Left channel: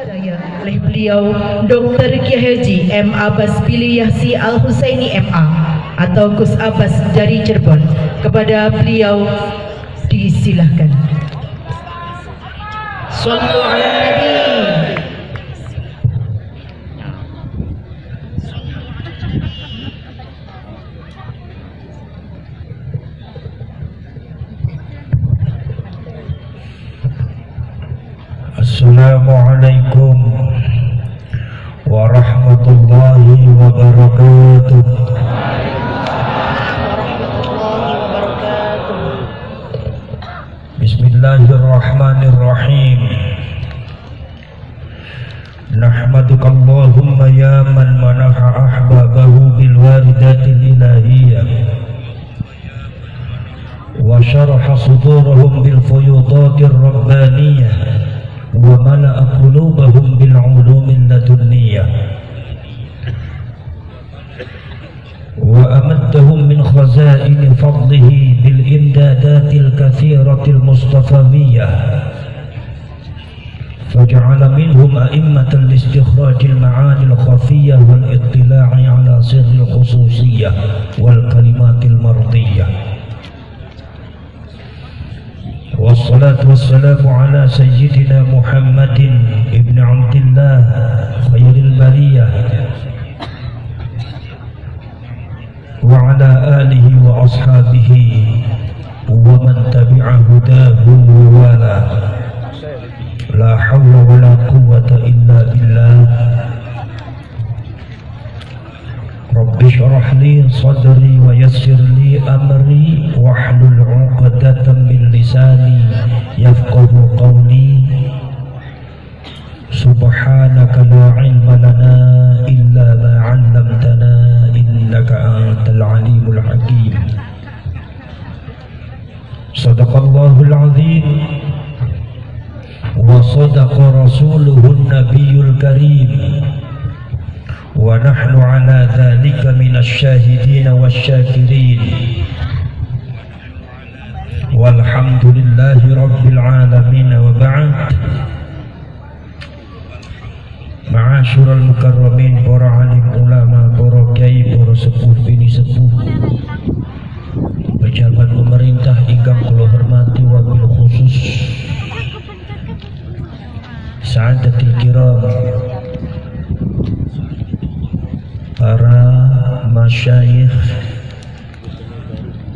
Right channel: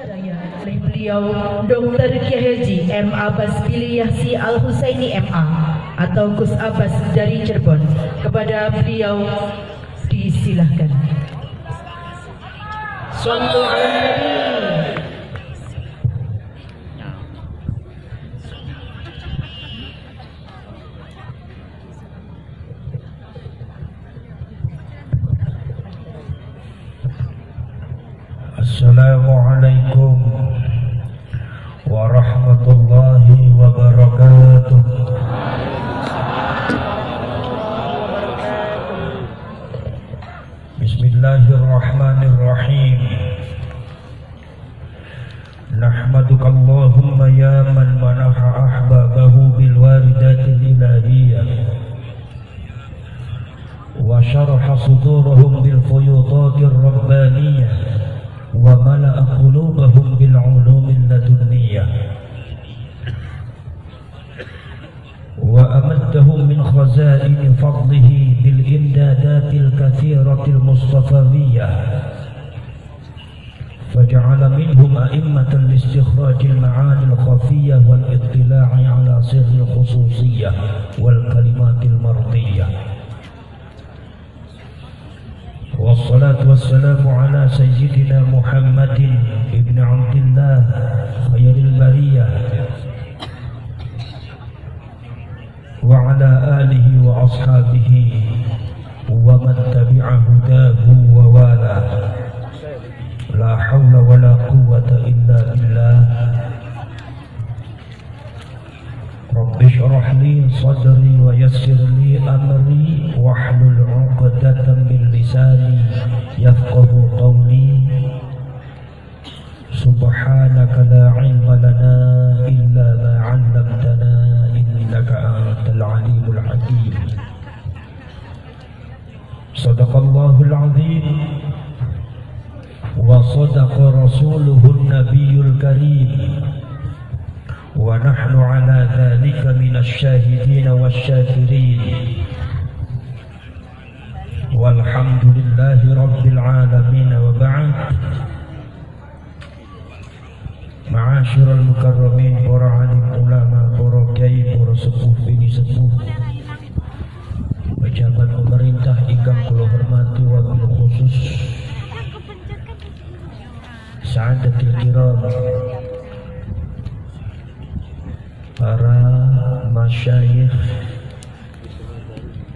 oleh beliau Dr. Kiai Haji M. Abbas Billy Yahsi Al-Husaini MA atau Gus Abbas dari Cirebon. Kepada beliau disilahkan. Sallu ala Nabi. Assalamualaikum warahmatullahi wabarakatuh. Bismillahirrahmanirrahim. Nahmaduka Allahumma ya man manaha ahbabahu bil waridatil ilahiyyah wa syaraha sudurahum bil fuyudatir rabbaniyah wa mala'a qulubahum bil ulumin ladunniyah wa amaddahum min khazaini fadlihi bil imdadatil kathiratil mustafawiyyah faj'ala minhum a'immatan listikhrajil ma'anil khafiyyah wal ittila'i ala sirril khususiyyah wal kalimatil mardiyah. Wassalatu wassalamu ala sayyidina Muhammadin ibn Abdillah khairil bariyah wa ala alihi wa ashabihi wa man tabi'a hudahu wa wala. La hawla wa la quwwata illa billah. Rabbi shrah li sadri wa yassir li amri wahlul 'uqdatam min lisani yafqahu qawli. Subhanaka la ilma lana illa ma 'allamtana innaka antal alimul hakim. Sadaqallahul azim wa sadaqa rasuluhun nabiyul karim. Wa nahnu ala dhalika minasy syahidin wasyakirin. Walhamdulillahi rabbil alamin wa ba'd. Ma'asyiral mukarramin, para alim ulama, para kiai, para sepuh bini sepuh, pejabat pemerintah ingkang kula hormati, wabil khusus Sa'adatul Kiram, para masyayikh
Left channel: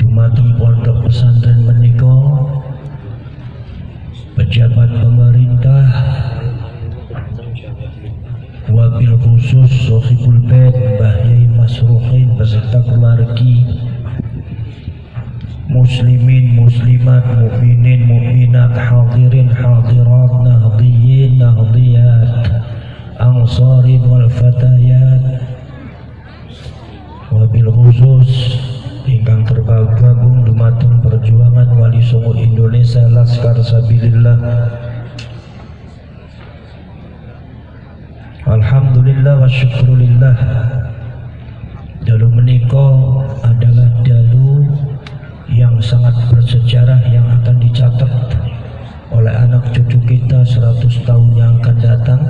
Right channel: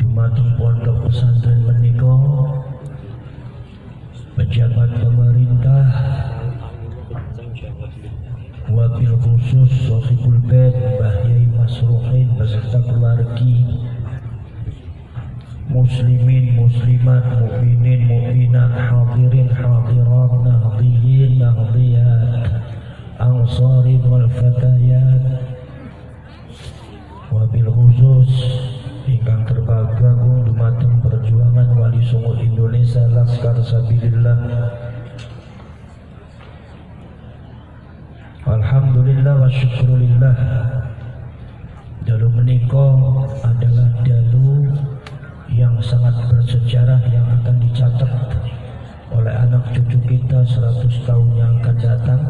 dumateng pondok pesantren menika, pejabat pemerintah, wabil khusus Sohibul Bait Mbah Yai Masruhin beserta keluargi, muslimin, muslimat, mukminin, mukminat, hadirin, hadirat, nahdiyin, nahdiyat, ansarin wal fatayat, wabil khusus ingkang tergabung dumateng perjuangan Wali Songo Indonesia Laskar Sabilillah. Alhamdulillah wa syukurillah. Dalu menika adalah dalu yang sangat bersejarah yang akan dicatat oleh anak cucu kita 100 tahun yang akan datang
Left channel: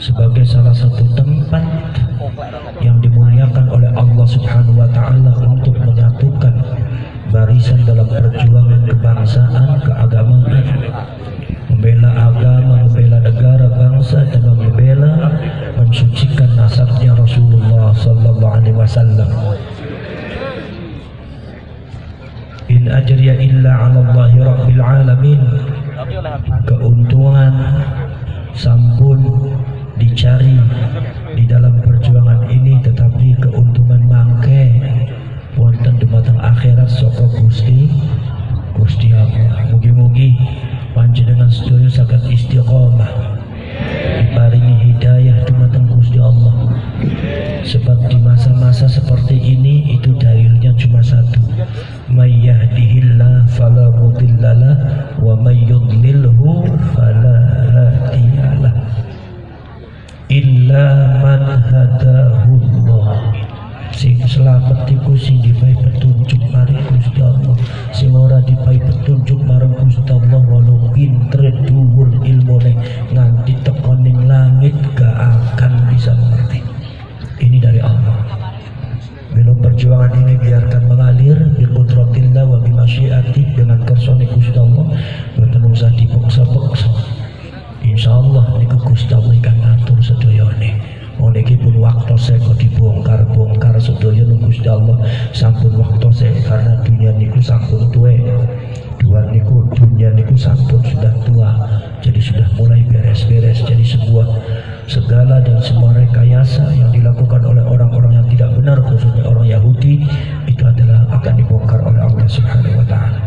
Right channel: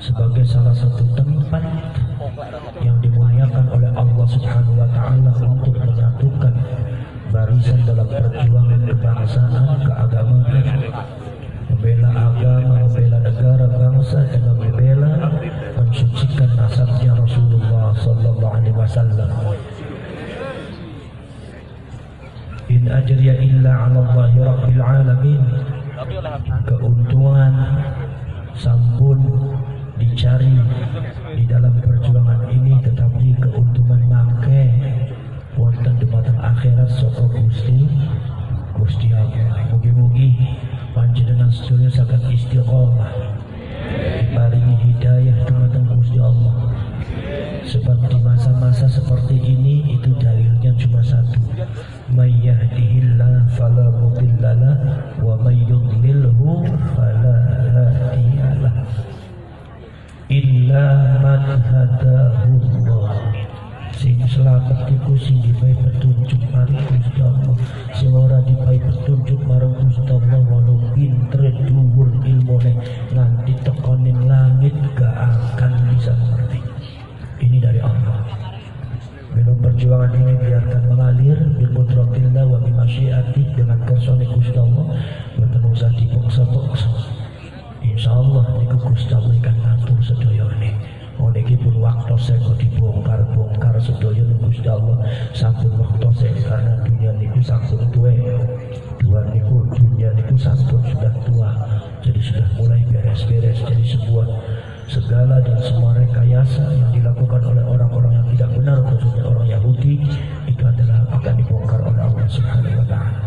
sebagai salah satu tempat yang dimuliakan oleh Allah Subhanahu wa taala untuk menyatukan barisan dalam perjuangan kebangsaan, keagamaan, membela agama, membela negara, bangsa, dan membela mensucikan nasabnya Rasulullah sallallahu alaihi wasallam. In ajriya illa 'ala Allahi rabbil alamin. Keuntungan sampun dicari di dalam perjuangan ini, tetapi keuntungan mangke wonten dumateng akhirat saka Gusti Allah. Mugi-mugi panjenengan sedaya saged istiqomah, diparingi hidayah dumateng Gusti Allah. Sebab di masa-masa seperti ini itu dalilnya cuma satu, may yahdihillah fala mudhillalah wa may yudlilhu fala hadiyalah illa man hadahullah. Sing selamat iku sing dipahi petunjuk marang Gusti Allah, sing ora dipahi petunjuk marang Gusti Allah walau pinter dhuwur ilmune nganti Allah niku Gusti Allah ingkang ngatur sedayane. Niki pun waktose kok dibongkar-bongkar sedaya Gusti Allah sampun waktose karena dunia niku sampun tuwe. Dunia niku sampun sudah tua. Jadi sudah mulai beres-beres. Jadi segala dan semua rekayasa yang dilakukan oleh orang-orang yang tidak benar, khususnya orang Yahudi, itu adalah akan dibongkar oleh Allah Subhanahu wa taala.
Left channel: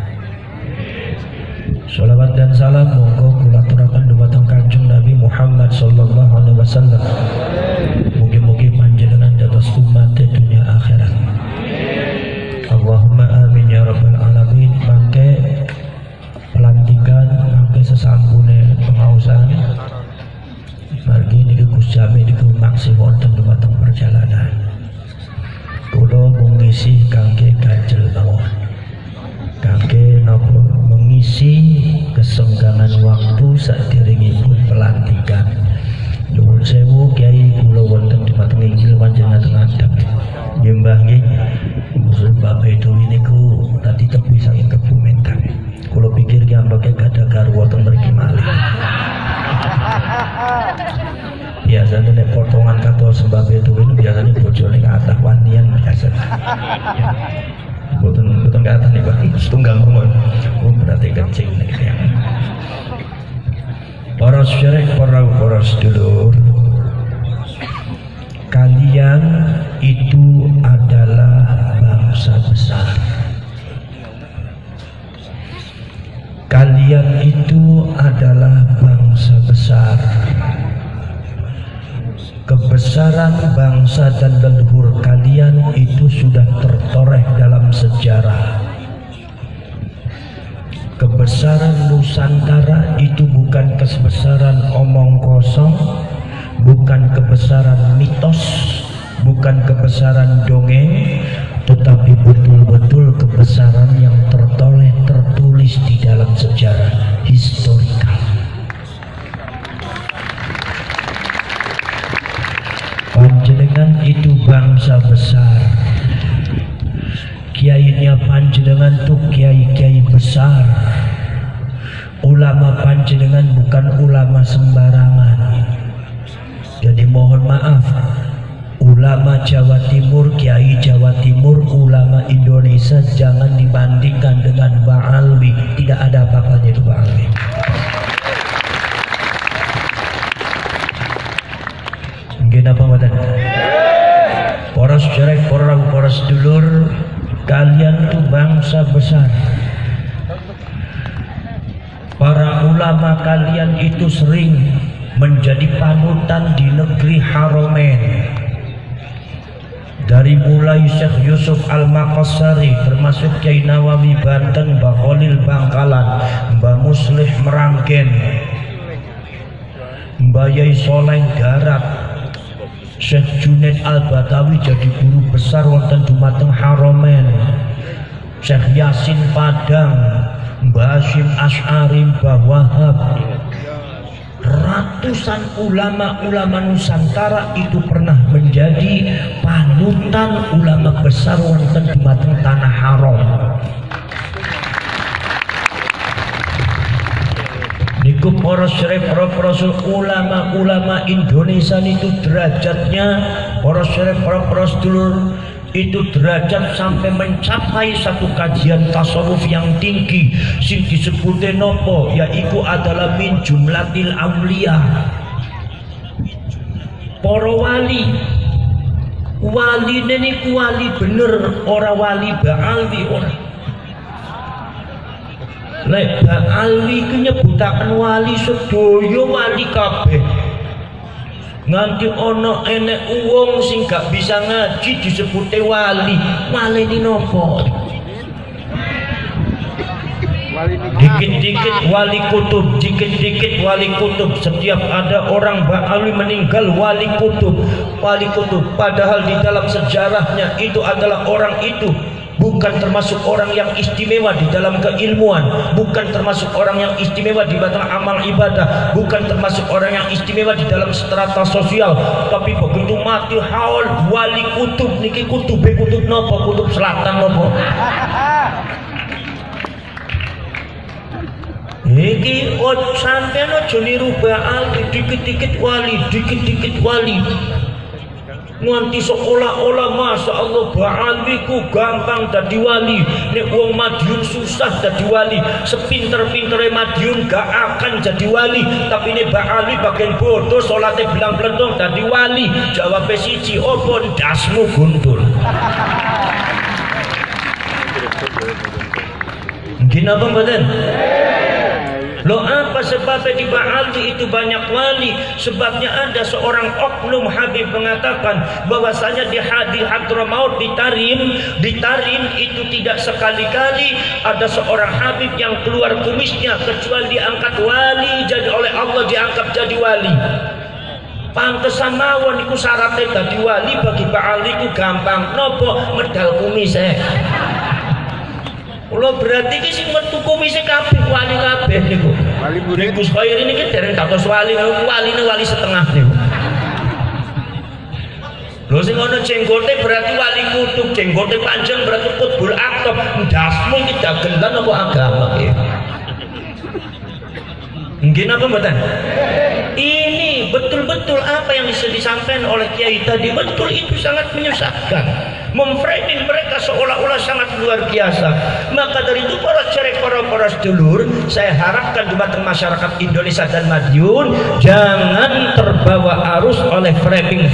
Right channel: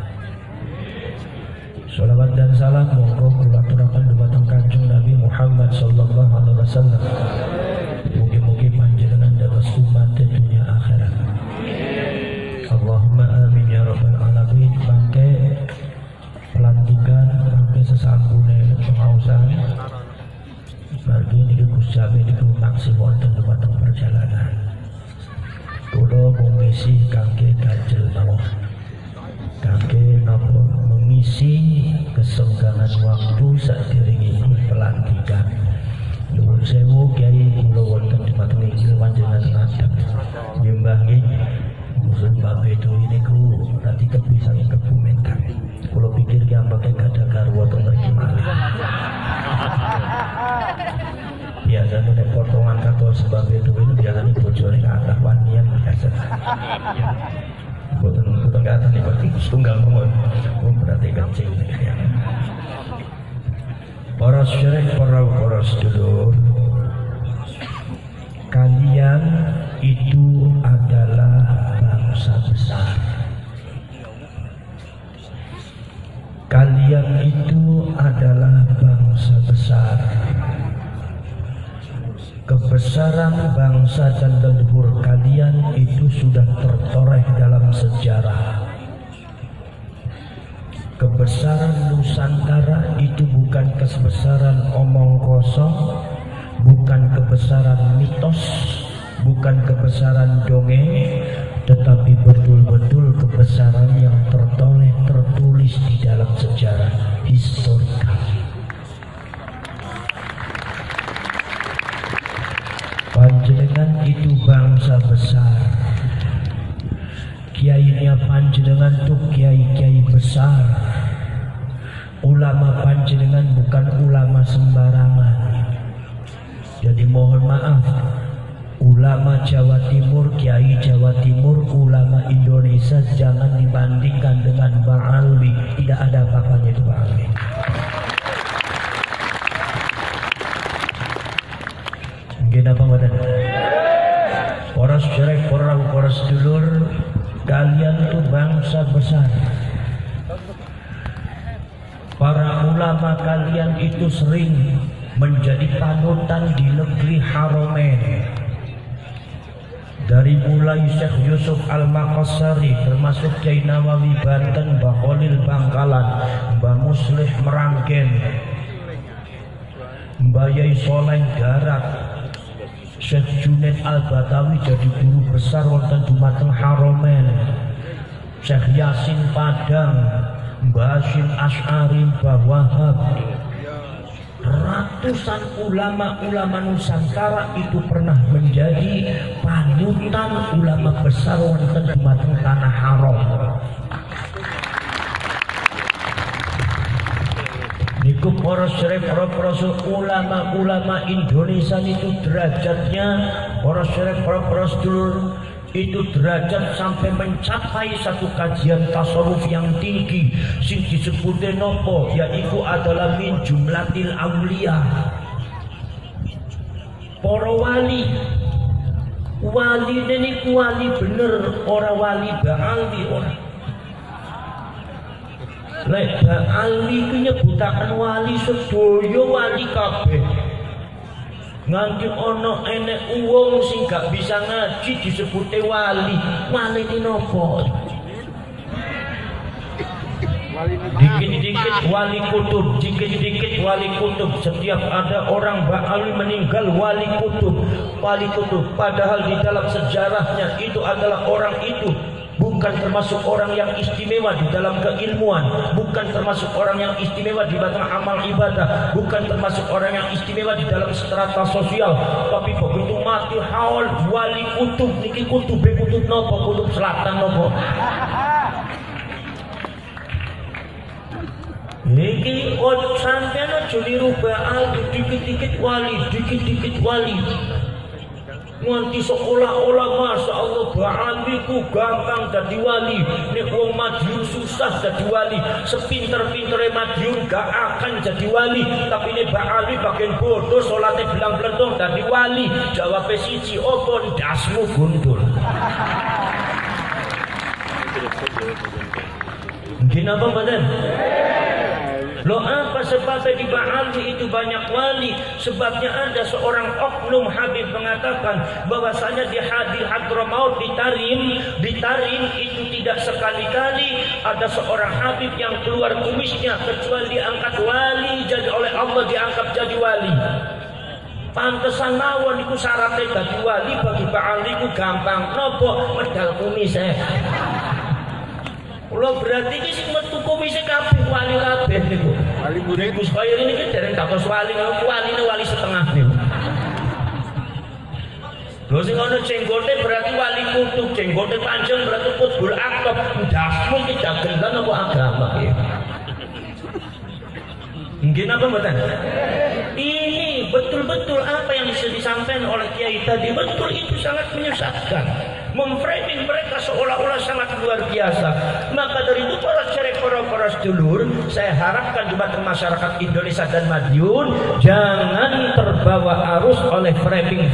Sholawat dan salam monggo kula aturaken dumateng Kanjeng Nabi Muhammad sallallahu alaihi wasallam. Mugi-mugi panjenengan dados umat dunia akhirat. Allahumma amin ya rabbal alamin. Mangke pelantikan mangke sesambune pengausan margi niku Gus Jami niku maksi wonten dumateng perjalanan. Kula mengisi kangge ganjel mawon. Kangge napa mengisi kesenggangan waktu saderengipun pelantikan. Nuwun sewu Kyai kula wonten dumateng inggil panjenengan ngadeg. Nyembah nggih. Musul Bapak itu niku tadi tepi saking Kebu Menteng. Kula pikir ki ambake gadah garwa ten mriki malih. Biasanya nek potongan kata sembah itu biasanya bojone kathah wanian biasa. Boten kathah nek setunggal mawon. Berarti kencing niki. Para syarikh, para sedulur, kalian itu adalah bangsa besar. Kalian itu adalah bangsa besar. Kebesaran bangsa dan leluhur kalian itu sudah tertoreh dalam sejarah. Kebesaran Nusantara itu bukan kebesaran omong kosong, bukan kebesaran mitos, bukan kebesaran dongeng, tetapi betul-betul kebesaran yang tertulis di dalam sejarah historikal. Panjenengan itu bangsa besar. Kiainya panjenengan tuh kiai-kiai besar. Ulama panjenengan bukan ulama sembarangan. Jadi mohon maaf, ulama Jawa Timur, kiai Jawa Timur, ulama Indonesia jangan dibandingkan dengan Bang Alwi. Tidak ada apa-apanya itu Bang Alwi. Mungkin apa mboten? Para sedherek, para sedulur, kalian itu bangsa besar. Para ulama kalian itu sering menjadi panutan di negeri Haromen. Dari mulai Syekh Yusuf Al-Maqassari, termasuk Kiai Nawawi Banten, Mbah Khalil Bangkalan, Mbah Muslih Meranggen, Mbah Yai Soleng Garap, Syekh Junaid Al-Batawi jadi guru besar wonten dumateng Haromen, Syekh Yasin Padang, Mbah Hasyim Asy'ari, Mbah Wahab. Ratusan ulama-ulama Nusantara itu pernah menjadi panutan ulama besar wonten dumateng tanah haram. Niku para syarif, para ulama-ulama Indonesia itu derajatnya, para syarif, para sedulur, itu derajat sampai mencapai satu kajian tasawuf yang tinggi sing disebutnya nopo, yaitu adalah min jumlatil aulia. Para wali ini wali bener, orang wali ba'alwi orang. Lek ba'alwi ku nyebutaken wali sedaya wali kabeh. Nganti ono enek wong sing gak bisa ngaji disebute wali. Walene nopo? Dikit-dikit wali kutub, dikit-dikit wali kutub. Setiap ada orang ba'alwi meninggal wali kutub. Padahal di dalam sejarahnya itu adalah orang itu bukan termasuk orang yang istimewa di dalam keilmuan, bukan termasuk orang yang istimewa di batang amal ibadah, bukan termasuk orang yang istimewa di dalam strata sosial, tapi begitu mati haul wali kutub. Niki kutub nopo? Kutub selatan nopo? Iki sampean aja niru Ba'ali, dikit-dikit wali, dikit-dikit wali. Nganti seolah-olah Masya Allah Ba'ali ku gampang dadi wali. Nek wong Madiun susah dadi wali. Sepinter-pintere Madiun gak akan jadi wali. Tapi nek Ba'ali bagian bodoh salate belang-belang dadi wali. Jawab siji, opo ndasmu gundul. Mungkin apa badan? Loh apa sebabnya di Ba'ali itu banyak wali? Sebabnya ada seorang oknum Habib mengatakan bahwasanya di Hadramaut di Tarim itu tidak sekali-kali ada seorang Habib yang keluar kumisnya kecuali diangkat wali, jadi oleh Allah diangkat jadi wali. Pantesan mawon iku syaratnya dadi wali bagi Ba'ali iku gampang. Nopo medal kumis Kalau berarti ki sing metu kumise kabeh wali kabeh niku. Wali Gus Gus Khair niki dereng dados wali, waline wali setengah niku. Lho sing ana jenggote berarti wali kutub, jenggote panjang berarti kutbul aktab. Ndasmu iki dagelan apa agama iki? Mungkin apa mboten? Ini betul-betul apa yang disampaikan oleh Kiai tadi, betul itu sangat menyesatkan, memframing mereka seolah-olah sangat luar biasa. Maka dari itu para sedulur, saya harapkan jemaat masyarakat Indonesia dan Madiun jangan terbawa arus oleh framing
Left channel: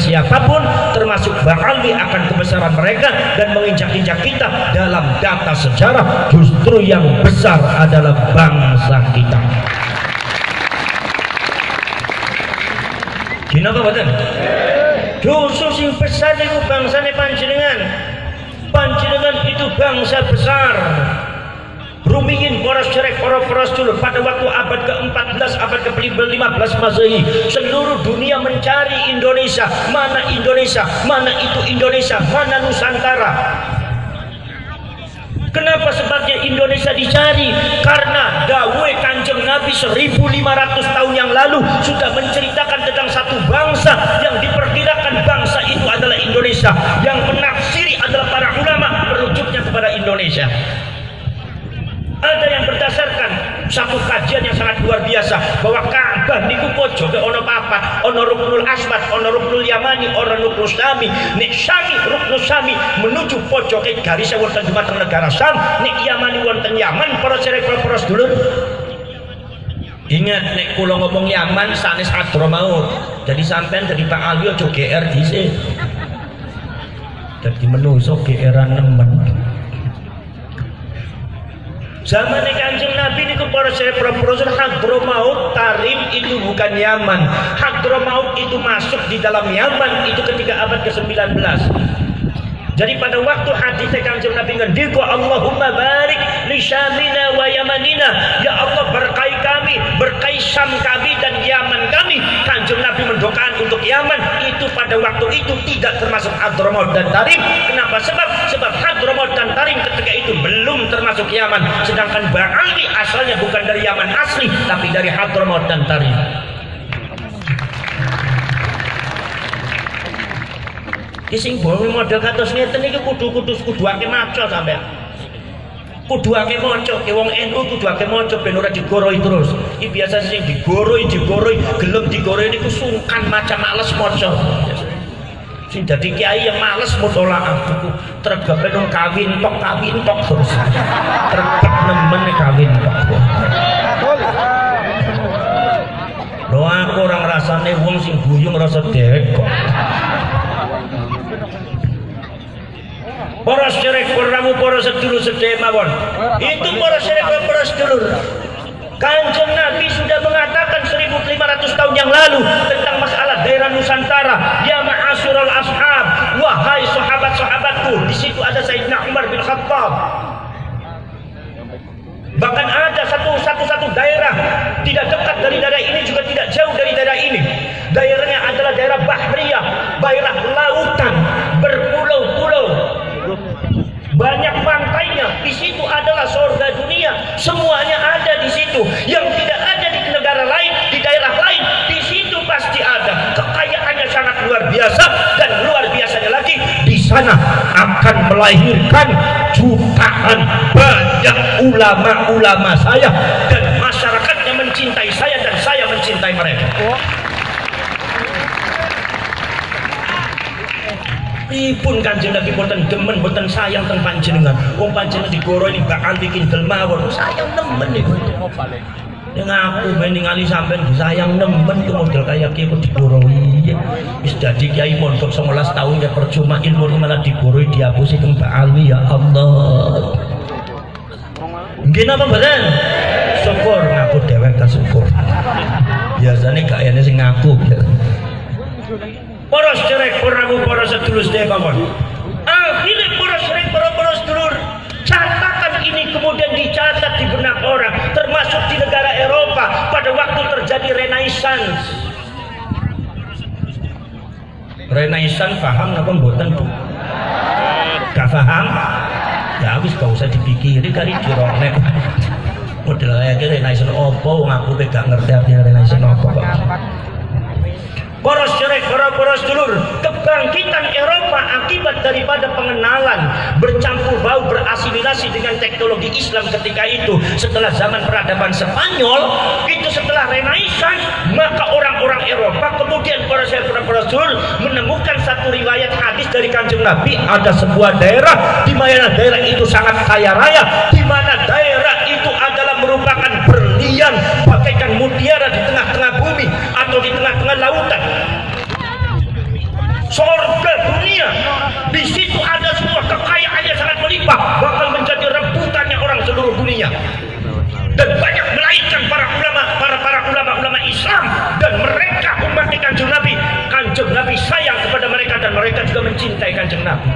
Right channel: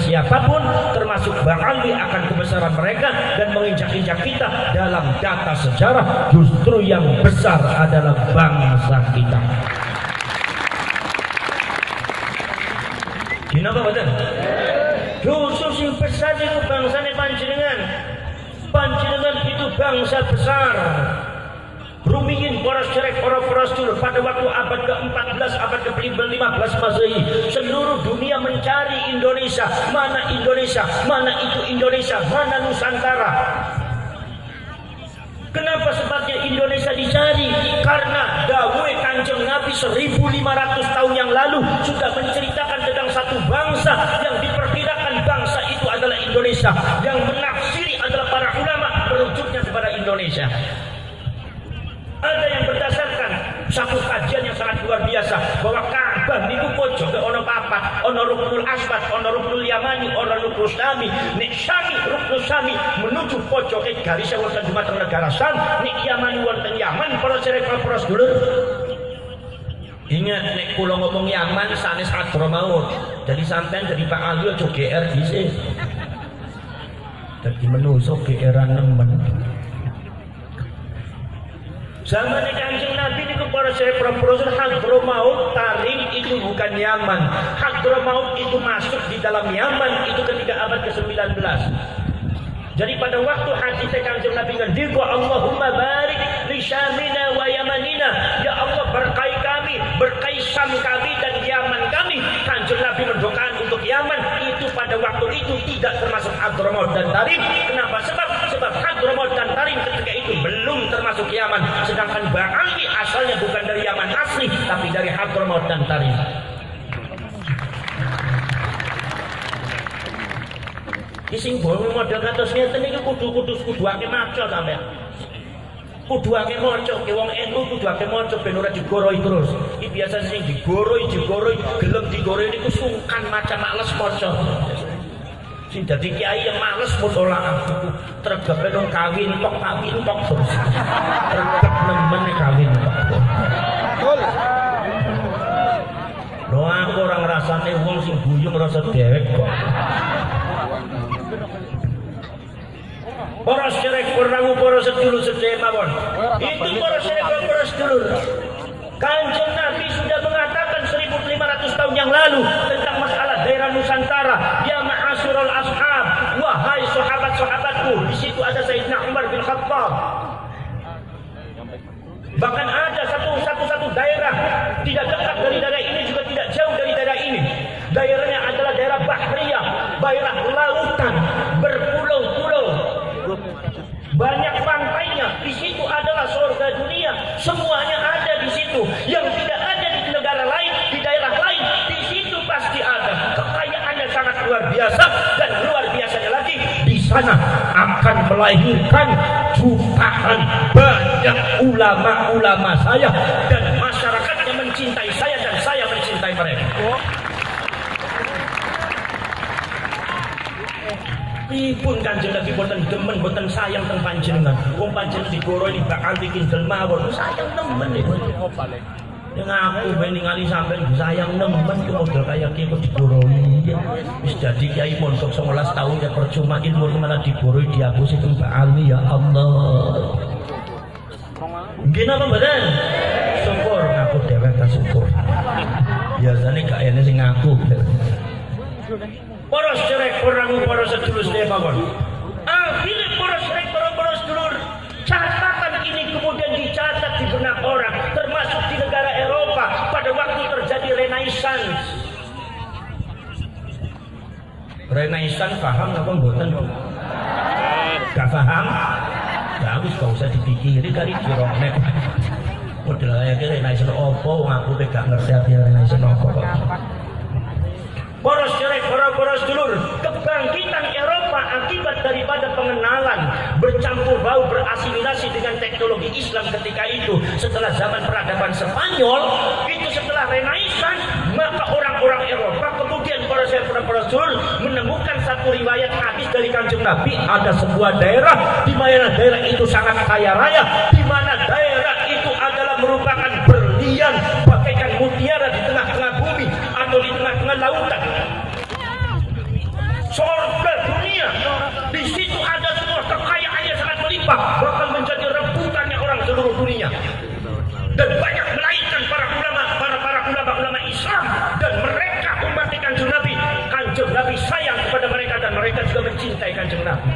siapapun, termasuk Ba'ali akan kebesaran mereka dan menginjak-injak kita dalam data sejarah. Justru yang besar adalah bangsa kita. Kenapa betul? Justru sing besar itu bangsane panjenengan. Panjenengan itu bangsa besar. Rumiyin para cerek, para dulu pada waktu abad ke-14, abad ke-15 Masehi, seluruh dunia mencari Indonesia. Mana Indonesia? Mana itu Indonesia? Mana Nusantara? Kenapa sebabnya Indonesia dicari? Karena dawuh Kanjeng Nabi 1500 tahun yang lalu sudah menceritakan tentang satu bangsa yang diperkirakan bangsa itu adalah Indonesia. Yang menafsiri adalah para ulama merujuknya kepada Indonesia. Ada yang berdasarkan satu kajian yang sangat luar biasa bahwa Ka'bah niku pojoke ana papat, ana Ruknul Aswad, ana Ruknul Yamani, ana Ruknul Syami. Nek Syami, Ruknul Syami menuju pojoke garis wonten dhumateng negara Syam, nek Yamani wonten Yaman. Para cerek para sedulur, ingat nek kula ngomong Yaman sanes Hadramaut. Jadi sampean dari Pak Ali aja GR dhisik. Dadi menungso GR-an nemen. Zaman Kanjeng Nabi itu para profesor Hadramaut Tarim itu bukan Yaman. Hadramaut itu masuk di dalam Yaman itu ketika abad ke-19. Jadi pada waktu hadis Kanjeng Nabi ngendika Allahumma barik li Syamina wa Yamanina, ya Allah berkahi kami, berkahi Syam kami dan Yaman kami. Kanjeng Nabi mendoakan untuk Yaman itu pada waktu itu tidak termasuk Hadramaut dan Tarim. Kenapa? Sebab Hadramaut dan Tarim ketika itu belum termasuk Yaman. Sedangkan Ba'ali asalnya bukan dari Yaman asli tapi dari Hadramaut dan Tarim. Ising boleh model kados ngeten iki kudu ake maca sampean. Kudu ake maca, wong NU kudu ake maca ben ora digoroi terus. Iki biasa sing digoroi, gelem digoroi niku sungkan maca, males maca. Sing dadi kiai yang males mutolaah buku tergep nang kawin tok terus. Tergep nemen kawin tok. Lho aku ora ngrasane wong sing guyung rasa dhewek kok. Para sedherek kurang para sedulur sedherek mawon. Itu para sedherek para sedulur. Kanjeng Nabi sudah mengatakan 1500 tahun yang lalu tentang masalah daerah Nusantara. Ya ma'asyiral ashab, wahai sahabat-sahabatku. Di situ ada Sayyidina Umar bin Khattab. Bahkan ada satu daerah tidak dekat dari daerah ini juga tidak jauh dari daerah ini. Daerahnya adalah daerah Bahriyah, daerah lautan berpulau-pulau. Banyak pantainya, di situ adalah surga dunia. Semuanya ada di situ. Yang tidak ada di negara lain, di daerah lain, di situ pasti ada. Kekayaannya sangat luar biasa dan luar biasanya lagi di sana akan melahirkan jutaan banyak ulama-ulama saya dan Ipun Kanjeng Nabi boten demen boten sayang teng panjenengan. Wong panjenengan digoro ini bak anti kindel mawon. Sayang nemen niku. Yang aku ningali sampean disayang nemen ku model kaya ki kok digoroi. Wis dadi kiai mondok 19 tahun ya percuma ilmu malah digoroi dihapusi teng Mbak Ali ya Allah. Nggih napa mboten? Syukur ngaku dewek ta syukur. Biasane gak ene sing ngaku. Para sedherek purnamu para sedulur sedaya mawon. Akhirnya para sedherek para sedulur, catatan ini kemudian dicatat di benak orang, termasuk di negara Eropa pada waktu terjadi Renaissance. Renaissance paham apa mboten Bu? Gak paham? Ya wis gak usah dipikiri kali diroknek. Model kaya Renaissance opo ngaku gak ngerti artinya Renaissance opo kok. Para sedherek, para sedulur, kebangkitan Eropa akibat daripada pengenalan bercampur bau berasimilasi dengan teknologi Islam ketika itu setelah zaman peradaban Spanyol itu setelah Renaissance, maka orang-orang Eropa kemudian para sedulur menemukan satu riwayat hadis dari Kanjeng Nabi, ada sebuah daerah di mana daerah itu sangat kaya raya, di mana daerah itu adalah merupakan berlian bagaikan mutiara di tengah-tengah bumi atau di tengah-tengah lautan. Surga dunia, di situ ada semua kekayaan yang sangat melimpah, bakal menjadi rebutannya orang seluruh dunia. Dan banyak melainkan para ulama Islam, dan mereka umat Kanjeng Nabi. Kanjeng Nabi sayang kepada mereka dan mereka juga mencintai Kanjeng Nabi.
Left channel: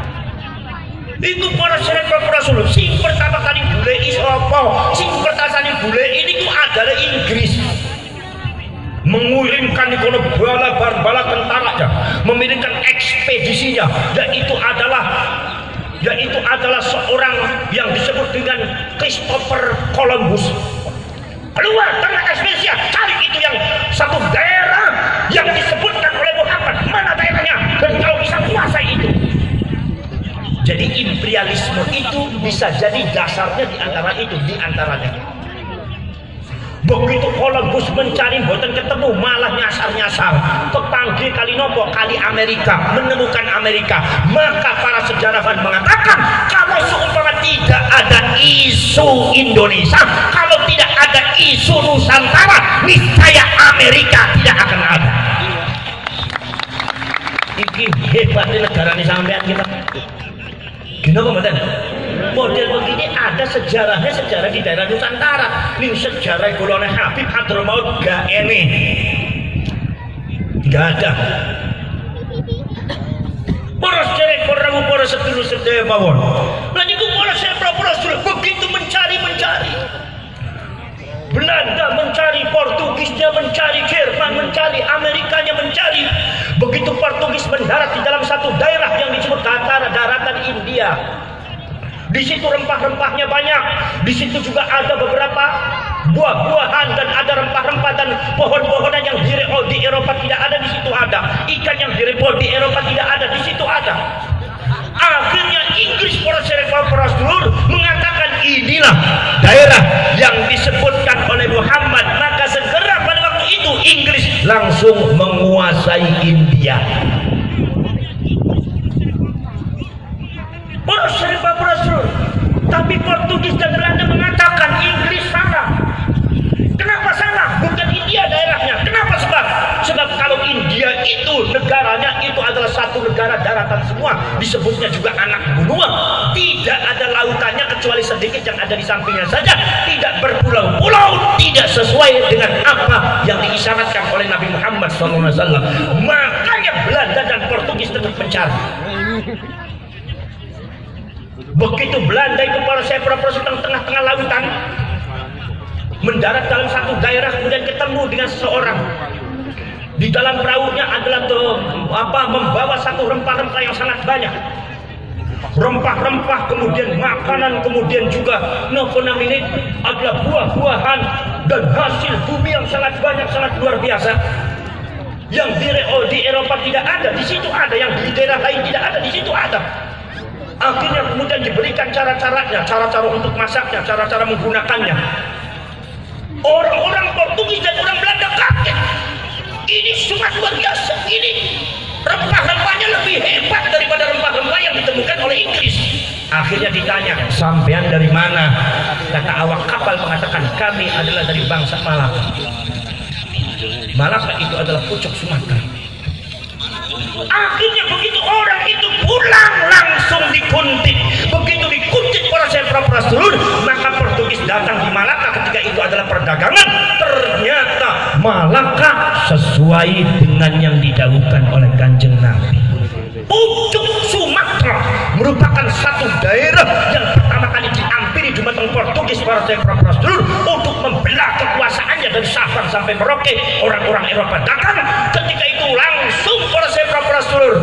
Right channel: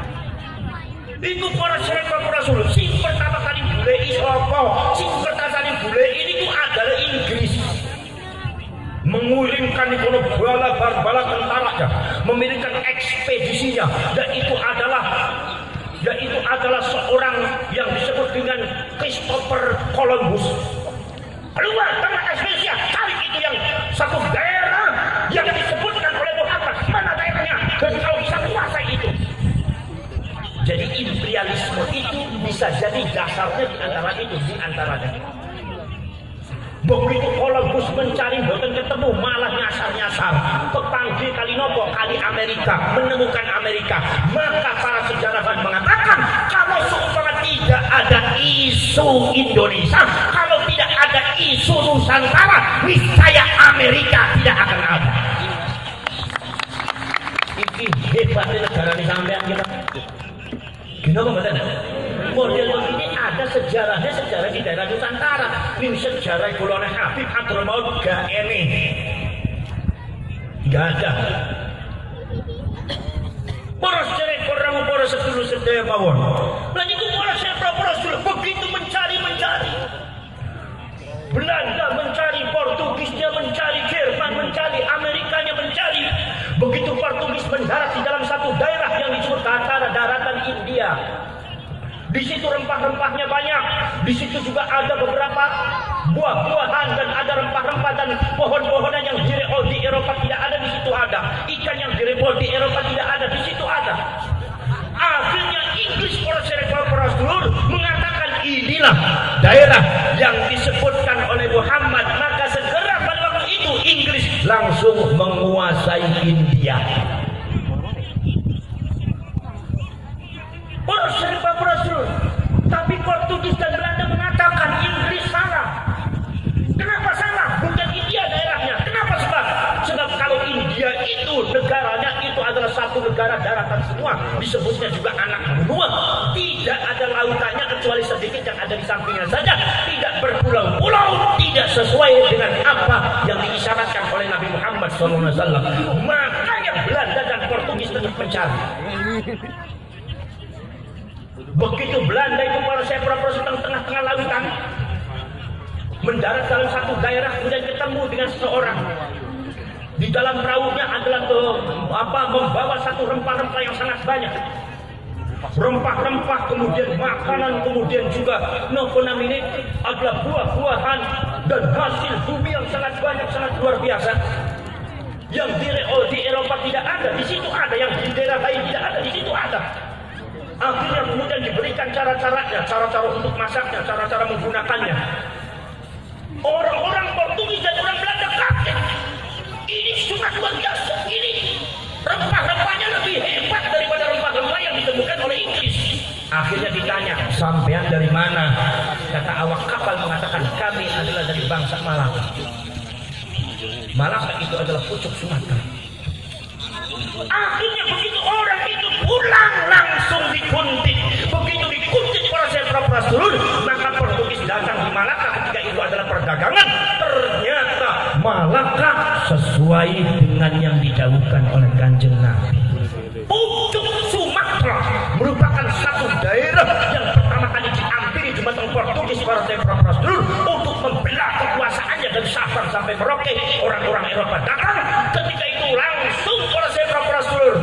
Itu para sahabat Rasul. Sing pertama kali bule isopo, sing pertama kali bule ini itu adalah Inggris. Mengirimkan ikono bala tentaranya, mengirimkan ekspedisinya, dan itu adalah seorang yang disebut dengan Christopher Columbus. Keluar tengah ekspedisi, cari itu yang satu daerah yang disebutkan oleh Muhammad, mana daerahnya, dan kalau bisa kuasai itu. Jadi imperialisme itu bisa jadi dasarnya di antaranya. Begitu Columbus mencari mboten ketemu, malah nyasar-nyasar kepanggil kali nopo kali Amerika, menemukan Amerika. Maka para sejarawan mengatakan kalau seumpama tidak ada isu Indonesia, kalau tidak ada isu Nusantara, niscaya Amerika tidak akan ada. Iki hebatnya negara ini sampean kita. Kenapa mboten? Model begini ada sejarahnya, sejarah di daerah Nusantara. Ini sejarah Kulone Habib Hadromaut gak ene, gak ada. Para sedherek, para sedulur sedaya mawon. Lan iku para sedulur begitu mencari. Belanda mencari, Portugisnya mencari, Jerman mencari, Amerikanya mencari. Begitu Portugis mendarat di dalam satu daerah yang disebut daratan India. Di situ rempah-rempahnya banyak. Di situ juga ada beberapa buah-buahan dan ada rempah-rempah dan pohon-pohonan yang di Eropa tidak ada, di situ ada. Ikan yang di Eropa tidak ada, di situ ada. Akhirnya Inggris para sedulur mengatakan inilah daerah yang disebutkan oleh Muhammad. Maka segera pada waktu itu Inggris langsung menguasai India. Para sedulur, tapi Portugis dan Belanda mengatakan Inggris salah. Kenapa salah? Bukan India daerahnya. Kenapa sebab kalau India itu negaranya itu adalah satu negara daratan semua, disebutnya juga anak benua, tidak ada lautannya kecuali sedikit yang ada di sampingnya saja, tidak berpulau-pulau, tidak sesuai dengan apa yang diisyaratkan oleh Nabi Muhammad SAW. Makanya Belanda dan Portugis terus mencari. Begitu Belanda itu para sedang tengah-tengah lautan, mendarat dalam satu daerah, kemudian ketemu dengan seseorang. Di dalam perahunya adalah membawa satu rempah-rempah yang sangat banyak. Rempah-rempah, kemudian makanan, kemudian juga ini adalah buah-buahan dan hasil bumi yang sangat banyak, sangat luar biasa. Yang di Eropa tidak ada, di situ ada. Yang di daerah lain tidak ada, di situ ada. Akhirnya kemudian diberikan cara-caranya, cara-cara untuk masaknya, cara-cara menggunakannya. Orang-orang Portugis dan orang Belanda kaget. ini sangat luar biasa. Ini rempah-rempahnya lebih hebat daripada rempah-rempah yang ditemukan oleh Inggris. Akhirnya ditanya, sampean dari mana? Kata awak kapal mengatakan, kami adalah dari bangsa Malaka. Malaka itu adalah pucuk Sumatera. Akhirnya begitu orang itu pulang langsung dikuntit. Begitu dikuntit oleh Syekh Prastrul, maka Portugis datang di Malaka. Ketika itu adalah perdagangan. Ternyata Malaka sesuai dengan yang didahulukan oleh Kanjeng Nabi. Pucuk Sumatera merupakan satu daerah yang pertama kali diampiri di mata Portugis para Syekh Prastrul untuk membelah kekuasaannya dari Sabang sampai Merauke. Orang-orang Eropa datang. Ketika itu langsung oleh Syekh Prastrul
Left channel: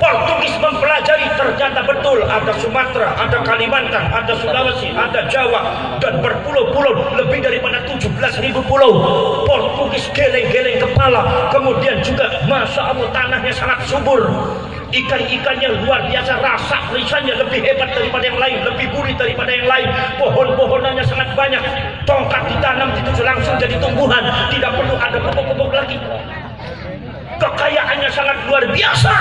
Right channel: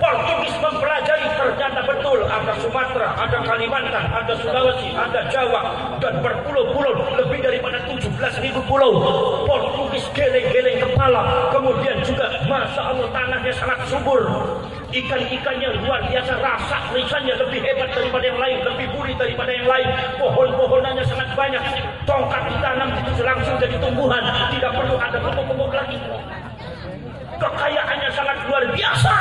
Portugis mempelajari, ternyata betul ada Sumatera, ada Kalimantan, ada Sulawesi, ada Jawa, dan berpulau-pulau lebih daripada 17.000 pulau. Portugis geleng-geleng kepala. Kemudian juga Masya Allah tanahnya sangat subur, ikan-ikannya luar biasa, rasa lisannya lebih hebat daripada yang lain, lebih gurih daripada yang lain. Pohon-pohonannya sangat banyak, tongkat ditanam itu langsung jadi tumbuhan, tidak perlu ada pupuk-pupuk lagi. Kekayaannya sangat luar biasa.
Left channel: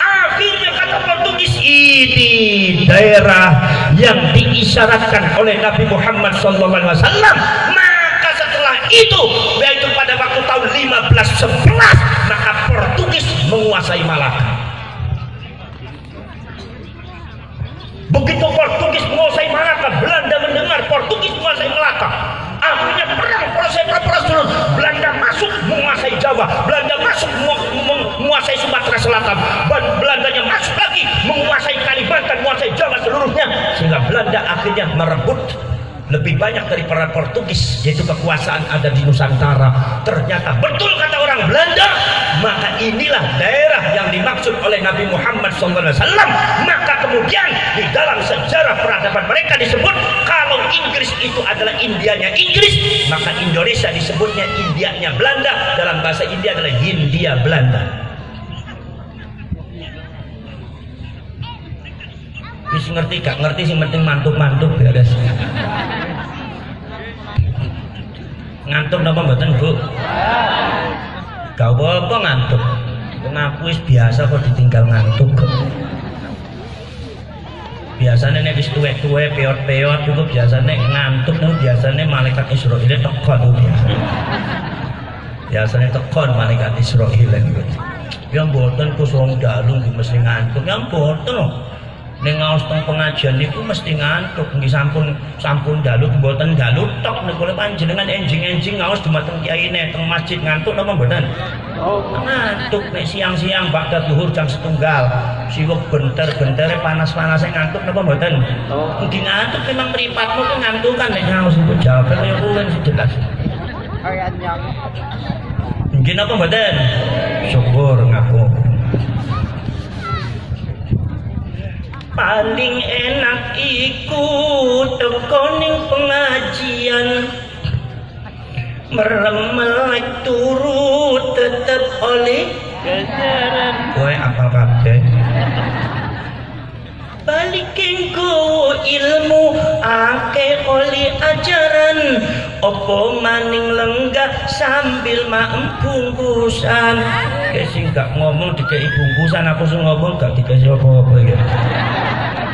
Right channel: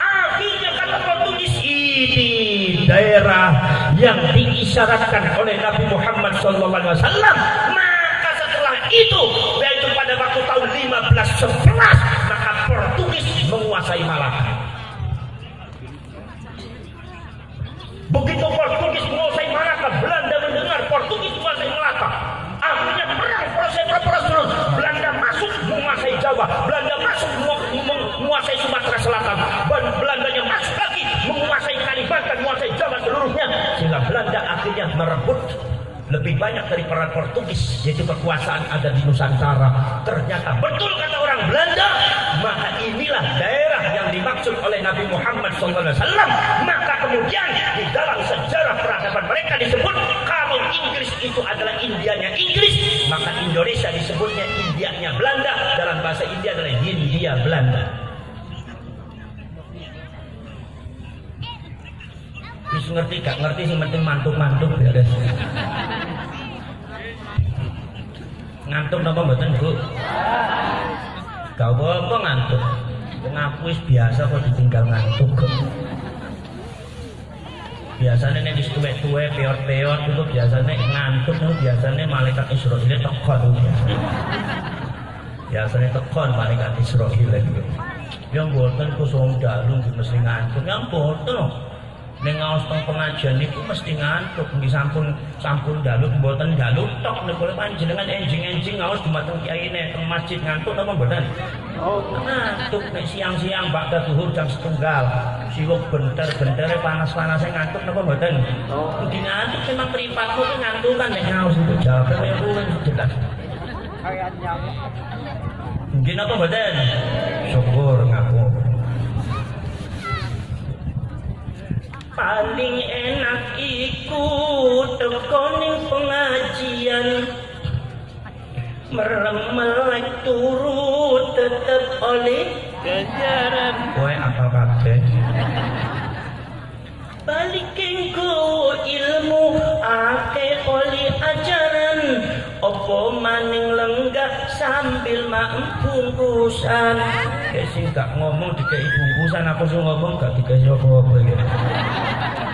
Akhirnya kata Portugis, ini daerah yang diisyaratkan oleh Nabi Muhammad SAW. Maka setelah itu, yaitu pada waktu tahun 1511, maka Portugis menguasai Malaka. Begitu Portugis menguasai Malaka, Belanda mendengar Portugis menguasai Malaka. Akhirnya perang proses Belanda masuk menguasai Jawa, Belanda masuk menguasai Sumatera Selatan, dan Belandanya masuk lagi menguasai Kalimantan, menguasai Jawa seluruhnya, sehingga Belanda akhirnya merebut lebih banyak daripada Portugis, yaitu kekuasaan ada di Nusantara. Ternyata betul kata orang Belanda, maka inilah daerah yang dimaksud oleh Nabi Muhammad SAW. Maka kemudian di dalam sejarah peradaban mereka disebut, kalau Inggris itu adalah Indianya Inggris, maka Indonesia disebutnya Indianya Belanda. Dalam bahasa India adalah Hindia Belanda. Wis ngerti gak ngerti sing penting mantuk-mantuk beres. Ngantuk napa mboten, Bu? Gak apa-apa ngantuk. Ngaku wis biasa kok ditinggal ngantuk. Biasanya nek wis tuwek-tuwek, peot-peot itu biasanya ngantuk, biasanya malaikat Israil tekon biasa. Biasanya tekon malaikat Israil gitu. Ya mboten kusung dalu mesti ngantuk, ya mboten. Ning ngaos teng pengajian niku mesti ngantuk, nggih sampun dalu mboten dalu tok niku panjenengan enjing-enjing ngaos dumateng kiyaine teng masjid ngantuk napa mboten? Oh, ngantuk nek siang-siang bakda zuhur jam 1 siwuk benter-bentere panas-panase ngantuk napa mboten? Oh, nggih ngantuk memang mripatmu ki ngantukan nek ngaos itu jawabe kaya kuwi jelas. Nggih napa mboten? Syukur ngaku. Paling enak iku tekoning pengajian, merem-melek turut tetep oleh ganjaran. Kowe apal kabeh. Balikin ku ilmu akeh oleh ajaran, opo maning lenggah sambil maem bungkusan. Sing gak ngomong dikei bungkusan, aku sing ngomong gak dikei apa-apa ya.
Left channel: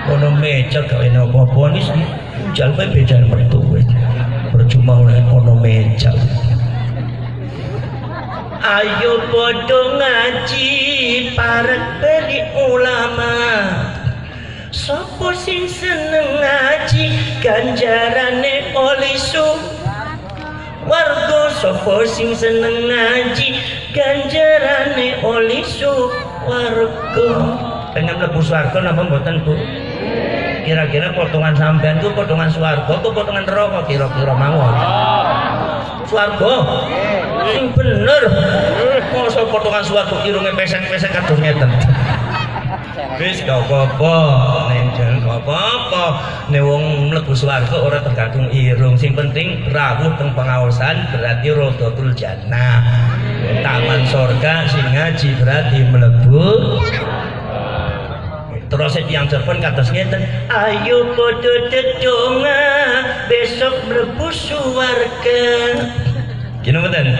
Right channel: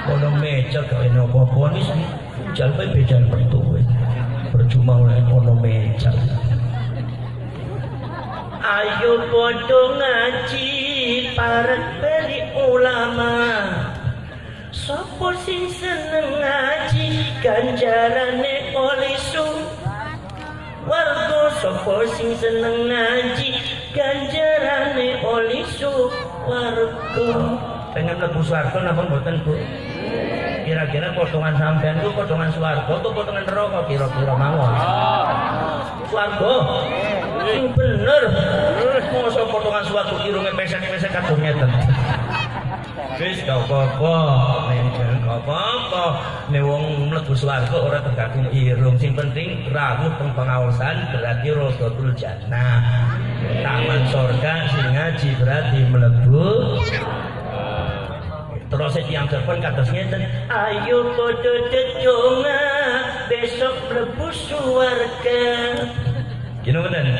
Ono meja gak ono apa-apa nis jal kowe bedan metu kowe. Percuma ono meja. Ayo padha ngaji parek beli ulama. Sopo sing seneng ngaji ganjarane oleh warga, sopo sing seneng ngaji ganjarane oleh warga. Pengen mlebu swarga napa mboten, Bu? Kira-kira potongan sampean ku potongan swarga apa potongan neraka kira-kira mawon? Swarga. Sing bener. Mosok potongan swarga irunge pesek-pesek kados ngeten. Wis gak apa-apa, nek apa-apa. Nek wong mlebu swarga ora tergantung irung, sing penting rawuh teng pengaosan berarti rodotul jannah. Taman surga sing ngaji berarti mlebu. Terus yang telepon kados ngeten, ayo padha dedonga besok mlebu swarga. Gini mboten?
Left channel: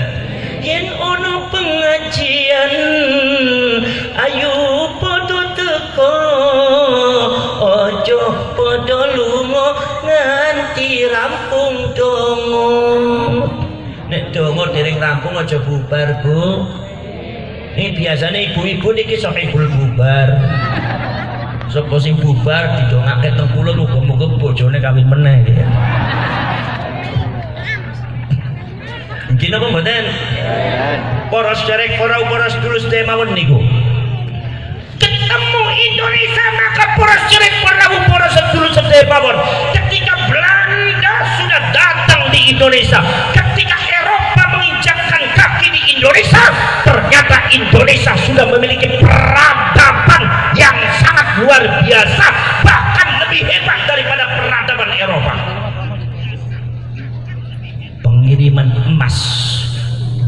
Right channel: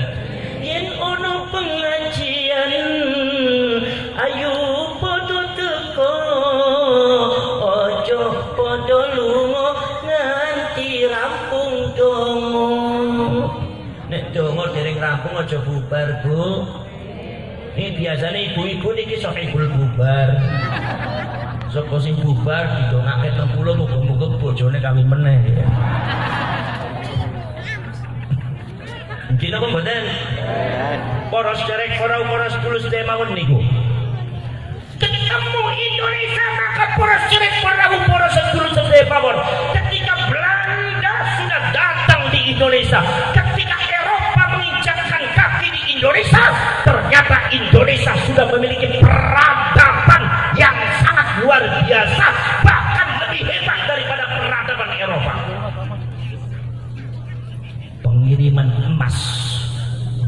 yen ono pengajian ayo padha teko ojo padha lunga nganti rampung donga. Nek donga dereng rampung aja bubar, Bu. Ini biasanya ibu-ibu niki sok ibul bubar. Sapa sing bubar didongake teng kula muga-muga bojone kawin meneh ya. Nggih napa mboten? Para sederek, para sedulur sedaya mawon niku. Ketemu Indonesia maka para sederek, para sedulur sedaya mawon. Ketika Belanda sudah datang di Indonesia, ketika Eropa menginjakkan kaki di Indonesia, ternyata Indonesia sudah memiliki peradaban yang sangat luar biasa, bahkan lebih hebat daripada peradaban Eropa. Pengiriman emas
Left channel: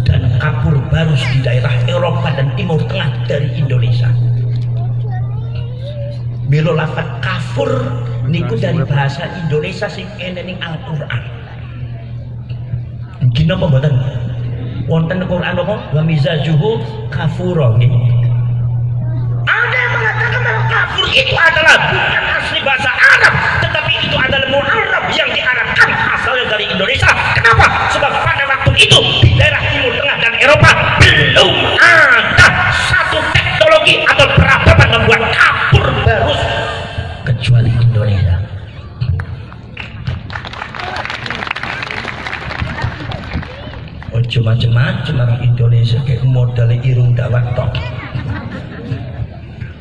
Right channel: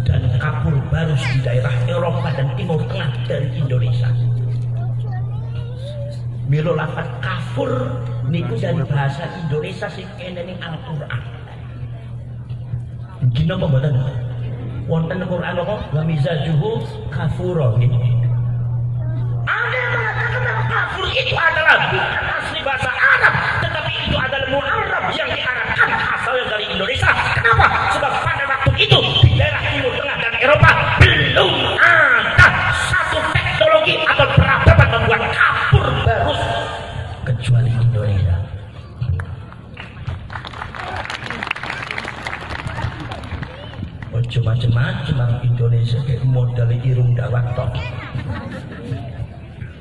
dan kapur barus di daerah Eropa dan Timur Tengah dari Indonesia. Milo lafat kafur niku dari bahasa Indonesia sing ene ning Al-Qur'an. Nggih napa mboten? Wonten Quran apa? Wa mizajuhu kafura nggih. Ada yang mengatakan bahwa kafur itu adalah bukan asli bahasa Arab, tetapi itu adalah mu'arrab yang diarabkan asalnya dari Indonesia. Kenapa? Sebab pada waktu itu di daerah Timur Tengah dan Eropa belum ada satu teknologi atau peradaban membuat kapur barus kecuali Indonesia. Ojo macam-macam orang Indonesia kayak modal irung dawat tok.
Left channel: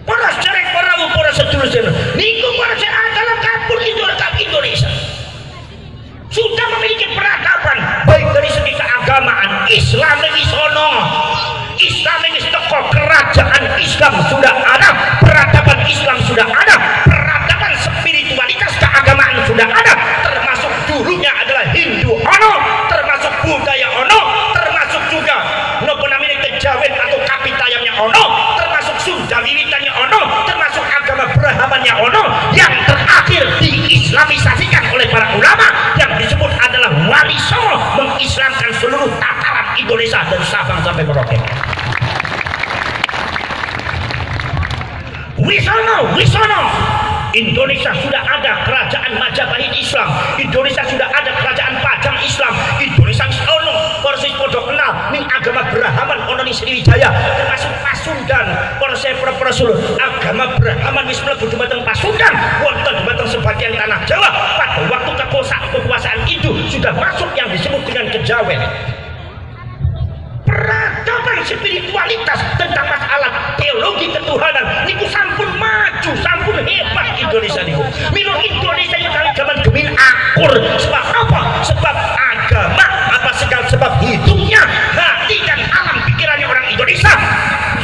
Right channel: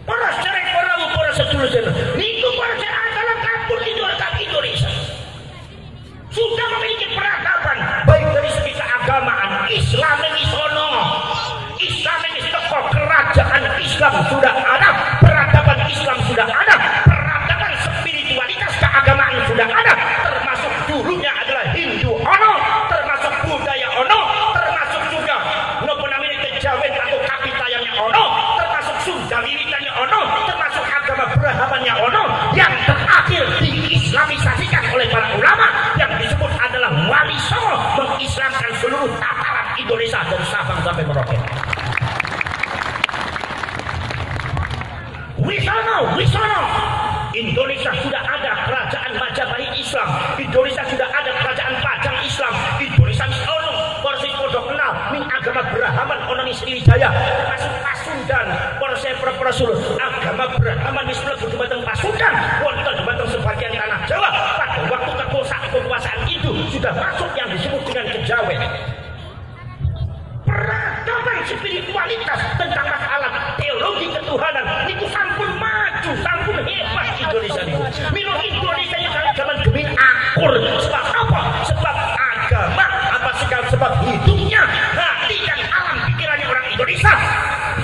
Para sederek, para sedulur niku para adalah kapur Indonesia. Sudah memiliki peradaban baik dari segi keagamaan. Islam ini sono, Islam ini teko, kerajaan Islam sudah ada, peradaban Islam sudah ada, peradaban spiritualitas keagamaan sudah ada, termasuk dulunya adalah Hindu ono, termasuk budaya ono, termasuk juga nopo namanya kejawen atau kapitayamnya ono, termasuk Sunda Wiwitannya ono, termasuk agama Brahmannya ono, yang terakhir diislamisasikan oleh para ulama yang disebut adalah Wali Songo, mengislamkan seluruh tataran Indonesia dari Sabang sampai Merauke. Wisono. Indonesia sudah ada kerajaan Majapahit Islam, Indonesia sudah ada kerajaan Pajang Islam, Indonesia ono persis podo kenal ning agama Brahman ono ning Sriwijaya, termasuk Pasundan, persis agama Brahman wis mlebu dhumateng Pasundan, wonten dhumateng sebagian tanah Jawa. Pada waktu kekuasaan itu sudah masuk yang disebut dengan kejawen. Peradaban spiritualitas tentang masalah teologi ketuhanan niku sampun maju, sampun hebat Indonesia niku. Milo Indonesia ini kali zaman gemin akur. Sebab apa? Sebab agama apa sebab hidupnya, hati dan alam pikirannya orang Indonesia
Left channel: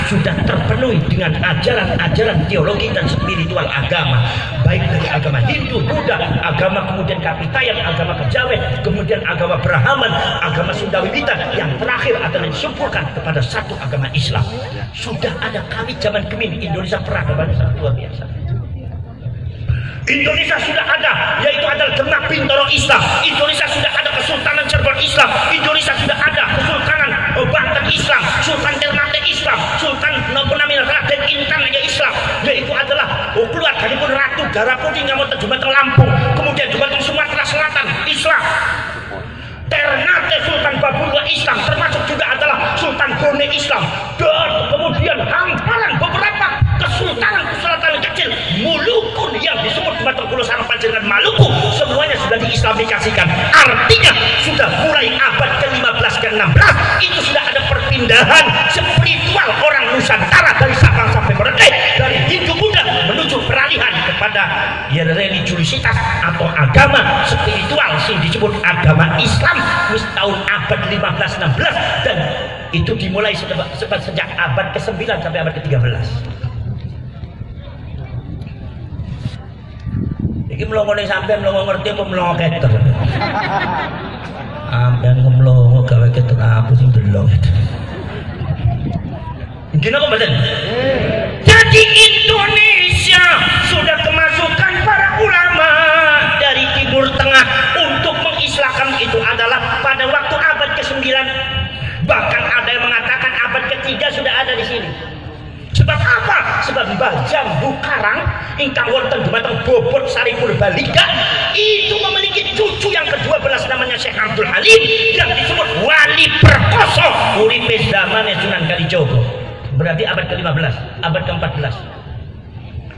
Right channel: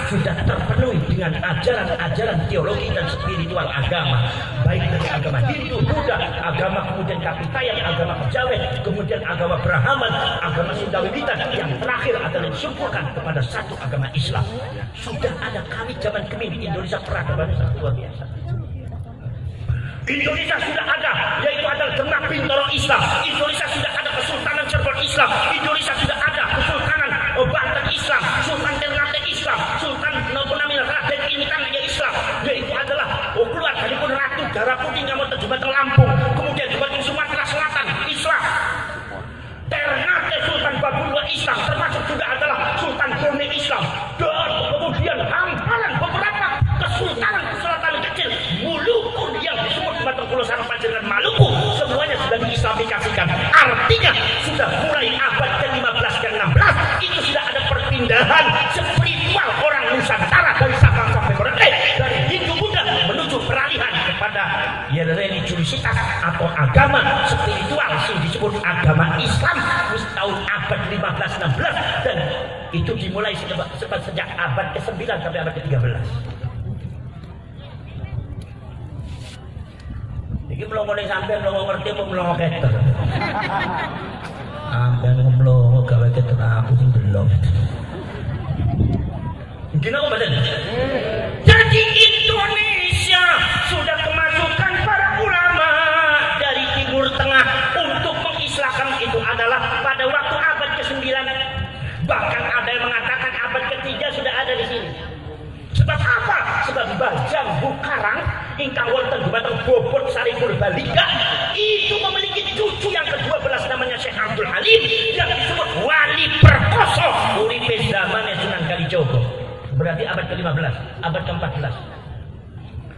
sudah terpenuhi dengan ajaran-ajaran teologi dan spiritual agama, baik dari agama Hindu, Buddha, agama kemudian Kapitayan, agama Kejawen, kemudian agama Brahman, agama Sunda Wiwitan, yang terakhir adalah disumpulkan kepada satu agama Islam. Sudah ada kali zaman kemin Indonesia peradaban sangat luar biasa. Indonesia sudah ada, yaitu adalah Demak Bintoro Islam. Indonesia sudah ada Kesultanan Cirebon Islam. Indonesia sudah ada Kesultanan Banten Islam, Sultan Ternate Islam, Sultan Raden Intan Islam, yaitu adalah keluarga pun Ratu Darah Putih ngamot Jumateng Lampung, kemudian Jumateng Sumatera Selatan Islam, Ternate Sultan Babulwa Islam, termasuk juga adalah Sultan Brunei Islam, dan kemudian hamparan beberapa kesultanan kecil Mulukun yang disebut Sumatera Pulau Sarang Panjang Maluku, semuanya sudah diislamifikasikan. Artinya sudah mulai abad ke-15 ke-16 itu sudah ada perpindahan spiritual orang Nusantara dari Sabang sampai Merauke, dari Hindu Buddha menuju peralihan kepada ya religiusitas atau agama spiritual yang disebut agama Islam tahun abad 15-16, dan itu dimulai sejak abad ke-9 sampai abad ke-13. Iki mlongo ning sampean mlongo ngerti apa mlongo keter. Sampean mlongo gawe keter aku sing delok. Gini kok mboten? Jadi Indonesia sudah kemasukan para ulama dari Timur Tengah untuk mengislamkan itu adalah pada waktu abad ke-9. Bahkan ada ketiga sudah ada di sini. Sebab apa? Sebab di Jambu Karang ingkang wonten dumateng Bobot Sari Purbalingga itu memiliki cucu yang ke-12 namanya Syekh Abdul Halim yang disebut wali perkoso uripe zamane Sunan Kalijogo. Berarti abad ke-15, abad ke-14.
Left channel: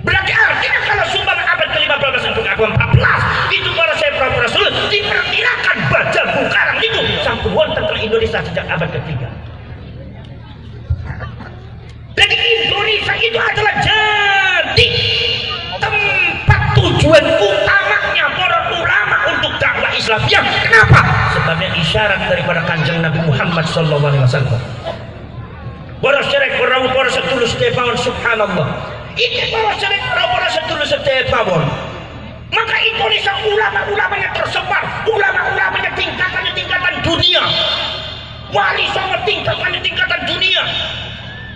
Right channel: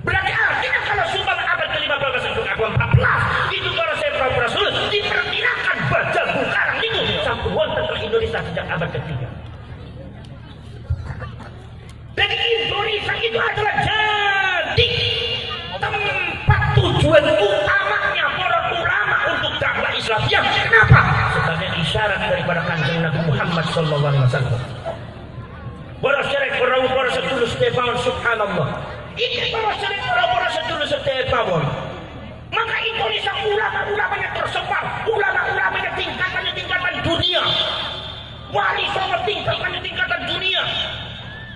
Berarti artinya kalau sumpah abad ke-15 sampai ke-14 itu para Syekh Rasul diperkirakan Jambu Karang itu sampun wonten ke Indonesia sejak abad ke-3. Jadi Indonesia itu adalah jadi tempat tujuan utamanya para ulama untuk dakwah Islamiyah. Kenapa? Sebagai isyarat daripada Kanjeng Nabi Muhammad SAW. Para syarek para sedulur sedaya subhanallah. Ini para syarek para sedulur sedaya. Maka Indonesia ulama-ulamanya tersebar, ulama-ulamanya tingkatan dunia. Wali songo tingkatan dunia.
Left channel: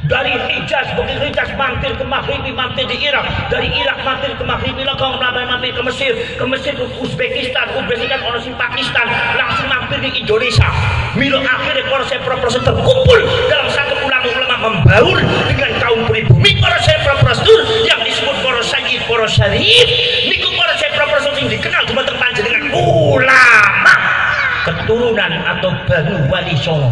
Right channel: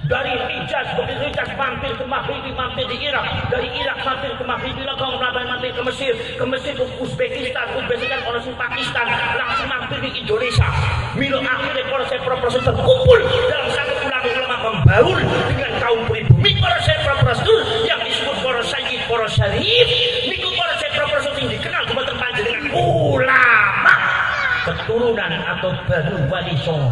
Dari Hijaz, begitu Hijaz mampir ke Maghribi, mampir di Irak. Dari Irak mampir ke Maghribi, langsung mampir ke Mesir ke Uzbekistan orang si Pakistan, langsung mampir di Indonesia. Milo akhirnya para Syekh terkumpul dalam satu ulama-ulama membaur dengan kaum pribumi para Syekh yang disebut para Sayyid, para Syarif. Niku para Syekh yang dikenal cuma dengan ulama keturunan atau Banu Wali Songo.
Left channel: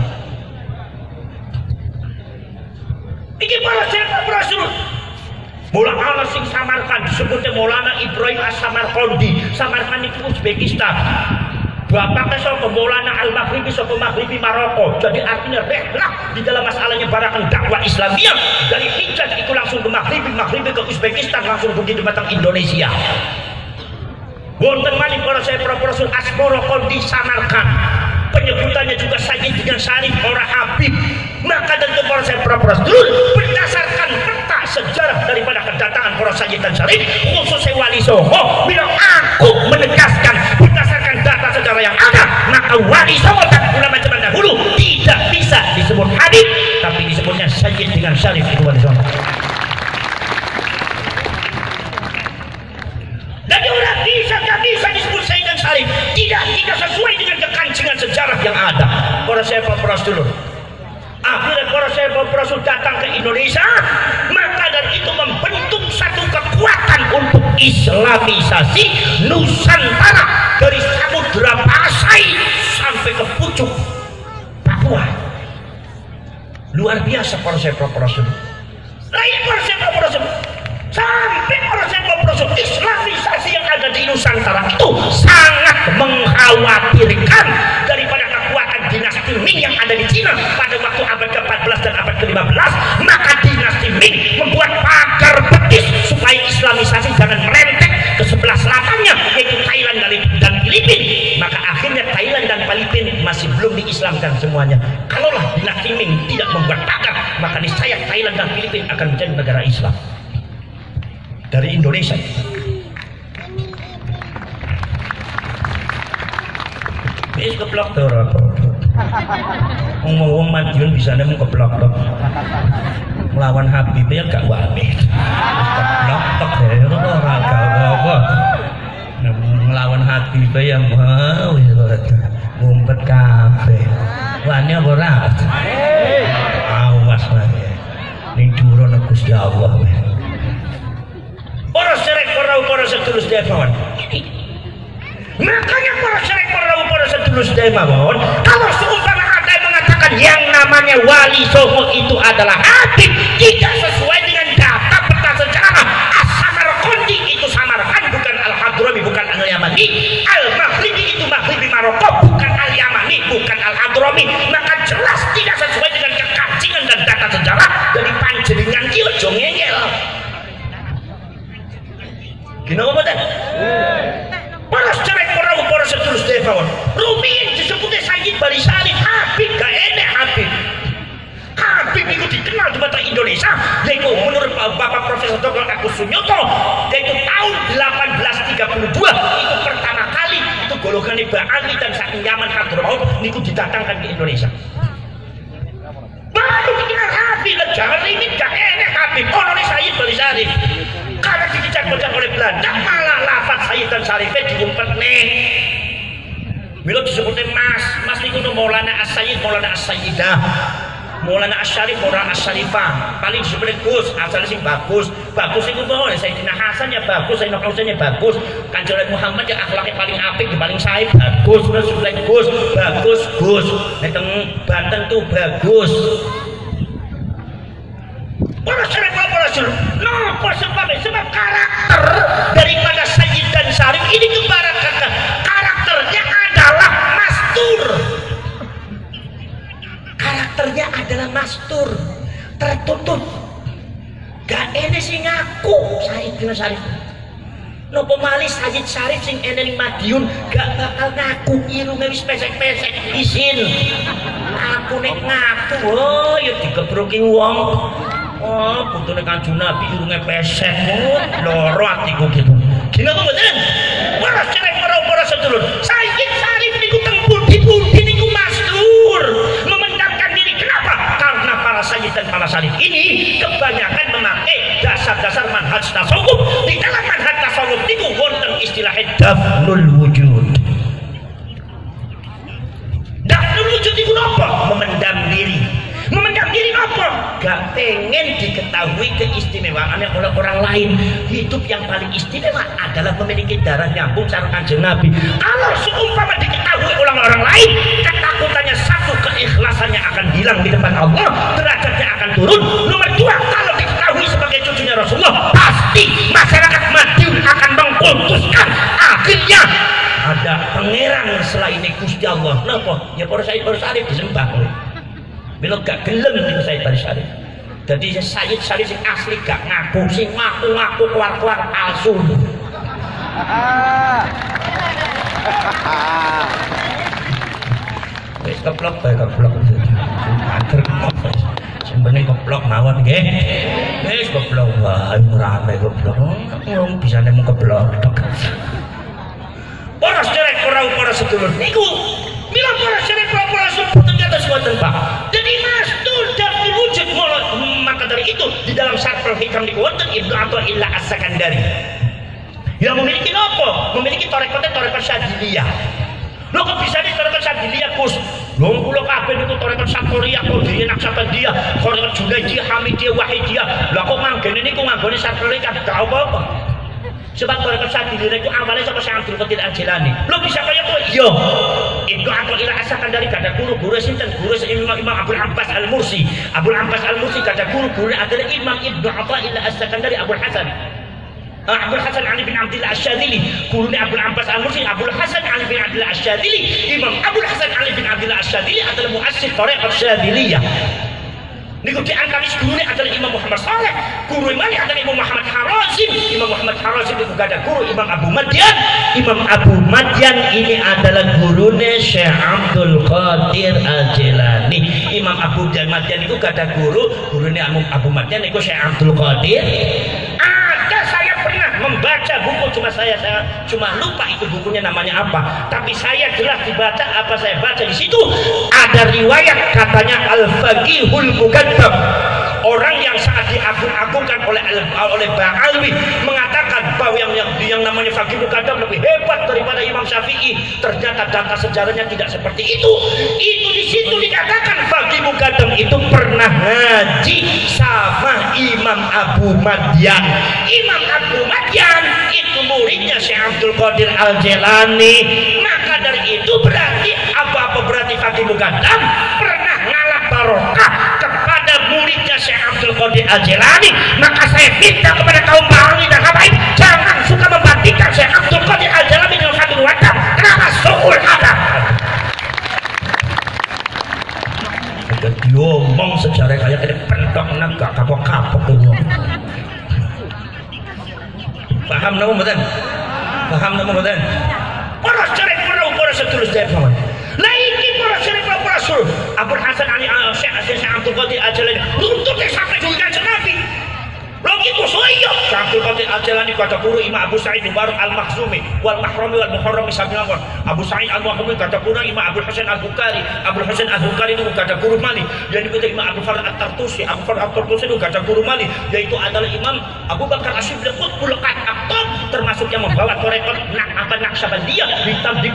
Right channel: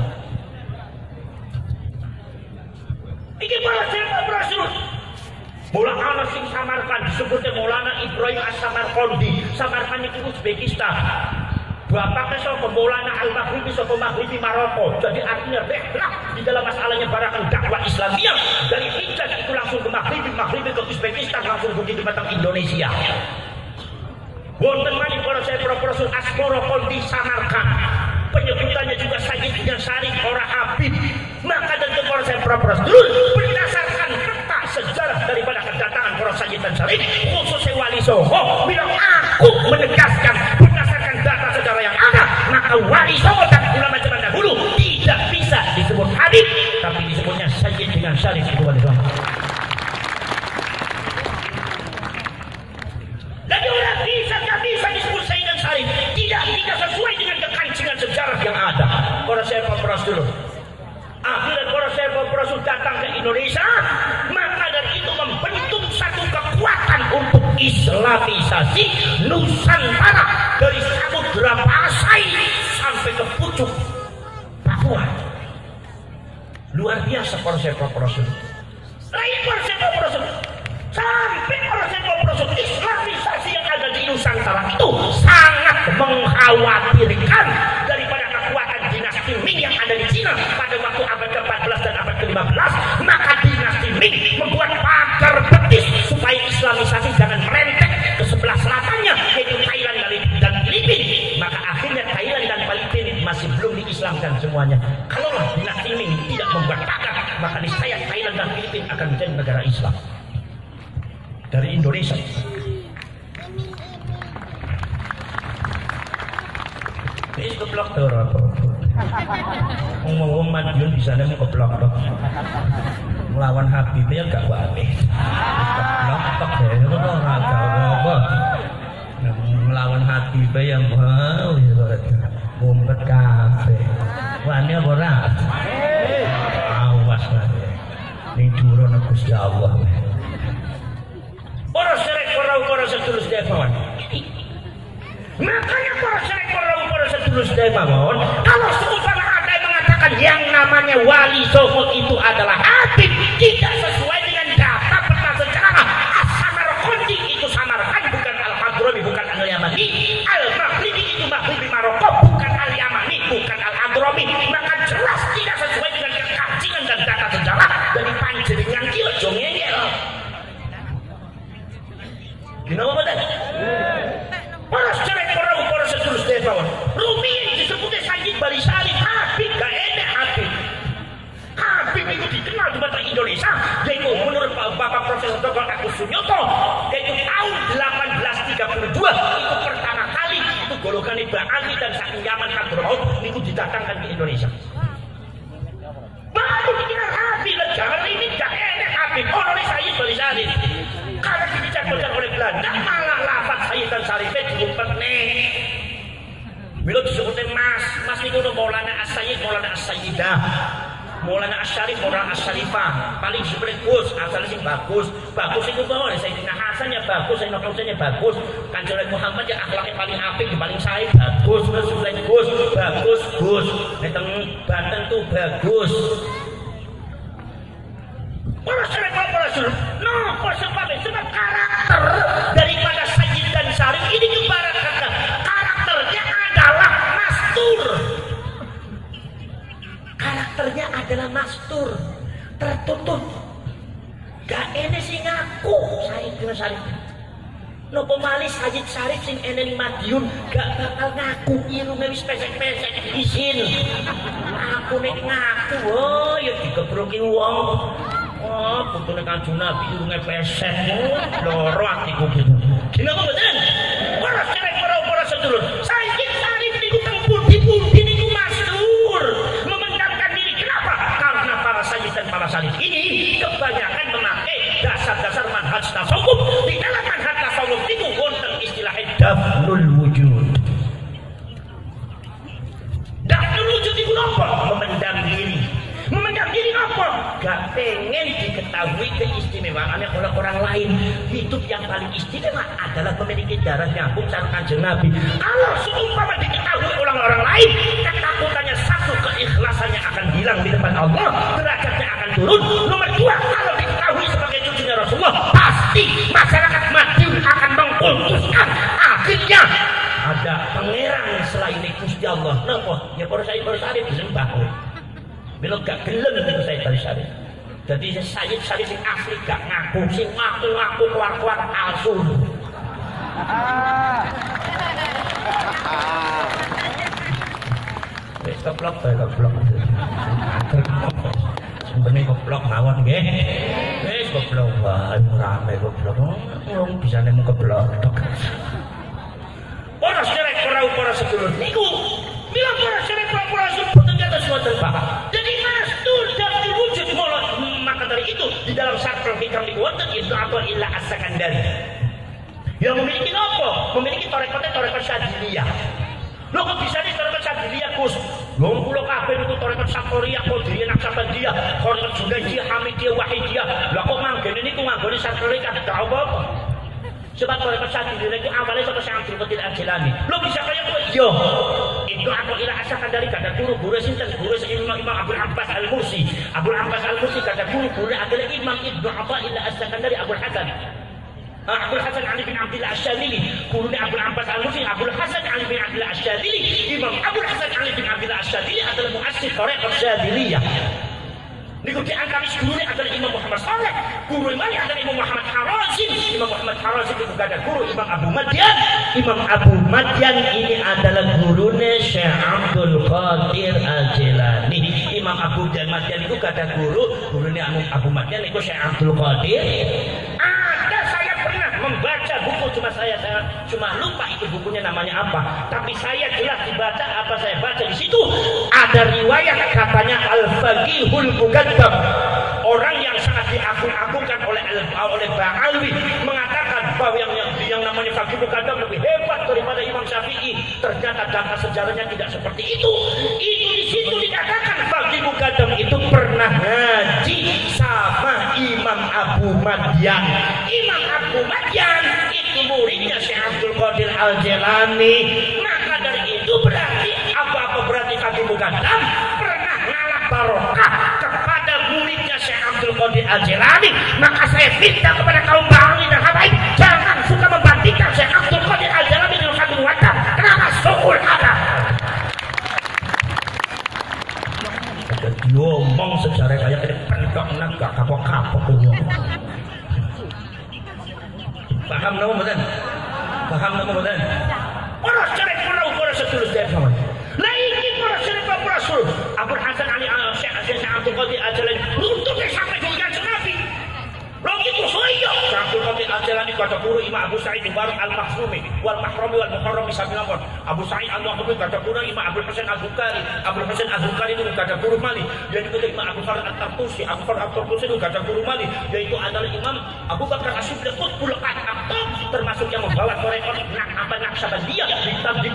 Iki para Syekh Rasul. Maulana sing Samarkand disebutnya Maulana Ibrahim As-Samarkandi. Samarkand itu Uzbekistan. Bapaknya sapa Maulana Al-Maghribi sapa Maghribi Maroko. Jadi artinya rehlah di dalam masalahnya barakan dakwah Islamiyah dari Hijaz itu langsung ke Maghribi ke Uzbekistan langsung begitu datang Indonesia. Wonten malih para Syekh Rasul Asmoro Kondi Samarkand. Penyebutannya juga Sayyid dengan Syarif orang Habib. Maka dari para Syekh Rasul berdasarkan peta sejarah daripada kedatangan para Sayyid dan Syarif khususnya Wali Songo, bila aku menegaskan berdasarkan data sejarah yang ada, maka Wali Songo dan ulama zaman dahulu tidak bisa disebut Habib, tapi disebutnya Sayyid dengan Syarif itu Wali Songo. Jadi orang gak bisa disebut Sayyid dan Syarif, tidak sesuai dengan kekancingan sejarah yang ada. Para Syekh Rasul akhirnya para Syekh Rasul datang ke Indonesia, maka dari itu membentuk satu kekuatan untuk Islamisasi Nusantara dari Samudra Pasai sampai ke pucuk Papua. Luar biasa para Syekh Rasul. Lain para Syekh Rasul sampai para Syekh Rasul Islamisasi yang ada di Nusantara itu sangat mengkhawatirkan daripada kekuatan dinasti Ming yang ada di Cina pada waktu abad ke-14 dan abad ke-15. Maka dinasti Ming membuat pagar betis supaya Islamisasi jangan merentek ke sebelah selatannya yaitu Thailand dan Filipina. Maka akhirnya Thailand dan Filipina masih belum diislamkan semuanya. Kalaulah dinasti Ming tidak membuat pagar, maka niscaya Thailand dan Filipina akan menjadi negara Islam dari Indonesia. Wis keblok to ora apa. Wong Madiun bisa nemu keblok to. Melawan Habib ya gak wae. Keblok tok ya ora apa. Melawan Habib ya mau ngumpet kabeh. Wani apa ora? Awas wae. Ning durana Gusti Allah. Para syarek para sedulur sedaya mawon. Makanya para syarek para sedulur sedaya mawon, kalau seumpama ada yang mengatakan yang namanya Wali Songo itu adalah Habib, tidak sesuai dengan data peta sejarah. As-Samarkandi itu Samarkand bukan Al-Hadrami, bukan Al-Yamani. Al-Maghribi itu Maghribi Maroko, bukan Al-Yamani, bukan Al-Hadrami. Maka jelas tidak sesuai dengan kekancingan dan data sejarah dari panjenengan iki aja ngeyel. Gimana betul? Para syarek para sedulur sedaya mawon. Rumiyin disebutnya Sayyid Bali Syarif Habib, gak enek Habib. Habib itu dikenal di mata Indonesia, yaitu menurut Bapak Profesor Dr. Agus Sunyoto, yaitu tahun 1832 itu pertama kali itu golongan Ba'ali dan saking Yaman Hadramaut itu didatangkan ke Indonesia. Baru dikenal Habib, jangan ini gak enek Habib. Orang Sayyid Bali Syarif. Karena dicacak-cacak oleh Belanda, malah lafaz Sayyid dan Syarifnya diumpet nih. Milo disebutnya mas niku Maulana As-Sayyid, Maulana As-Sayyidah. Maulana Asy-Syarif orang Asy-Syarifah paling sebenarnya Gus asal sing bagus itu boleh Sayyidina Hasan ya bagus, Sayyidina Husain ya bagus, Kanjeng Muhammad ya akhlaknya paling apik paling sae bagus, Rasulullah Gus nek Banten tuh bagus. Para Rasul no sebab karakter daripada Sayyid dan Syarif ini kebarakatan karakternya adalah mastur tertutup gak enes sing ngaku Sayyid bin Syarif nopo malih Sayyid Syarif sing ene ning Madiun gak bakal ngaku irunge wis pesek-pesek isin aku nek ngaku ya digebroki wong putune Kanjeng Nabi irunge pesek loro atiku gitu gila apa mboten para sedulur Sayyid Syarif niku teng pundi-pundi niku mastur memendamkan diri kenapa karena para sayyid dan para syarif ini kebanyakan memakai dasar-dasar manhaj tasawuf. Di dalam manhaj tasawuf niku wonten istilah dafnul wujud. Dafnul wujud niku apa? Memendam diri. Memendam diri apa? Gak pengen diketahui keistimewaannya oleh orang lain. Hidup yang paling istimewa adalah memiliki darah nyambung sama Kanjeng Nabi. Kalau seumpama diketahui oleh orang lain, ketakutannya satu, keikhlasannya akan hilang di depan Allah, derajatnya akan turun. Nomor dua, kalau diketahui sebagai cucunya Rasulullah, pasti masyarakat Madiun akan mengkultuskan. Akhirnya ada pangeran selain Gusti Allah. Napa? Ya para Syarif disembah. Bila gak gelem itu Sayyid Syarif. Jadi Sayyid Syarif sing asli gak ngaku, sing ngaku keluar palsu. Wis keplok bae keplok. Anter keplok. Sembene keplok mawon nggih. Wis keplok wae rame keplok. Wong bisa nemu keplok. Para sedherek para sedulur niku bila para sedherek para sedulur ternyata suatu Pak. Jadi mastur dan wujud maka dari itu di dalam Syarhul Hikam niku wonten Ibnu Athaillah As-Sakandari. Yang memiliki apa? Memiliki tarekat Syadziliyah. Lho kok bisa di tarekat Syadziliyah Gus? Lho kula kabeh niku tarekat Syadziliyah, Qadiriyah, Naqsabandiyah, tarekat Junaidiyah, Hamidiyah, Wahidiyah. Lah kok manggene niku nganggone Syadziliyah gak apa-apa. Sebab tarekat Syadziliyah niku awalnya saka Syekh Abdul Qadir Al-Jilani. Lho bisa kaya kowe? Yo. Ibnu Athaillah As-Sakandari kada guru sinten? Guru Imam Abdul Abbas Al-Mursi. Abdul Abbas Al-Mursi kada guru adalah Imam Ibnu Athaillah As-Sakandari Abdul Hasan. Abdul Hasan Ali bin Abdillah Asy-Syadzili, gurunya Abdul Abbas Al-Mursi. Abdul Hasan Ali bin Abdillah Asy-Syadzili, Imam Abdul Hasan Ali bin Abdillah Asy-Syadzili adalah muassis tarekat Syadziliyah. Niku diangkat gurunya adalah Imam Muhammad Saleh, guru imamnya adalah Imam Muhammad Harazim. Imam Muhammad Harazim itu ada guru Imam Abu Madyan. Imam Abu Madyan ini adalah gurunya Syekh Abdul Qadir Al-Jilani. Imam Abu Madyan itu ada gurunya Abu Madyan itu Syekh Abdul Qadir. Membaca buku saya cuma lupa itu bukunya namanya apa, tapi saya jelas dibaca apa saya baca di situ ada riwayat katanya Al-Faqihul Muqaddam, orang yang sangat diagung-agungkan oleh Ba'alwi, mengatakan bahwa yang namanya Faqih Muqaddam lebih hebat daripada Imam Syafi'i. Ternyata data sejarahnya tidak seperti itu. Itu di situ dikatakan Faqih Muqaddam itu pernah ngaji sama Imam Abu Madyan. Imam Abu Madyan itu muridnya Syekh Abdul Qadir Al-Jilani. Maka dari itu berarti apa berarti Faqih Muqaddam pernah ngalap barokah kepada muridnya Syekh Abdul Qadir Al-Jilani. Maka saya minta kepada kaum Ba'alwi dan habaib, jangan suka membandingkan Syekh Abdul Qadir Al-Jilani dengan Faqih Muqaddam. Kenapa? Su'ul adab. Diomong sejarah kayak ini pentok nang gak kapok-kapok tuh. Paham nama mboten? Paham nama mboten? Para sedherek para sedulur sedherek mawon. Lah iki para sedherek para sedulur. Abdul Hasan Ali Syekh Abdul Qadir Al-Jilani nuntut sampai dengan Nabi. Lho itu soyo Syekh Abdul Qadir Al-Jilani kata guru Imam Abu Sa'id Mubarak Al-Makhzumi wal Mahrami wal Muharrami Sabilawan. Abu Sa'id Al-Makhzumi kata guru Imam Abdul Husain Al-Bukhari. Abdul Husain Al-Bukhari itu kata guru Malik. Jadi kata Imam Abu Farad At-Tartusi. Abu Farad At-Tartusi itu kata guru Malik, yaitu adalah Imam Abu Bakar Asyibli Qutbul Aktab, termasuk yang membawa tarekat Naqsyabandiyah ditampi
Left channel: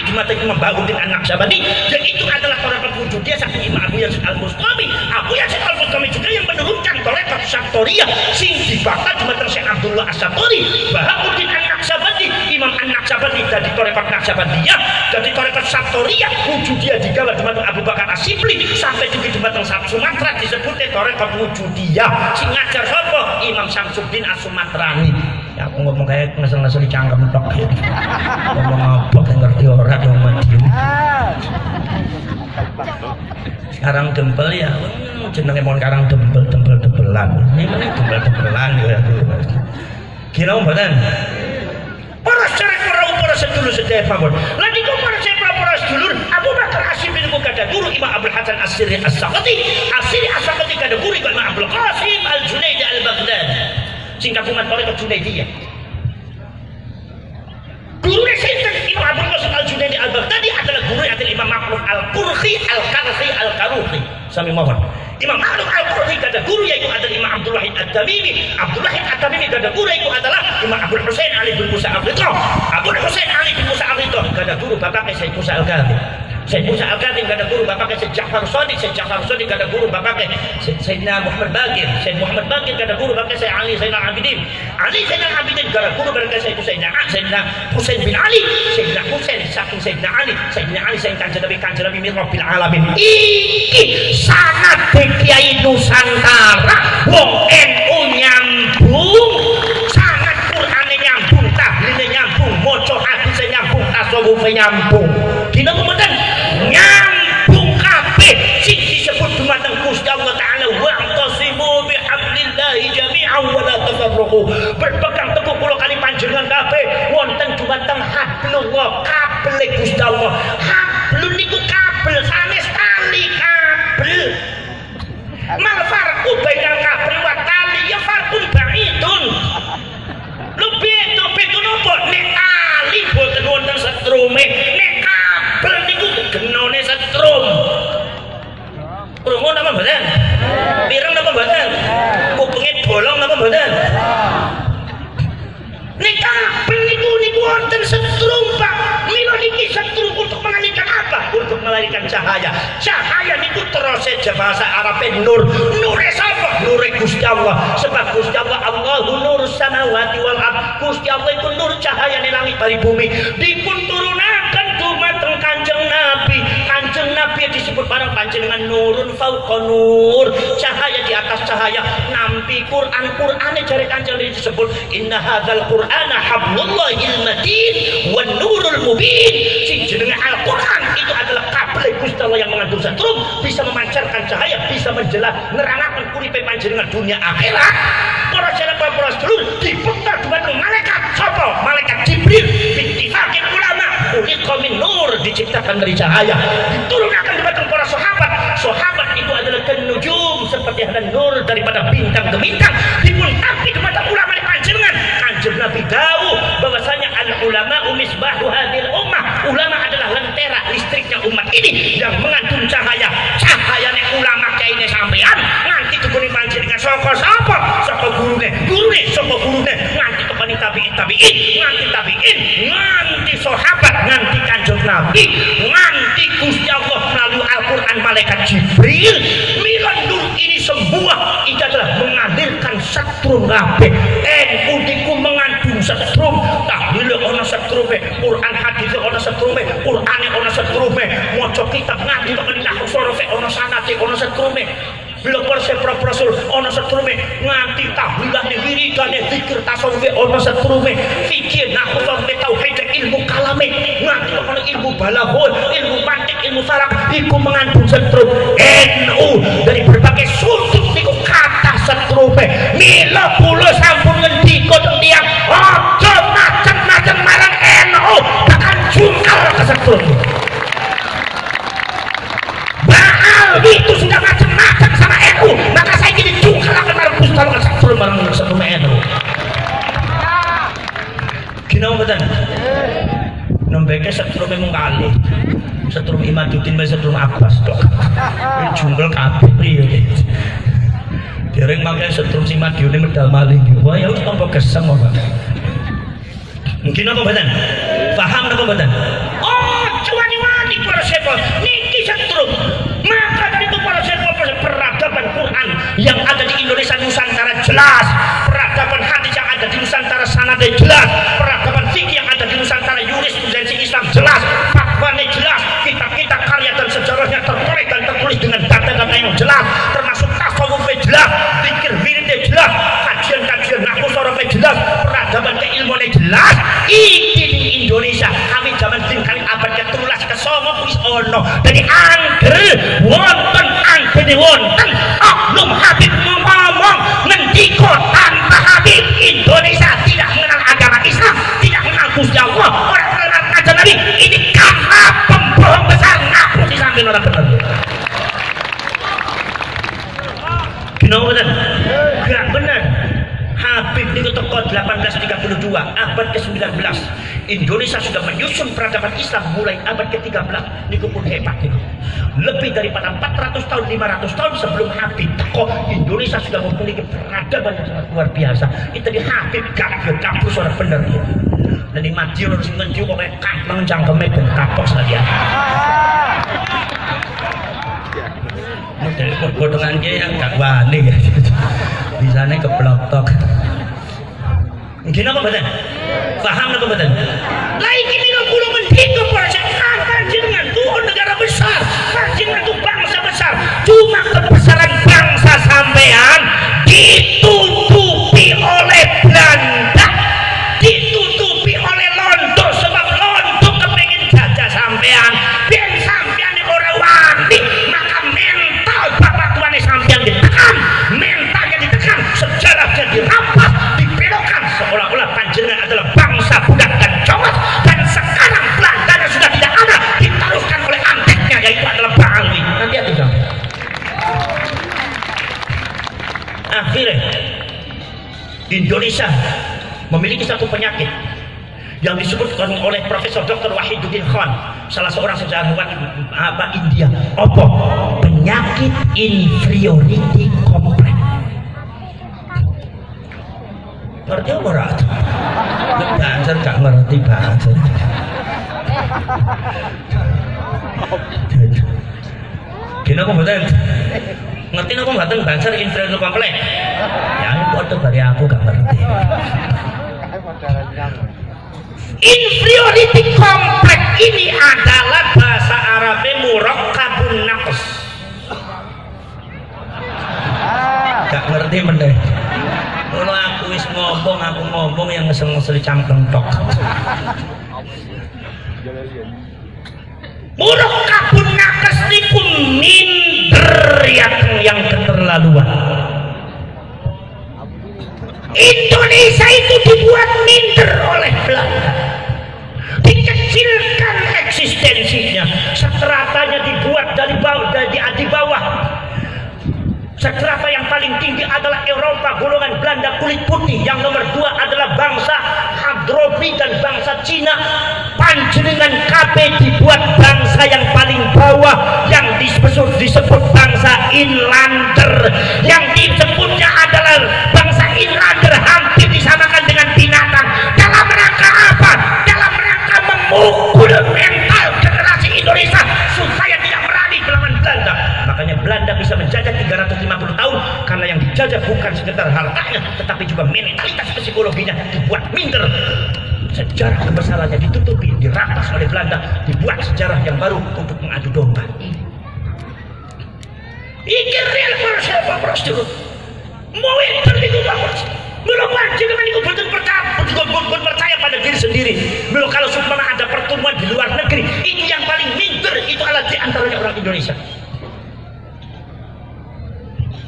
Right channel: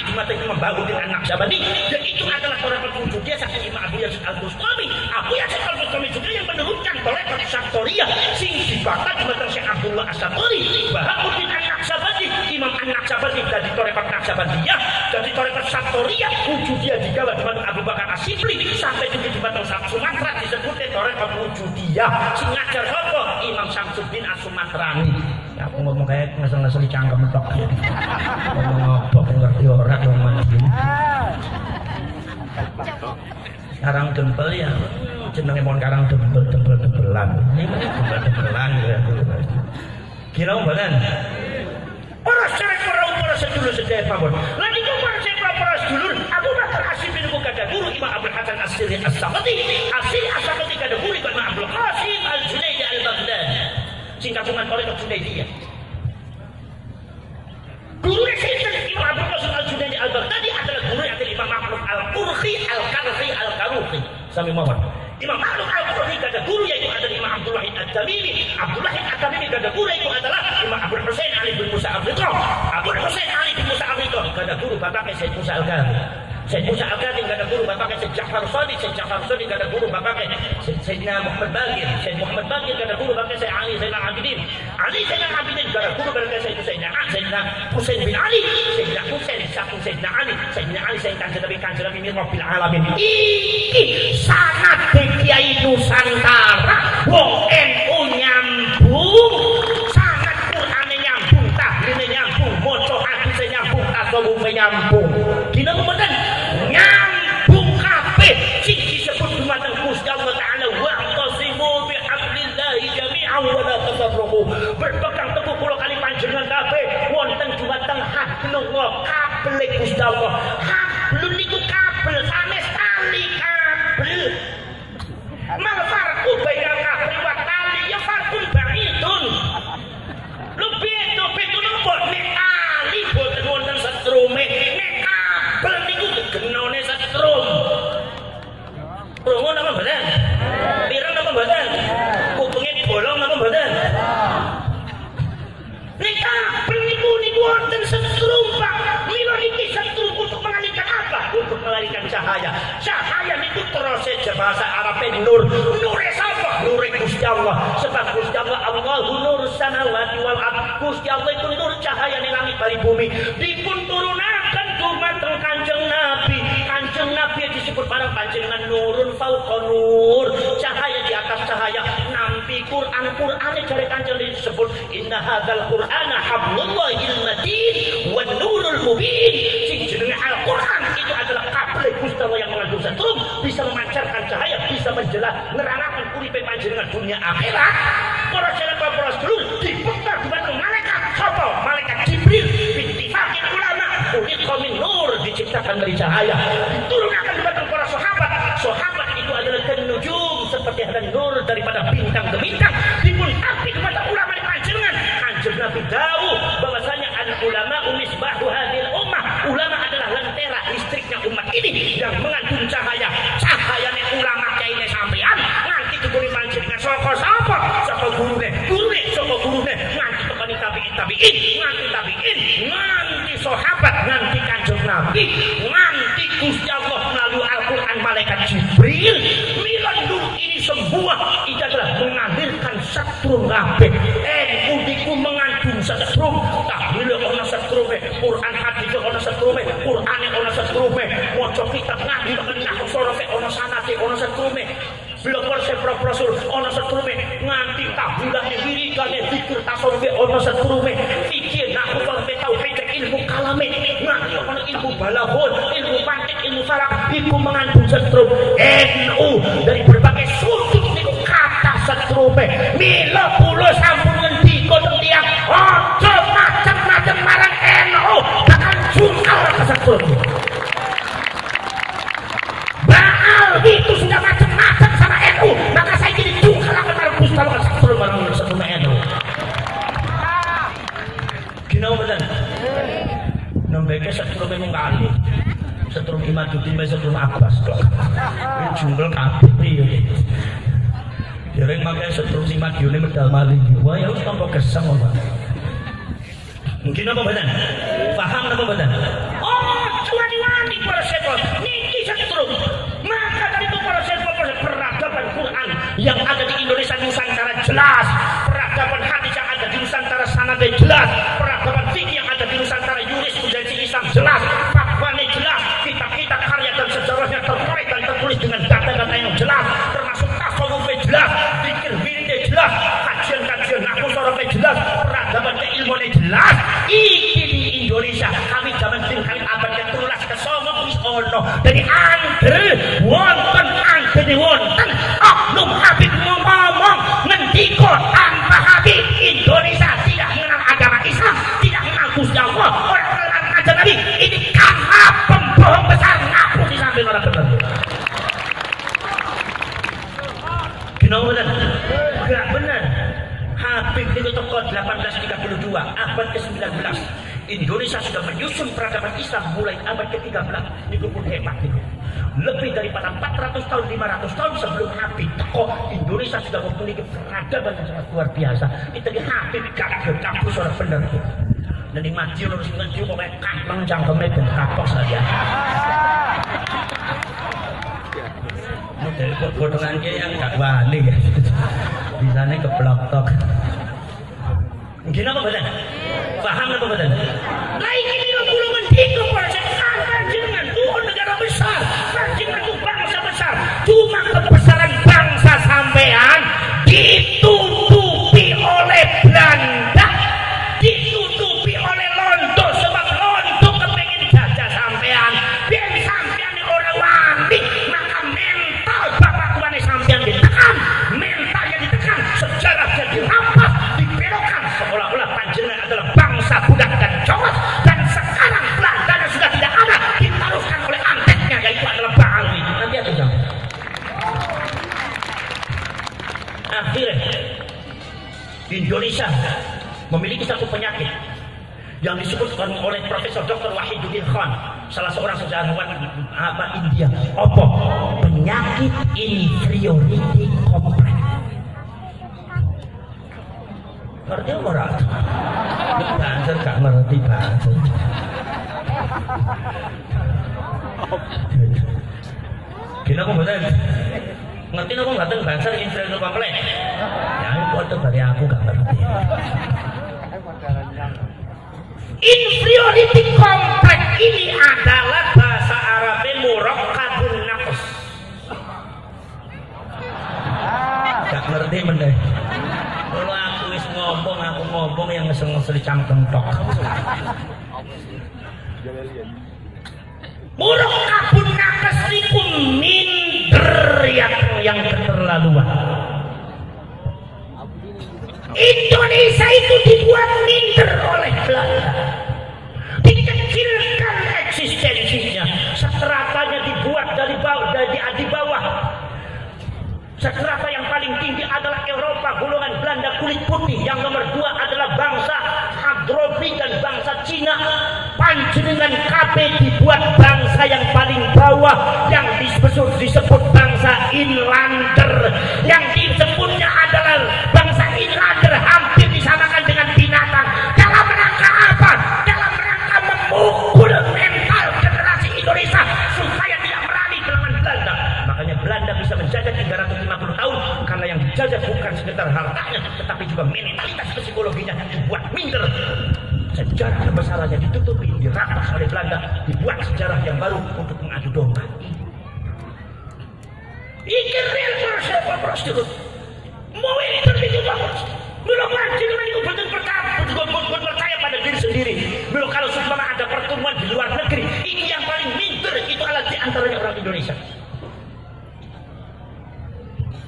di mata Imam Baharuddin An-Naqsyabandi. Yaitu adalah tarekat wujudiyah saking Imam Abu Yazid Al-Bustami. Abu Yazid Al-Bustami juga yang menurunkan tarekat Syaftoriyah sing dibakar di mata Syekh Abdullah As-Satori. Baharuddin An-Naqsyabandi, Imam An-Naqsyabandi dari tarekat Naqsyabandiyah, dari tarekat Syaftoriyah wujudiyah digawa di mata Abu Bakar Asyibli, sampai juga di mata Sumatera disebutnya tarekat wujudiyah. Sing ngajar sapa? Imam Syamsuddin As-Sumatrani. Ya aku ngomong kayak ngasal-ngasal dicangkem tok ya. Ngomong apa ngerti ora yang Madiun. Sekarang dempel ya, jenenge mon karang dempel-dembelan. Ini mana dempel-dembelan ya. Kira mboten? Para sedulur sedaya pamon. Lan iku para sedulur Abu Bakar Asyibli niku kada guru Imam Abdul Hasan As-Sirri As-Saqati. As-Sirri As-Saqati kada guru Imam Abdul Qasim Al-Junaidi Al-Baghdadi. Sing kagungan tarekat Junaidiyah. Guru sinten Imam Abdul Qasim Al-Junaidi Al-Baghdadi adalah guru adalah Imam Ma'ruf Al-Qurhi Al-Karhi Al-Karuhi. Sami mawon. Imam Ma'ruf Al-Qurhi kada guru yaitu adalah Imam Abdul Wahid At-Tamimi. Abdul Wahid At-Tamimi kada guru yaitu adalah Imam Abdul Husain Ali bin Musa Al-Ridha. Abdul Husain Ali bin Musa Al-Ridha kada guru bapaknya Sayyid Musa Al-Kadhim. Sayyid Musa Al-Kadhim kada guru bapaknya Sayyid Ja'far Shadiq. Sayyid Ja'far Shadiq kada guru bapaknya Sayyidina Muhammad Baqir. Sayyid Muhammad Baqir kada guru bapaknya Sayyid Ali Zainal Abidin. Ali Zainal Abidin kada guru bapaknya Sayyidina Husain bin Ali. Sayyidina Husain saking Sayyidina Ali. Sayyidina Ali saking Kanjeng Nabi min Rabbil Alamin. Iki sanad Kiai Nusantara wong NU nyambung, sanad Qur'ane nyambung, tahline nyambung, maca hadise nyambung, tasawufe nyambung. Dina mboten nyambung kabeh sing disebut dumateng Gusti Allah Taala wa tasimu bihablillahi jami'an wa la tafarraqu. Berpegang teguh kula kali panjenengan kabeh wonten dumateng hablullah, kabel Gusti Allah. Hablun niku kabel sanes tali kabel. Mal farqu bainal kabel wa tali ya farqun ba'idun. Lebih itu nopo nek tali boten wonten setrume, nek kabel niku genone setrum. Krungu napa mboten? Pireng napa mboten? Kupenge bolong napa mboten? Nek kabel niku wonten setrum, Pak. Mila niki setrum untuk mengalihkan apa? Untuk melahirkan cahaya. Cahaya niku terus bahasa Arabnya nur. Nure sapa? Nure Gusti Allah. Sebab Gusti Allah Allahu nurus samawati wal ardh. Gusti Allah itu nur cahaya ning langit bari bumi. Dipun turunaken dumateng Kanjeng Nabi. Kanjeng Nabi disebut barang panjenengan nurun fauqa nur. Cahaya di atas cahaya. Nampi Qur'ane jare Kanjeng Nabi disebut inna hadzal Qur'ana hablullahil matin wan nurul mubin. Sing jenenge Al-Qur'an itu adalah kabel Gusti Allah yang mengandung setrum, bisa memancarkan cahaya, bisa nerangaken uripe panjenengan dunia akhirat. Para sedulur dibentar dumateng malaikat sapa? Malaikat Jibril. Bittifaqil ulama uliqa min nur, diciptakan dari cahaya. Diturunkan dumateng para sahabat. Sahabat itu adalah kenujum, seperti ada nur daripada bintang ke bintang. Dipuntampi dumateng ulama panjenengan. Kanjeng Nabi dawuh bahwasanya al ulama misbahu hadhil ummah. Ulama adalah lentera listriknya umat ini yang mengandung cahaya. Cahayane ulama kaine sampean nganti tukune panjenengan saka sapa? Saka gurune, saka gurune nganti tekani tabi'in, nganti sahabat, nganti Kanjeng Nabi, nganti Gusti Allah melalui Al-Qur'an malaikat Jibril. Mila nur ini semua itu adalah mengalirkan setrum kabeh. NU niku mengandung setrum, tahlil ana setrume, Quran hadis ana setrume, Qur'ane ana setrume, maca kitab ngaji nahwu sorofe ana sanate ana setrume. Bila persep rasul ana setrume, nganti tahlilane wiridane zikir tasawuf ana setrume, fikih nahwu sorofe tauhid ilmu kalame, nganti ana ilmu balaghah, ilmu mantik, ilmu saraf iku mengandung setrum. NU dari berbagai sudut niku kata setrume. Mila kula sampun ngendika tiyang aja macem-macem marang NU, tekan jungkal ke setrum. Baal itu sudah macam-macam sama NU, maka saya jadi jungkal akan marang Gusti Allah ke setrum NU. setrum memang kali. Setrum Imaduddin wis setrum Abbas tok. Jungkel kabeh piye. Dereng mangke setrum si Madiune medal maling. Wah ya tampa gesem kok. Mungkin apa mboten? Paham apa mboten? Oh, cuwani-wani para sepol. Niki setrum. Maka dari itu para sepol peradaban Quran yang ada di Indonesia Nusantara jelas, peradaban hadis yang ada di Nusantara sanadnya jelas, peradaban fikih yang ada di Nusantara jurisprudensi Islam jelas, fatwanya jelas, kitab-kitab karya dan sejarahnya tertulis dan tertulis dengan data-data yang jelas, termasuk tasawufnya jelas, zikir wiridnya jelas, kajian-kajian nahwu sorofnya jelas, peradaban keilmuannya jelas. Iki di Indonesia kami zaman kali abad ke-13 ke-9 wis ono. Dari angger wonten anggene wonten oknum Habib ngomong ngendika tanpa Habib Indonesia tidak mengenal agama Islam, tidak mengenal Gusti Allah, orang mengenal kajian Nabi. Ini karena pembohong besar ngaku di samping orang benar. Gino benar? Gak benar. Habib niku teko 1832 abad ke-19. Indonesia sudah menyusun peradaban Islam mulai abad ke-13. Niku pun hebat niku. Lebih daripada 400 tahun, 500 tahun sebelum Habib teko, Indonesia sudah memiliki peradaban yang sangat luar biasa. Itu di Habib gak kampus orang bener gitu. Dan di Madiun harus ngenju pokoknya kampung cangkeme dan kapok saja. Dari potongan dia yang gak wani bisanya kebloktok. Mungkin apa betul? Paham apa betul? Lain ini kulo mendiko proses panjenengan tuh negara besar, panjenengan tuh bangsa besar. Cuma kebesaran bangsa sampean ditutupi oleh Belanda, ditutupi oleh Londo, sebab Londo kepengen jajah sampean. Biar sampean orang wani, maka mental bapak tuane sampean ditekan, mentalnya ditekan, sejarahnya dirampas, dibelokkan seolah-olah panjenengan adalah bangsa budak dan congos, dan sekarang Belanda sudah tidak ada, diteruskan oleh anteknya yaitu adalah Bangli. Nanti ada akhirnya Indonesia memiliki satu penyakit yang disebutkan oleh Profesor Dr. Wahiduddin Khan, salah seorang sejarawan India. Apa? Penyakit inferiority complex. Ngerti apa ora? Banser gak ngerti bahasa. Gini apa mboten? Ngerti apa mboten banser inferiority complex? Yang foto dari aku gak ngerti. Inferiority complex ini adalah bahasa Arabnya murakkabun naqs. Gak ngerti mending. Kalau aku wis ngomong yang ngesel-ngesel cangkem tok. Murakkabun naqs niku minder yang keterlaluan. Indonesia itu dibuat minder oleh Belanda, dikecilkan eksistensinya, stratanya dibuat dari bawah, di bawah. Strata yang paling tinggi adalah Eropa, golongan Belanda kulit putih. Yang nomor 2 adalah bangsa Hadrobi dan bangsa Cina. Panjenengan KB dibuat bangsa yang paling bawah, yang disebut bangsa Inlander. Yang disebutnya adalah bangsa Inlander hampir disamakan dengan binatang. Dalam rangka apa? Dalam rangka memukul mental generasi Indonesia supaya tidak berani melawan Belanda. Makanya Belanda bisa menjajah 350 tahun karena yang dijajah bukan sekedar hartanya, tetapi juga mentalitas psikologinya dibuat minder. Sejarah kebesarannya ditutupi, dirampas oleh Belanda, dibuat sejarah yang baru untuk mengadu domba. Iki real siapa prosedur? Mau enter itu bagus. Belum panjenengan itu betul percaya pada diri sendiri. Belum kalau seumpama ada pertemuan di luar negeri, ini yang paling minder itu adalah di antaranya orang Indonesia.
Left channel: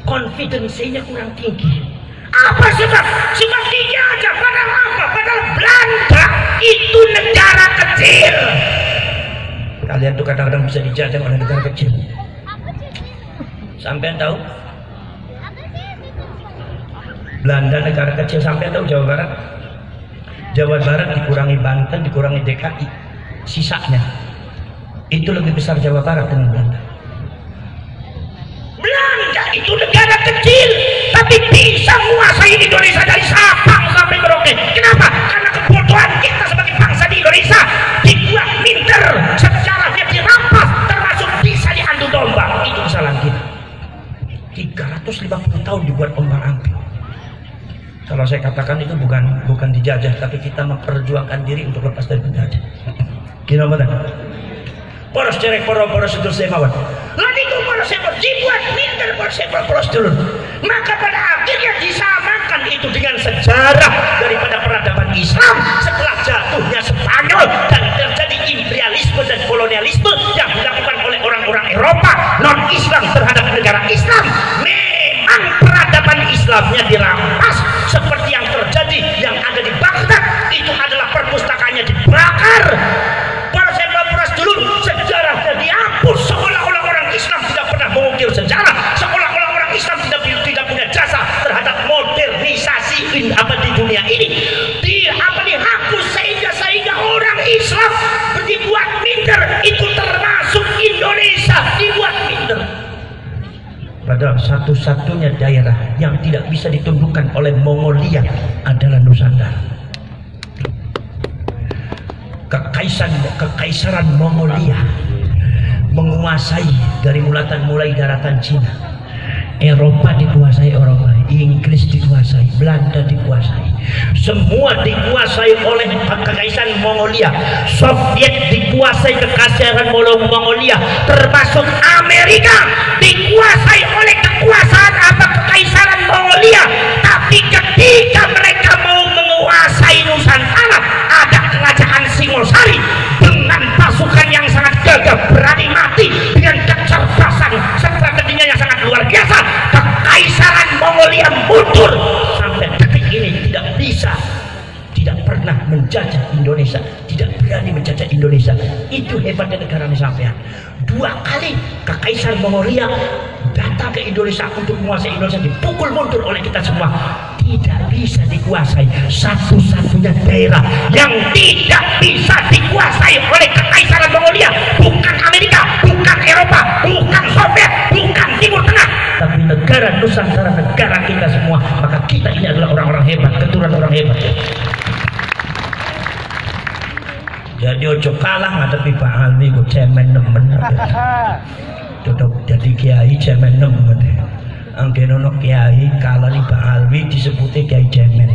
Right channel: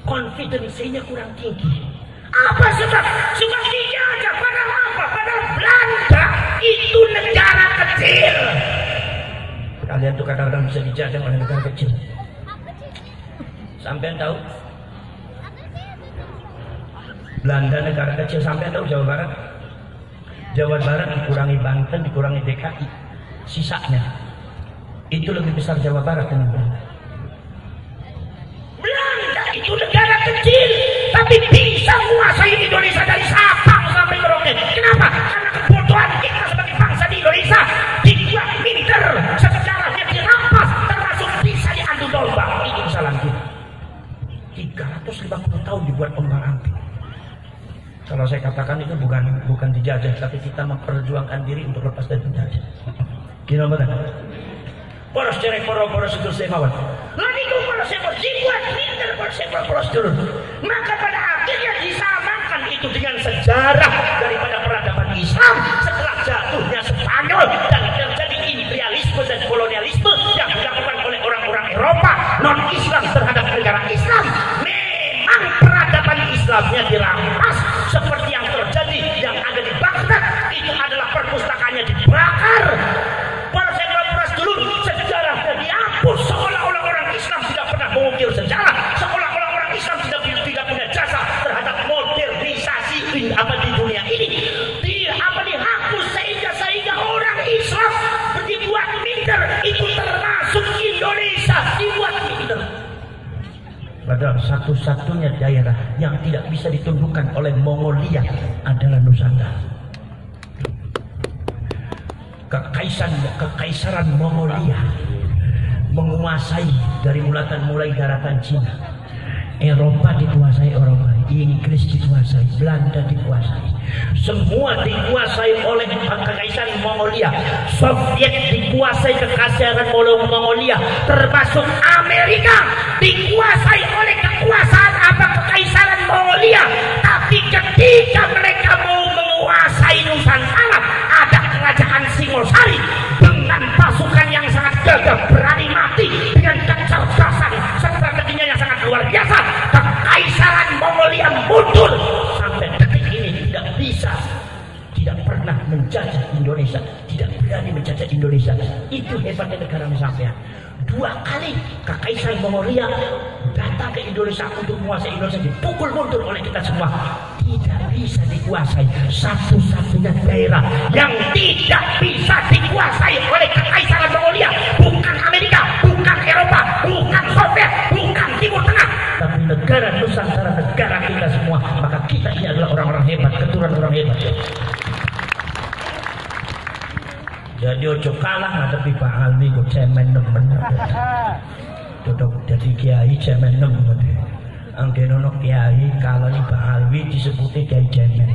Konfidensinya kurang tinggi. Apa sebab? Sebab tinggi aja. Padahal apa? Padahal Belanda itu negara kecil. Kalian tuh kadang-kadang bisa dijajah oleh negara kecil. Sampai tahu? Belanda negara kecil. Sampai tahu Jawa Barat? Jawa Barat dikurangi Banten, dikurangi DKI. sisanya itu lebih besar Jawa Barat dengan Belanda. Belanda itu negara kecil tapi bisa menguasai Indonesia dari Sabang sampai Merauke. Kenapa? Karena kebodohan kita sebagai bangsa di Indonesia dibuat minder, sejarahnya dirampas, termasuk bisa diadu domba. Itu kesalahan kita. 350 tahun dibuat ombang-ambing. Kalau saya katakan itu bukan dijajah, tapi kita memperjuangkan diri untuk lepas dari penjajah. Gimana benar? Poros cerek poros itu saya mawar. Lalu itu poros saya dibuat minder poros dulu. Maka pada akhirnya disamakan itu dengan sejarah daripada peradaban Islam setelah jatuhnya Spanyol dan terjadi imperialisme dan kolonialisme yang dilakukan oleh orang-orang Eropa non-Islam terhadap negara Islam. Memang peradaban Islamnya dirampas seperti yang terjadi yang ada di Baghdad. Itu adalah perpustakaannya dibakar. Poros dulu sejarahnya dihapus, seolah-olah orang Islam tidak pernah mengukir sejarah, seolah-olah orang Islam tidak punya jasa terhadap modernisasi di dunia ini. Dihapus sehingga orang Islam dibuat minder. Itu termasuk Indonesia dibuat minder. Padahal satu-satunya daerah yang tidak bisa ditundukkan oleh Mongolia adalah Nusantara. Kekaisaran Mongolia menguasai dari mulai daratan Cina. Eropa dikuasai Eropa, Inggris dikuasai, Belanda dikuasai. Semua dikuasai oleh kekaisaran Mongolia. Soviet dikuasai kekaisaran Mongolia, termasuk Amerika dikuasai oleh kekaisaran Mongolia. Tapi ketika mereka mau menguasai Nusantara, ada kerajaan Singosari dengan pasukan yang sangat gagah berani mati dengan kecerdasan strateginya yang sangat luar biasa. Kekaisaran Mongolia mundur sampai detik ini tidak pernah menjajah Indonesia, tidak berani menjajah Indonesia. Itu hebatnya negara ini sampai 2 kali kekaisaran Mongolia datang ke Indonesia untuk menguasai Indonesia, dipukul mundur oleh kita semua. Tidak bisa dikuasai. Satu-satunya daerah yang tidak bisa dikuasai oleh kekaisaran Mongolia bukan Amerika, bukan Eropa, bukan Soviet, bukan Timur Tengah, tapi negara Nusantara, negara kita semua. Maka kita ini adalah orang-orang hebat, keturunan orang hebat. Jadi ojo kalah ngadepi Pak Alwi kok cemen nemen. Duduk jadi kiai cemen nemen. Anggen ono kiai kalau nih Pak Alwi disebutnya kiai cemen.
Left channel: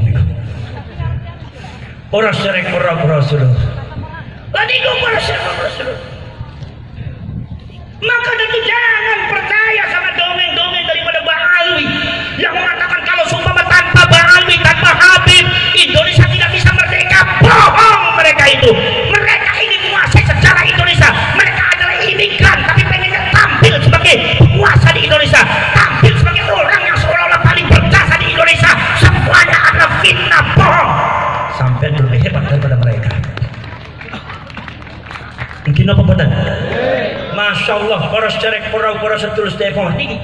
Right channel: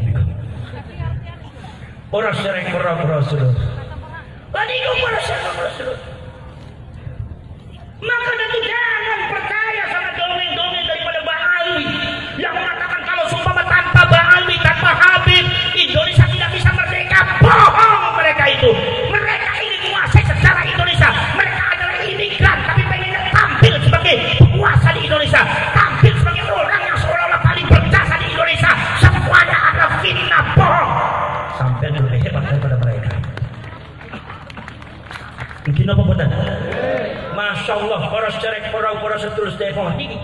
Poros cerek poros dulu. Tadi itu poros dulu. Maka tentu jangan percaya sama dongeng-dongeng daripada Pak Alwi yang mengatakan kalau seumpama tanpa Pak Alwi, tanpa Habib, Indonesia tidak bisa merdeka. Bohong mereka itu. Mereka ini menguasai sejarah Indonesia. Mereka adalah imigran tapi pengen tampil sebagai penguasa di Indonesia, tampil sebagai orang yang seolah-olah paling berjasa di Indonesia. Semuanya adalah fitnah, bohong. Sampai lebih hebat daripada mereka. Mungkin apa benar? Masya Allah, poros cerek poros terus telepon ini.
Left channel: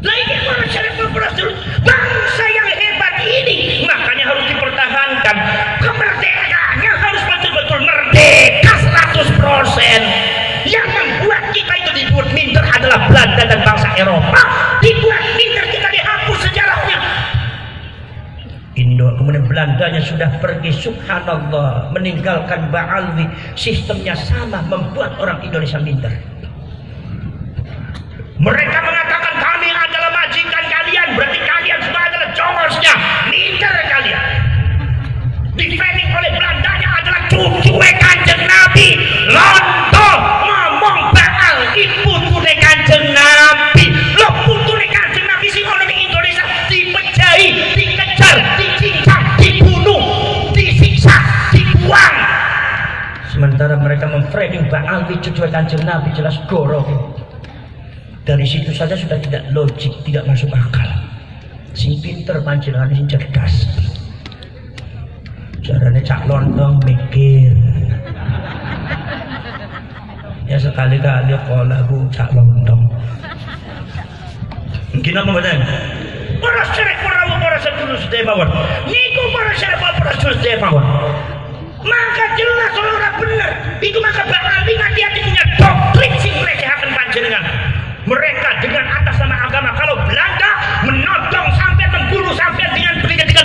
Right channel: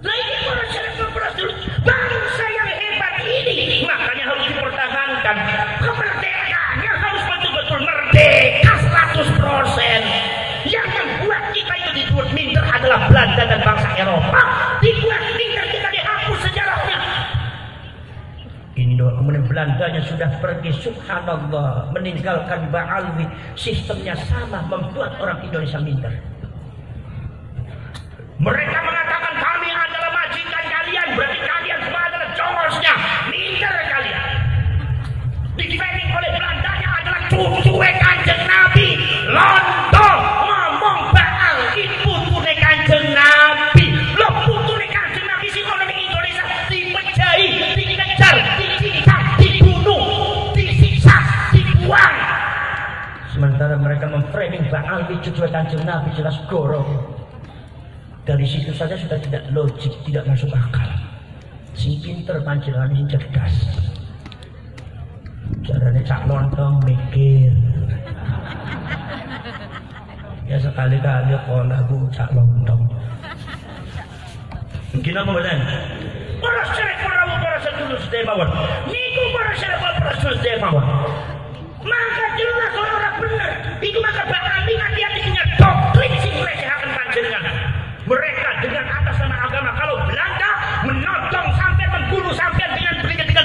Lagi poros cerek poros terus. Bangsa yang hebat ini makanya harus dipertahankan. Kemerdekaannya harus betul-betul merdeka 100%. Yang membuat kita itu dibuat minder adalah Belanda dan bangsa Eropa. Dibuat minder, kita dihapus sejarahnya. Kemudian Belandanya sudah pergi, subhanallah, meninggalkan Pak Alwi. Sistemnya sama, membuat orang Indonesia minder. Mereka mengatakan kami adalah majikan kalian, berarti kalian semua adalah jongosnya. Minder kalian. Di-framing oleh Belandanya adalah cucu Kanjeng Nabi. Londo ngomong Baal putune Kanjeng Nabi. Lo putune Kanjeng Nabi sih ono di Indonesia dipejai, dikejar, dicincang, dibunuh, disiksa, dibuang. Sementara mereka memframing Baal cucu Kanjeng Nabi jelas goro. Dari situ saja sudah tidak logik, tidak masuk akal. Si pinter panjenengan sing cerdas. Caranya cak lontong mikir. Ya sekali-kali lagu cak lontong. Mungkin apa benar? Poros cerek poros dulu sudah mawon. Niku poros cerek poros dulu sudah mawon. Maka jelas orang benar. Itu maka bakal hati-hati punya doktrin sing nglecehaken panjenengan. Mereka dengan atas nama agama, kalau Belanda menodong sampai membunuh sampai dengan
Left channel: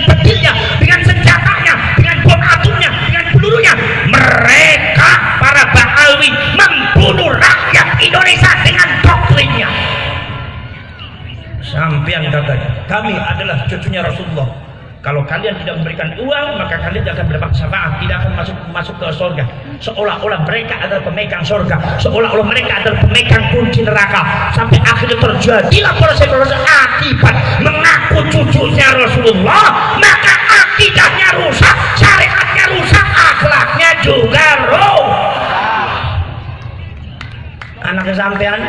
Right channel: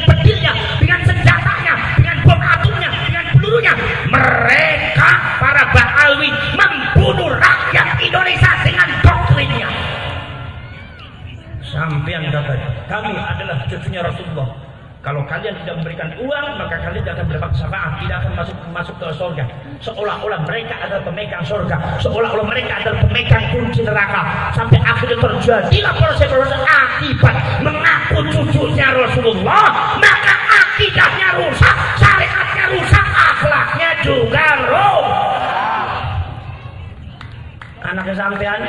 bedilnya, dengan senjatanya, dengan bom atomnya, dengan pelurunya, mereka para Ba'alwi membunuh rakyat Indonesia dengan doktrinnya. Sampean kata, kami adalah cucunya Rasulullah. Kalau kalian tidak memberikan uang, maka kalian tidak akan mendapat syafaat, tidak akan masuk ke surga. Seolah-olah mereka adalah pemegang surga, seolah-olah mereka adalah pemegang kunci neraka. Sampai akhirnya terjadilah proses akibat mengaku cucunya Rasulullah, maka akidahnya rusak, syariatnya rusak, akhlaknya juga rusak. Anaknya sampean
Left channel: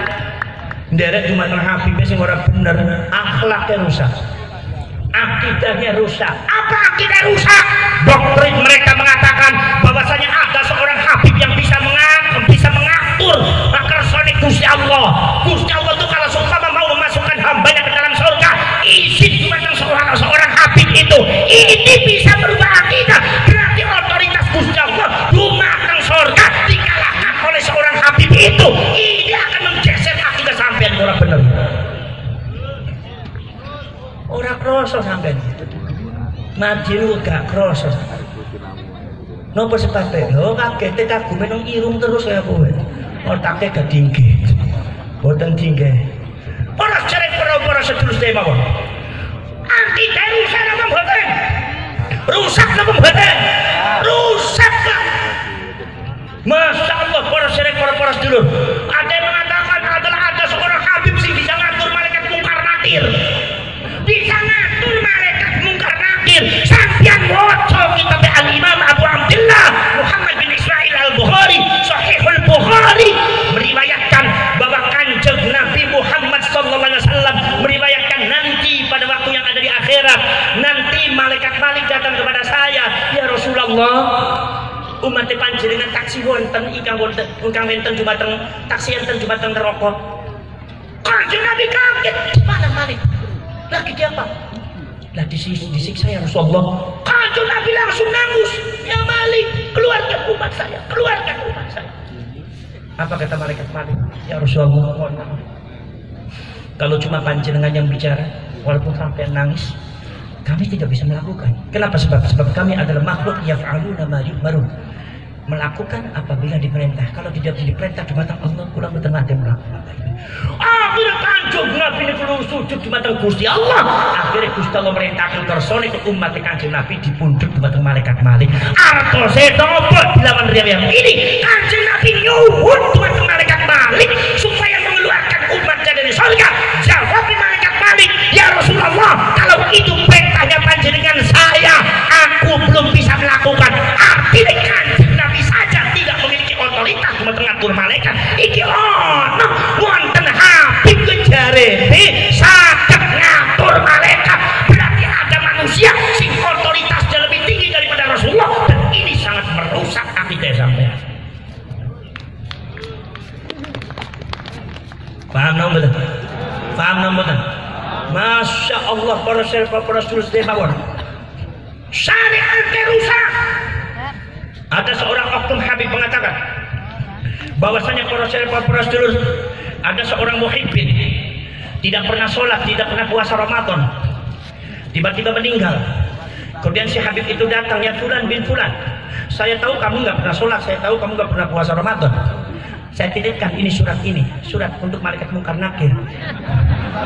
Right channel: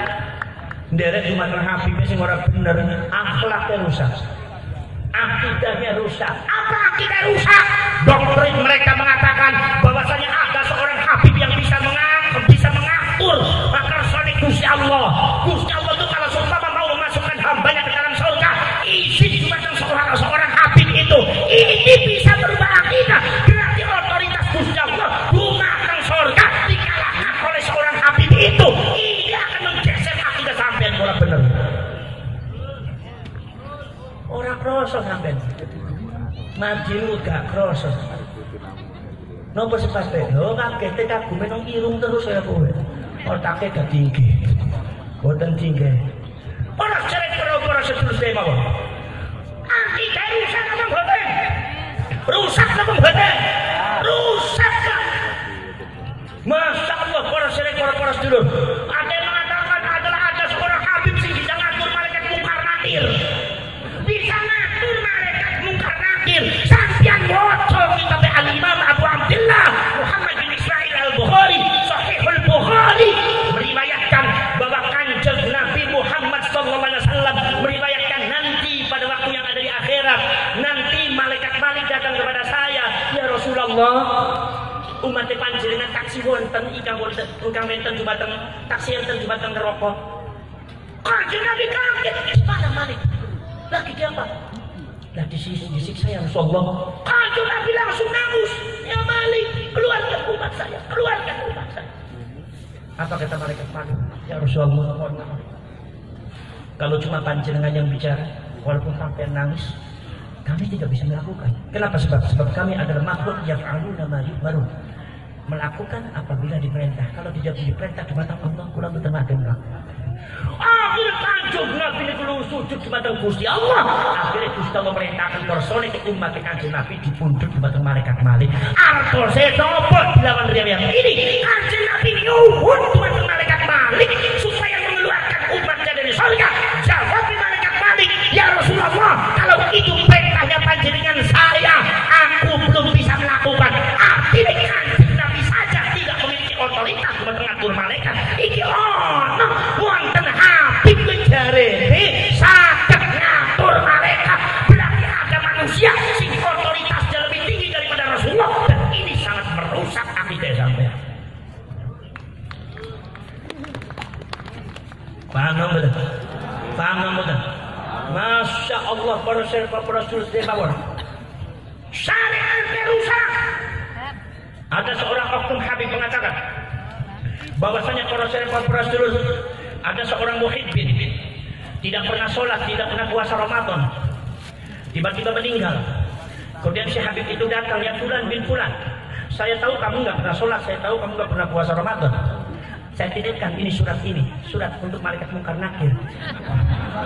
nderek cuma Habibnya sing ora bener, akhlaknya rusak. Akidahnya rusak. Apa akidah rusak? Doktrin mereka mengatakan bahwasanya ada seorang Habib yang bisa mengatur kersane Gusti Allah. Gusti Allah itu kalau seumpama mau memasukkan hambanya ke dalam surga, izin cuma seorang Habib itu. Ini bisa berubah akidah. Berarti otoritas Gusti Allah dumateng surga dikalahkan oleh seorang Habib itu. Ini akan menggeser akidah sampean ora bener. Orang kroso sampean. Madiru gak kroso. Nopo sebabnya? Lho kaget kagume nang irung terus ya kowe. Otake gak tinggi. Boten tinggi. Para cerek para sedulur mawon. Akidah rusak napa mboten? Rusak napa mboten? Rusak. Masya Allah para cerek para sedulur. Ada yang mengatakan adalah ada seorang Habib sing bisa ngatur malaikat mungkar nakir. Bisa ngatur malaikat mungkar nakir. Sampeyan waca kitab Al-Imam Abu Abdullah Muhammad bin Ismail Al-Bukhari, Sahihul Bukhari, meriwayatkan bahwa Kanjeng Nabi Muhammad sallallahu alaihi wasallam meriwayatkan nanti pada waktu yang ada di akhirat, nanti malaikat datang kepada saya, ya Rasulullah, umat panjenengan taksi wonten ingkang wonten jumateng taksi enten jumateng neraka. Kanjeng Nabi kaget, mana Malik? Lagi di apa? Lah disiksa ya Rasulullah. Kanjeng Nabi langsung nangis, ya Malik, keluarkan umat saya, keluarkan umat saya. Apa kata malaikat Malik? Ya Rasulullah, kalau cuma panjenengan yang bicara, walaupun sampai nangis, kami tidak bisa melakukan. Kenapa? Sebab kami adalah makhluk yaf'aluna ma yu'marun. Melakukan apabila diperintah. Kalau tidak diperintah di mata Allah, kurang di tengah dia melakukan. Akhirnya Kanjeng Nabi ini perlu sujud di mata Gusti Allah. Akhirnya Gusti Allah merintahkan kersone ke umat Kanjeng Nabi dipundhut di mata malaikat Malik. Artose napa dilawan riwayat ini? Kanjeng Nabi nyuwun di mata malaikat Malik supaya mengeluarkan umatnya dari surga. Jawab malaikat Malik, ya Rasulullah, kalau itu perintahnya panjenengan saya, aku belum bisa melakukan. Artinya Kanjeng Nabi saja tidak memiliki otoritas mengatur malaikat. Iki ono wonten Habib jarene saged ngatur malaikat. Berarti ada manusia sing otoritasnya lebih tinggi daripada Rasulullah, dan ini sangat merusak akidah sampean. Paham nggak? Paham nggak? Masya Allah para sedulur mawon. Syariatnya rusak. Ada seorang oknum Habib mengatakan bahwasanya para sedulur, ada seorang muhibbin tidak pernah sholat, tidak pernah puasa Ramadan, tiba-tiba meninggal. Kemudian si Habib itu datang, ya Fulan bin Fulan, saya tahu kamu nggak pernah sholat, saya tahu kamu nggak pernah puasa Ramadan. Saya titipkan ini surat untuk malaikat mungkar nakir.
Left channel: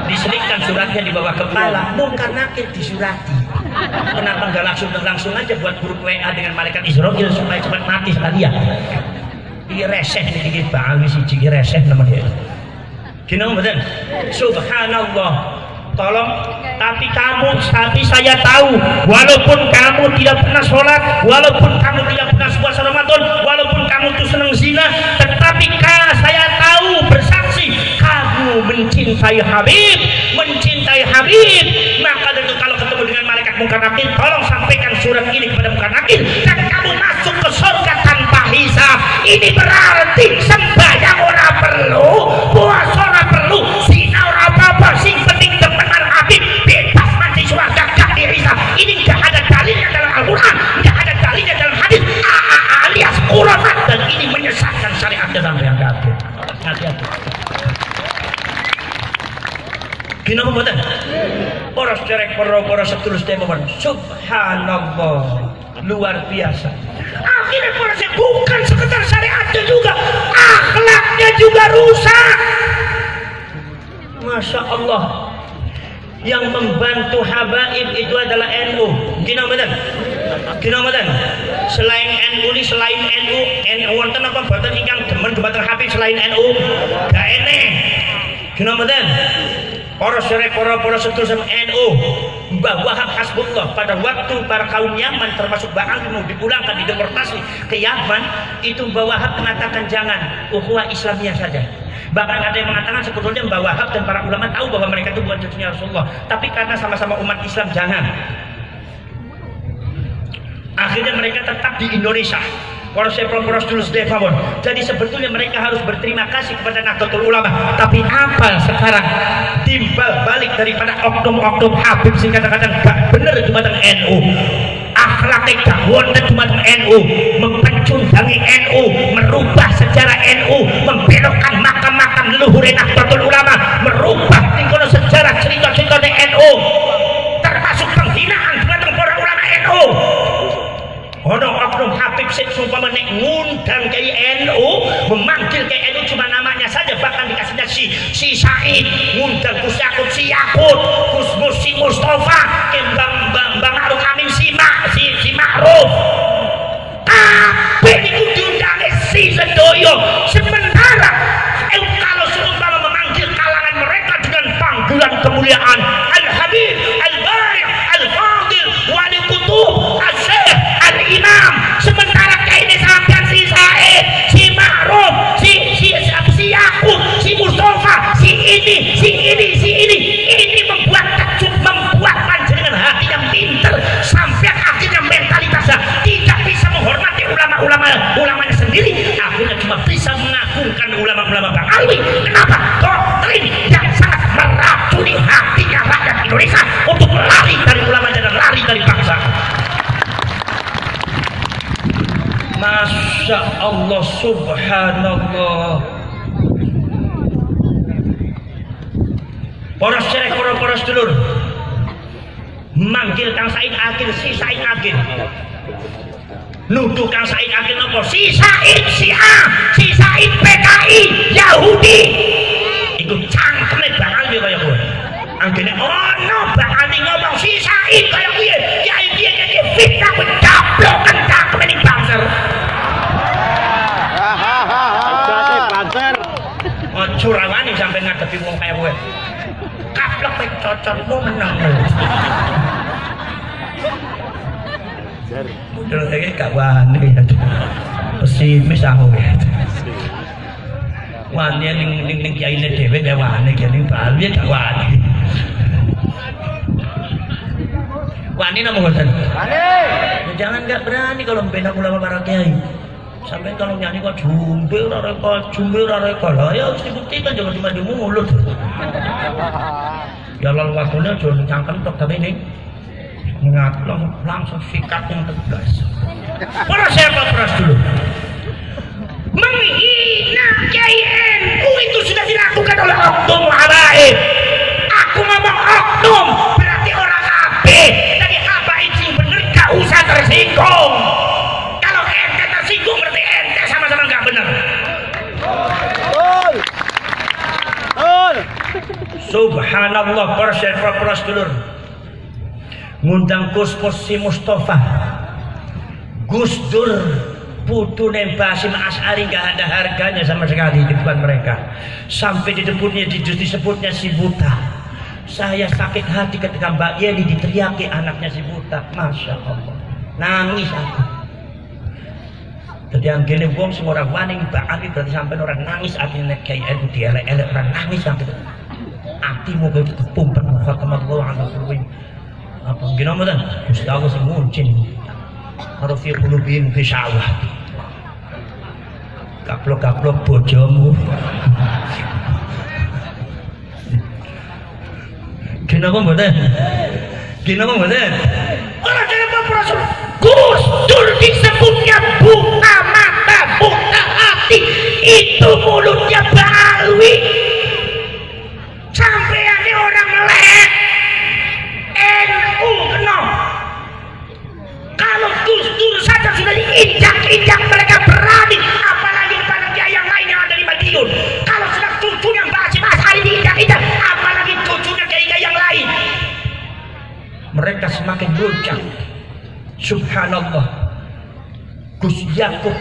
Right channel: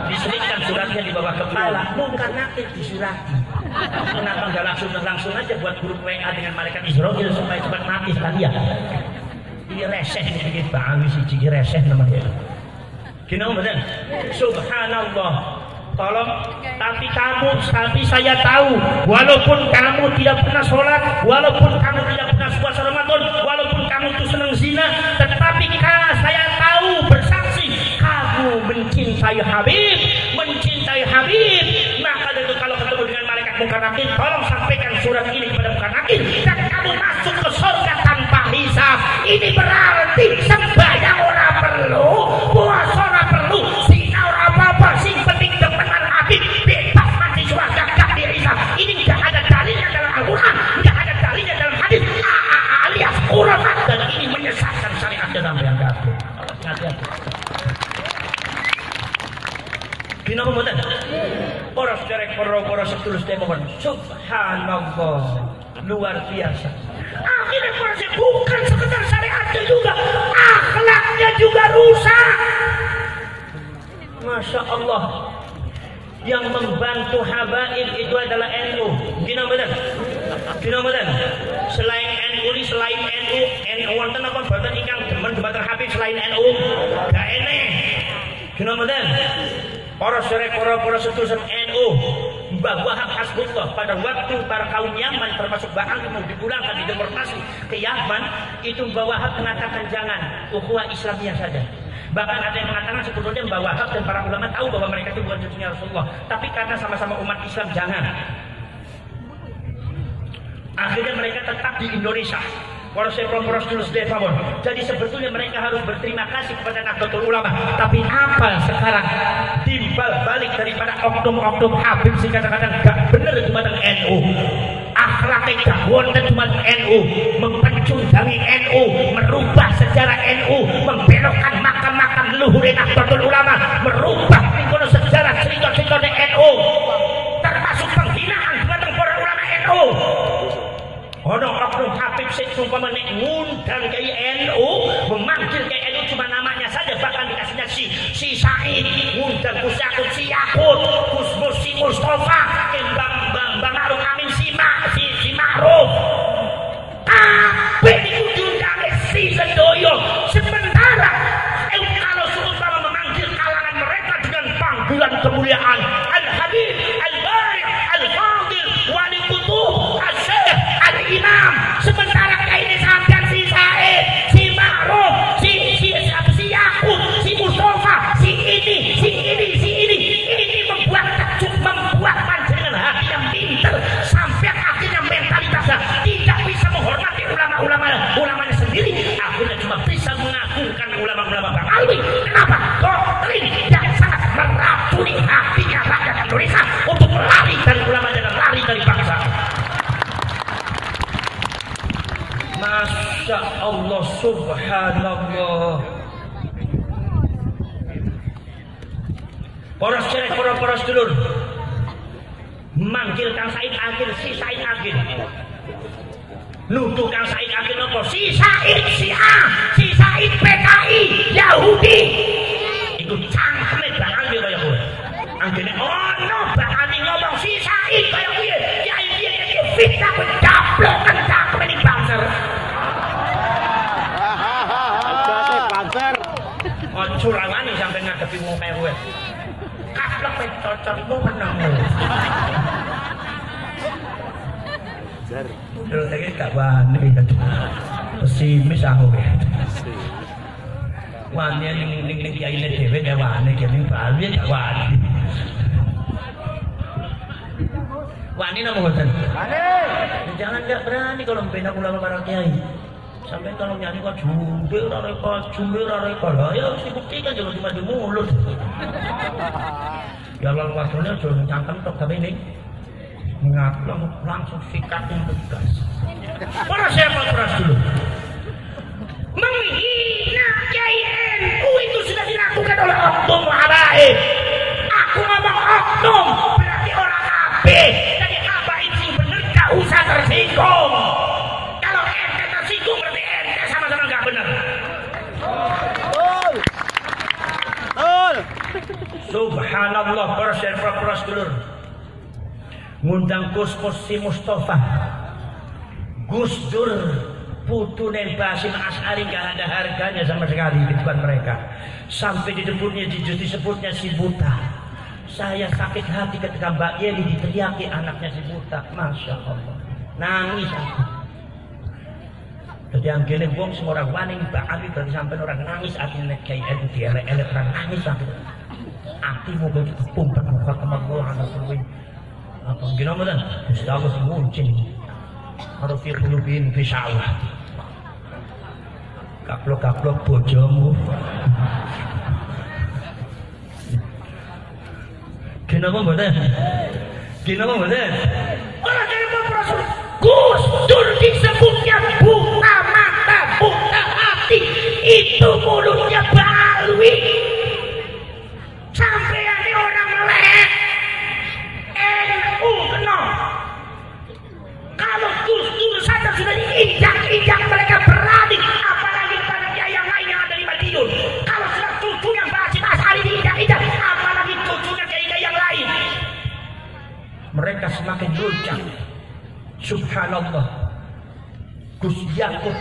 Diselipkan suratnya di bawah kepala, mungkar nakir disurati. Kenapa nggak langsung aja buat grup WA dengan malaikat Israfil supaya cepat mati sekalian? Ini reseh nih, Pak Siji reseh namanya. Gini betul. Subhanallah. Tolong, tapi saya tahu, walaupun kamu tidak pernah sholat, walaupun kamu tidak pernah puasa Ramadan, walaupun kamu itu senang zina, tetapi saya tahu, bersaksi, kamu mencintai Habib. Maka itu kalau ketemu dengan malaikat mungkar nakir, tolong sampaikan surat ini kepada mungkar nakir, dan kamu masuk ke surga tanpa hisab. Ini berarti sembahyang ora perlu, puasa ora perlu, zina ora apa-apa, sing penting teman Habib bebas mati surga, gak dihisab. Ini gak ada dalilnya dalam Al-Quran, gak ada dalilnya dalam hadis. Gino mboten? Para sedherek para sedulur sedherek, subhanallah, luar biasa. Akhirnya para bukan sekedar syariatnya juga, akhlaknya juga rusak. Masya Allah. Yang membantu habaib itu adalah NU. Gino mboten? Gino mboten? Selain NU ini, selain NU wonten apa boten ingkang demen dumateng Habib selain NU? Gak eneh. Gino mboten? Para sedulur NU, Mbah Wahab Hasbullah pada waktu para kaum Yaman termasuk Mbah Anggi mau dipulangkan dideportasi ke Yaman, itu Mbah Wahab mengatakan jangan, ukhuwah Islamiyah saja. Bahkan ada yang mengatakan sebetulnya Mbah Wahab dan para ulama tahu bahwa mereka itu bukan cucunya Rasulullah, tapi karena sama-sama umat Islam jangan. Akhirnya mereka tetap di Indonesia. Para sedulur sedherek mawon. Jadi sebetulnya mereka harus berterima kasih kepada Nahdlatul Ulama. Tapi apa sekarang timbal balik daripada oknum-oknum Habib sing kadang-kadang gak bener dumateng NU. Akhlaknya gak wonten dumateng NU, mempecundangi NU, merubah sejarah NU, membelokkan makam-makam leluhur Nahdlatul Ulama, merubah tingkono sejarah cerita-cerita NU, termasuk penghinaan dumateng para ulama NU. Ono oknum Habib sing sumpama nek ngundang ke NU, memanggil ke NU cuma namanya saja, bahkan dikasihnya si Said, ngundang Gus Yakut si Yakut, Gus Musi Mustafa, Bang Ma'ruf Amin si Ma'ruf. Kabeh niku diundang si sedoyo. Sementara kalau seumpama memanggil kalangan mereka dengan panggilan kemuliaan Al-Habib, Al-Bari', Al-Fadil, Wali Kutub, Al-Imam, sementara kayak ini sampai si Said, si Ma'ruf, si Yakub, si Mustafa, si ini membuat panjenengan hati yang pinter sampai akhirnya mentalitasnya tidak bisa menghormati ulama-ulamanya sendiri, akhirnya cuma bisa mengagungkan ulama-ulama Bang Alwi. Kenapa? Doktrin yang sangat meracuni hatinya rakyat Indonesia untuk lari dari ulama dan lari dari bangsa. Masya Allah, subhanallah. Para sedulur manggil Kang Said Agil, si Said Agil, nuduh Kang Said Agil apa? Si Said Syiah, si Said PKI Yahudi. Itu cangkeme Bang Ali kaya kowe. Anggene ono Bang Ali ngomong si Said kaya piye? Ya iki fitnah pencaplok cangkeme ning bangsa. Banser. Ojo rawani sampe ngadepi wong kaya kowe. Kaplok pek cocok lu menang. Terus lagi gak wani. Pesimis aku. Wani ning kiyaine dhewe gak wani kene bae gak wani. Wani napa mboten? Wani. Jangan gak berani kalau membela ulama para kiai. Sampai kalau nyanyi kok jumbe ora reka lah ya harus dibuktikan, jangan cuma di mulut. Ya lalu waktunya jangan cangkem tok, tapi ini langsung sikat yang tegas. Para dulu menghina Kiai NU itu sudah dilakukan oleh oknum habaib. Aku ngomong oknum berarti orang kabeh. Tadi habaib sing bener gak usah tersinggung. Subhanallah, para sedulur ngundang Gus Musi Mustafa, Gus Dur putune Basim Asy'ari gak ada harganya sama sekali di depan mereka, sampai disebutnya si buta. Saya sakit hati ketika Mbak Yeni diteriaki anaknya si buta. Masya Allah, nangis aku. Jadi yang gini wong semua orang wani Mbak Ali berarti sampai orang nangis artinya kayak itu dielek-elek orang nangis sampai hatimu begitu kepumpat khatamallahu ala qulubihim. Apa gini dan Gusti Allah sing muncin karo fi qulubihim ghishawah. Kaplok-kaplok bojomu. Gini apa mboten? Gini apa mboten? Ora kene Rasul. Gus Dur disebutnya buta mata, buta hati. Itu mulutnya Balwi. Sampai ada orang mereka semakin goncang. Subhanallah, Gus Yakub,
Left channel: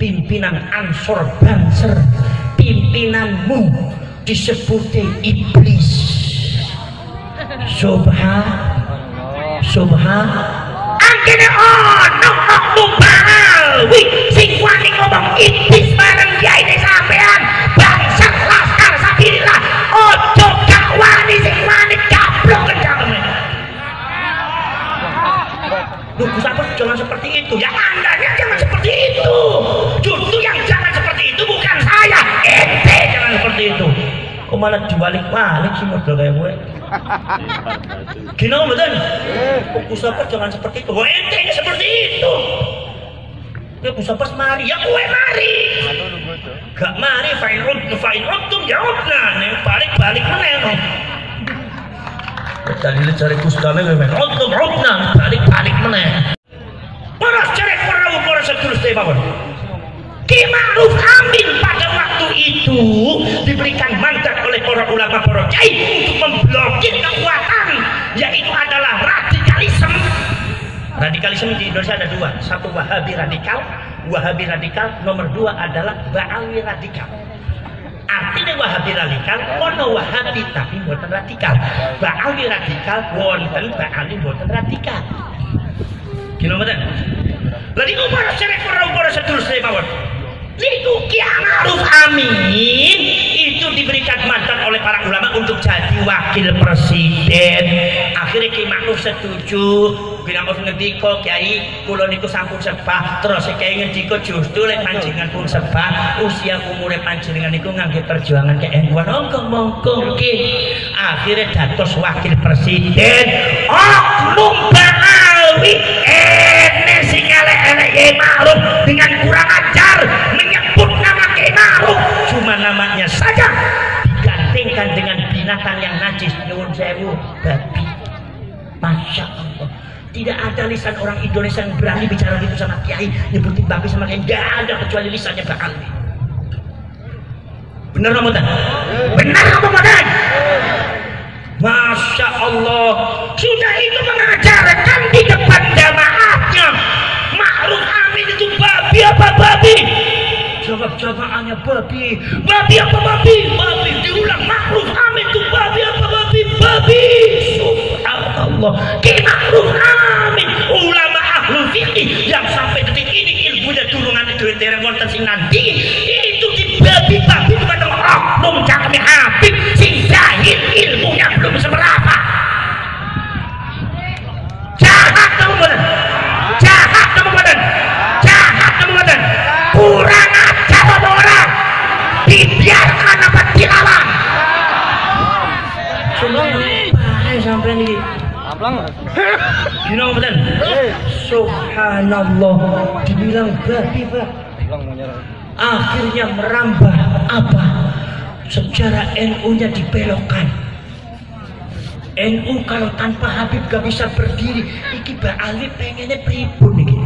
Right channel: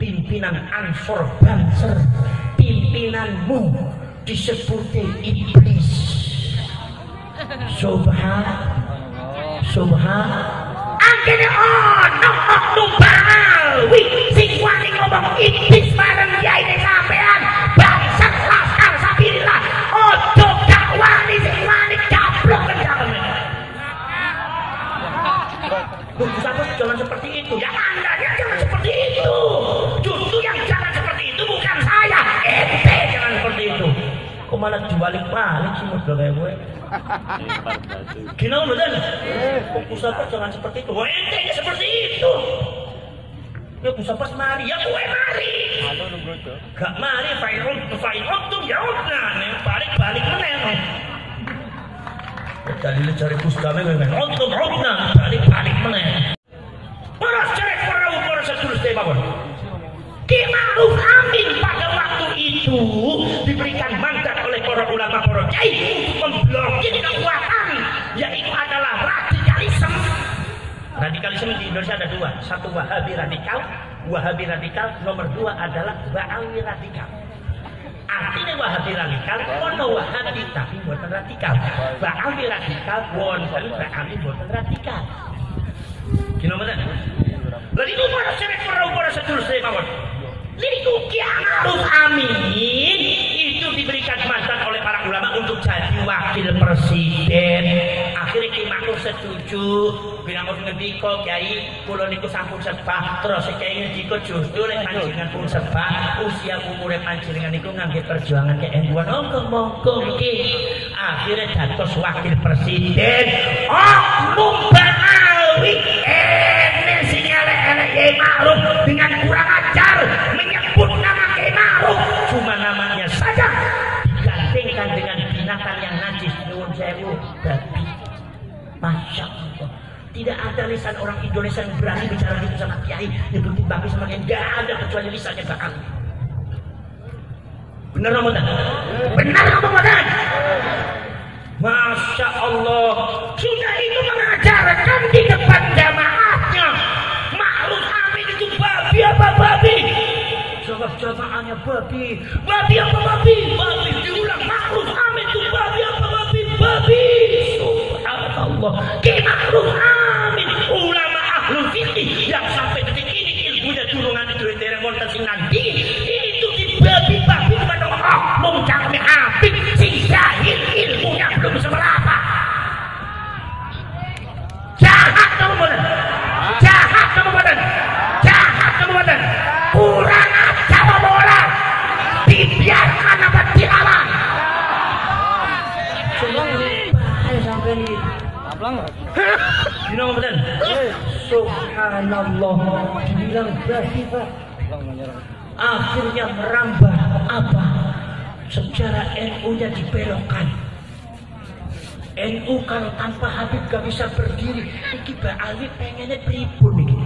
pimpinan Ansor Banser, pimpinanmu disebut iblis. Subhan anggene ono oknum Balawi sing wani ngomong iblis bareng yaine sampean bangsa laskar sabilillah. Ojo gak wani sing wani gablok kencane. Loh, jangan seperti itu ya, andanya jangan seperti itu. Justru yang jangan seperti itu bukan saya, ente jangan seperti itu. Kok malah dibalik-balik sih model kayak gue. Gini kok betul? Fokus apa jangan seperti itu. Wah, ente ini seperti itu. Gue pusapes mari, ya gue mari. Gak mari, fa'in untung jawabna. Nih balik-balik meneng. Tadi lu cari kustame gue men. Untung jawabna, balik-balik meneng. Poros cerek perahu poros sedulur tebawon. Ki Ma'ruf Amin pada waktu itu diberikan mandat oleh para ulama, para kiai untuk memblokir kekuatan, yaitu adalah radikalisme. Radikalisme di Indonesia ada dua, satu Wahabi radikal, nomor dua adalah Ba'awi radikal. Artinya Wahabi radikal, ono Wahabi tapi bukan radikal. Ba'awi radikal, wonten Ba'awi bukan radikal. Gimana betul? Lalu itu para cerek para sedulur mawon. Liku Ki Ma'ruf Amin itu diberikan mandat oleh para ulama untuk jadi wakil presiden. Akhirnya Ki Ma'ruf setuju. Bilang harus ngendiko Kiai, kula niku sampun sebah. Terus Kiai ngendiko justru lek panjenengan pun sebah, usia umure panjenengan niku nganggo perjuangan ke NU. Monggo Ki. Akhirnya dados wakil presiden. Oknum Ba'awi ene sing elek-elek Ki Ma'ruf dengan kurang ajar menyebut nama Ki Ma'ruf, cuma namanya saja digantungkan dengan binatang yang najis. Nyuwun sewu, babi. Masya Allah, tidak ada lisan orang Indonesia yang berani bicara gitu sama Kiai, nyebutin babi sama Kiai, tidak ada kecuali lisannya Ba'awi. Benar Ramadan? Benar Ramadan? Masya Allah, sudah itu mengajarkan di depan jamaahnya. Ma'ruf Amin itu babi apa babi? Jawab jamaahnya babi. Babi apa babi? Babi. Diulang, Ma'ruf Amin itu babi apa babi? Babi. Subhanallah. Ki Ma'ruf Amin, ulama ahlul fikih yang sampai detik ini ilmunya turungan itu dereng wonten sing nanti itu di babi-babi bukan oknum cangkeme Habib sing jahil ilmunya belum seberapa. Jahat kamu badan. Jahat kamu badan. Jahat kamu badan. Kurang ajar orang. Dibiarkan apa dilawan. Sampai ini gini betul. Subhanallah, dibilang babi Pak. Akhirnya merambah apa? Sejarah NU-nya dibelokkan. NU kalau tanpa Habib gak bisa berdiri. Iki Ba'awi pengennya pripun nih.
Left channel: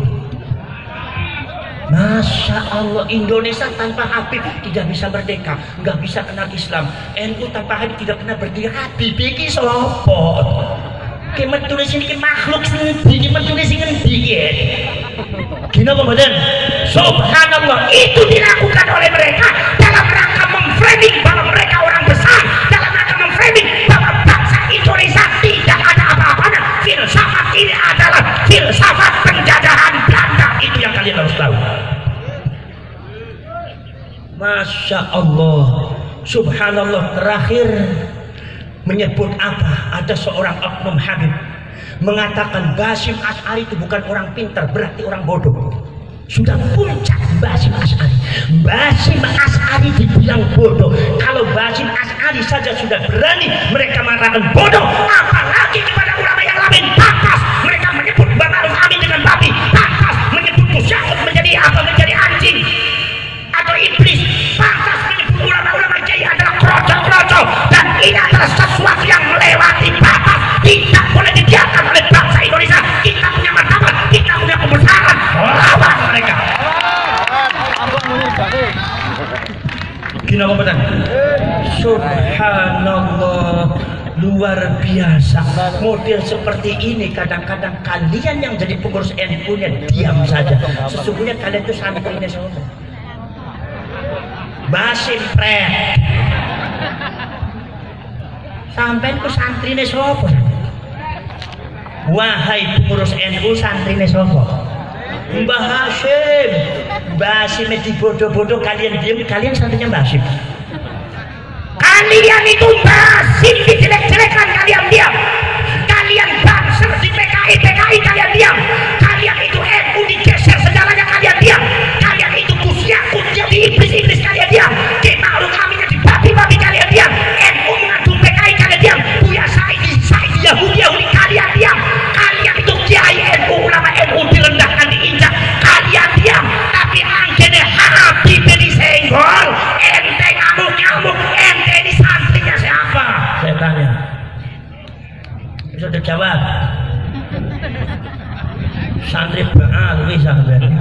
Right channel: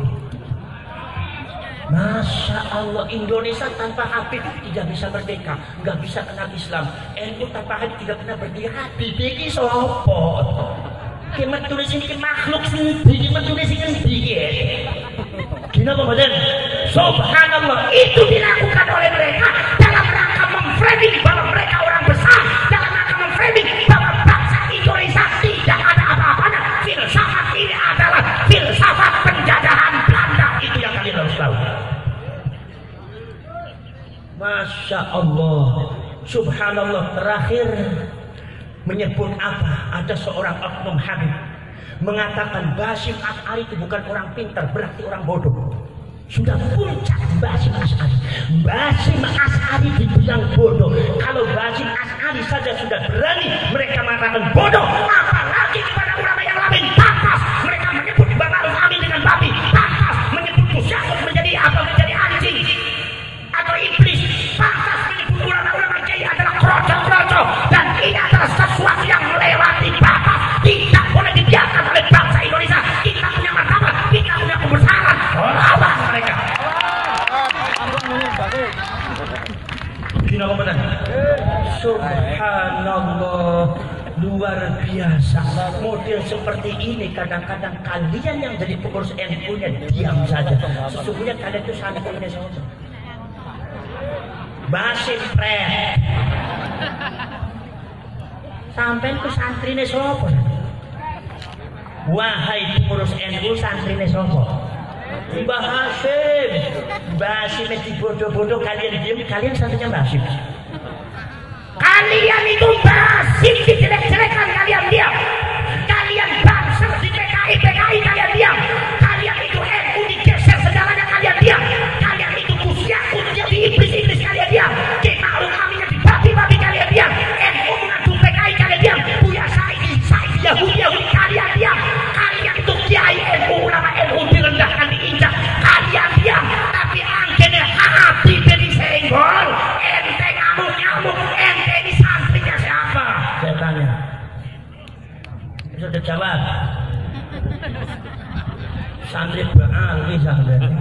Masya Allah, Indonesia tanpa Habib tidak bisa merdeka, nggak bisa kenal Islam. NU tanpa Habib tidak pernah berdiri. Habib ini sopo? Kita tulis ini makhluk sendiri, kita tulis ini dikit. Gina kemudian, subhanallah, itu dilakukan oleh mereka dalam rangka memframing bahwa mereka orang besar, dalam rangka memframing bahwa bangsa Indonesia tidak ada apa-apanya. Filsafat ini adalah filsafat penjajahan Belanda. Itu yang kalian harus tahu. Masya Allah, subhanallah, terakhir menyebut apa? Ada seorang oknum Habib mengatakan Basim Asy'ari itu bukan orang pintar, berarti orang bodoh. Sudah puncak Basim Asy'ari. Basim Asy'ari dibilang bodoh. Kalau Basim Asy'ari saja sudah berani mereka mengatakan bodoh, apalagi kepada ulama yang lain. Pantas mereka menyebut Ma'ruf Amin dengan babi. Pantas menyebut Gus Yakub menjadi apa? Menjadi anjing atau iblis. Pantas menyebut ulama-ulama kiai adalah kroco-kroco. Dan ini adalah sesuatu yang melewati batas. Tidak boleh dibiarkan oleh bangsa Indonesia. Kita punya martabat, kita punya kebesaran. Lawan mereka. Gini apa betul? Subhanallah, luar luar biasa. Model seperti ini kadang-kadang kalian yang jadi pengurus NU-nya diam saja. Sesungguhnya kalian itu santrinya sobat. Basim pret. Sampai ku santrine sobat. Wahai pengurus NU santrine sobat. Mbah Hasim, Mbah Hasim dibodoh-bodoh kalian diam, kalian santrinya Mbah Hasim. Kalian itu Hasim dijelek-jelekan kalian diam. Kalian bangsa di PKI kalian diam. Kalian itu NU digeser segalanya kalian diam. Kalian itu Gus jadi iblis kalian diam. Ma'ruf Aminnya dibagi-bagi kalian diam. NU mengadu PKI kalian diam. Buya Saidi Yahudi kalian diam. Kalian itu kiai NU, ulama NU direndahkan diinjak. Kalian diam. Tapi anggene hati jadi senggol. Ente ngamuk-ngamuk. Ente ini santrinya siapa? Saya tanya. Sudah jawab. Santri Ba'alwi sampean.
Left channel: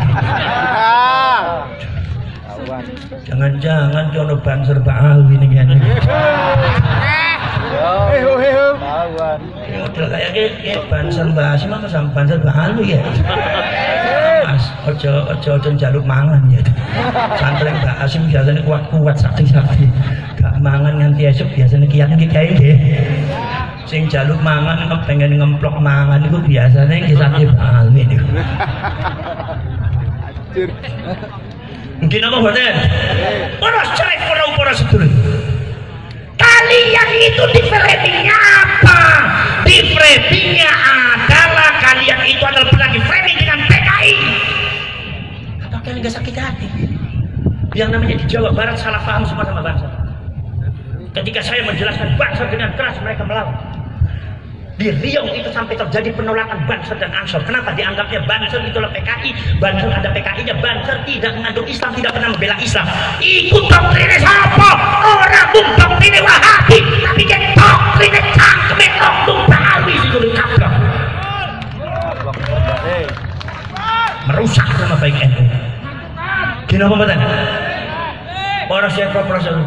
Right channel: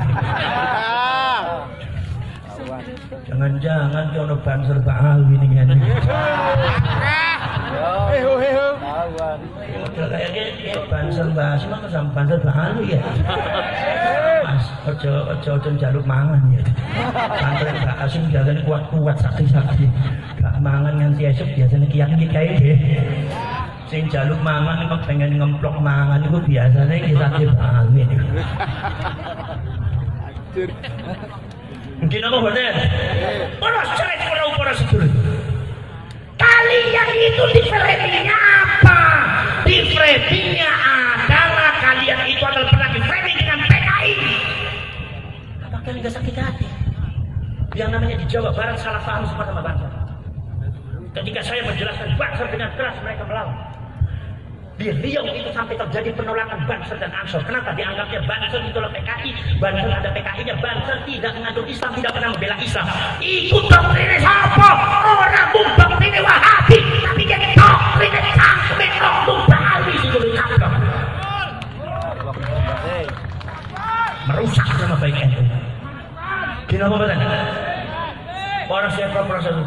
Jangan-jangan jono banser Ba'alwi ini kan. Kayaknya banser bahas mah sama banser Ba'alwi ya. Mas, ojo jaluk mangan ya. Santri Mbak Asim biasanya kuat-kuat sakti-sakti. Gak mangan nganti esok biasanya kiat-kiat deh. Sing jaluk mangan pengen ngemplok mangan itu biasanya yang disakti Ba'alwi itu. Mungkin apa betul? Para cerai para sedulur. Kalian itu di framingnya apa? Di framingnya adalah kalian itu adalah pernah di framing dengan PKI. Apa kalian nggak sakit hati? Yang namanya di Jawa Barat salah paham semua sama bangsa. Ketika saya menjelaskan bangsa dengan keras mereka melawan. Di Riau itu sampai terjadi penolakan Banser dan Ansor. Kenapa? Dianggapnya Banser itulah PKI, Banser ada PKI-nya, Banser tidak mengandung Islam, tidak pernah membela Islam. Ikut doktrinnya siapa? Orang pun doktrinnya Wahabi, tapi jadi doktrinnya cangkeme oknum Ba'alwi itu dikaplok. Merusak nama baik NU. Gini apa betul? Orang siapa proses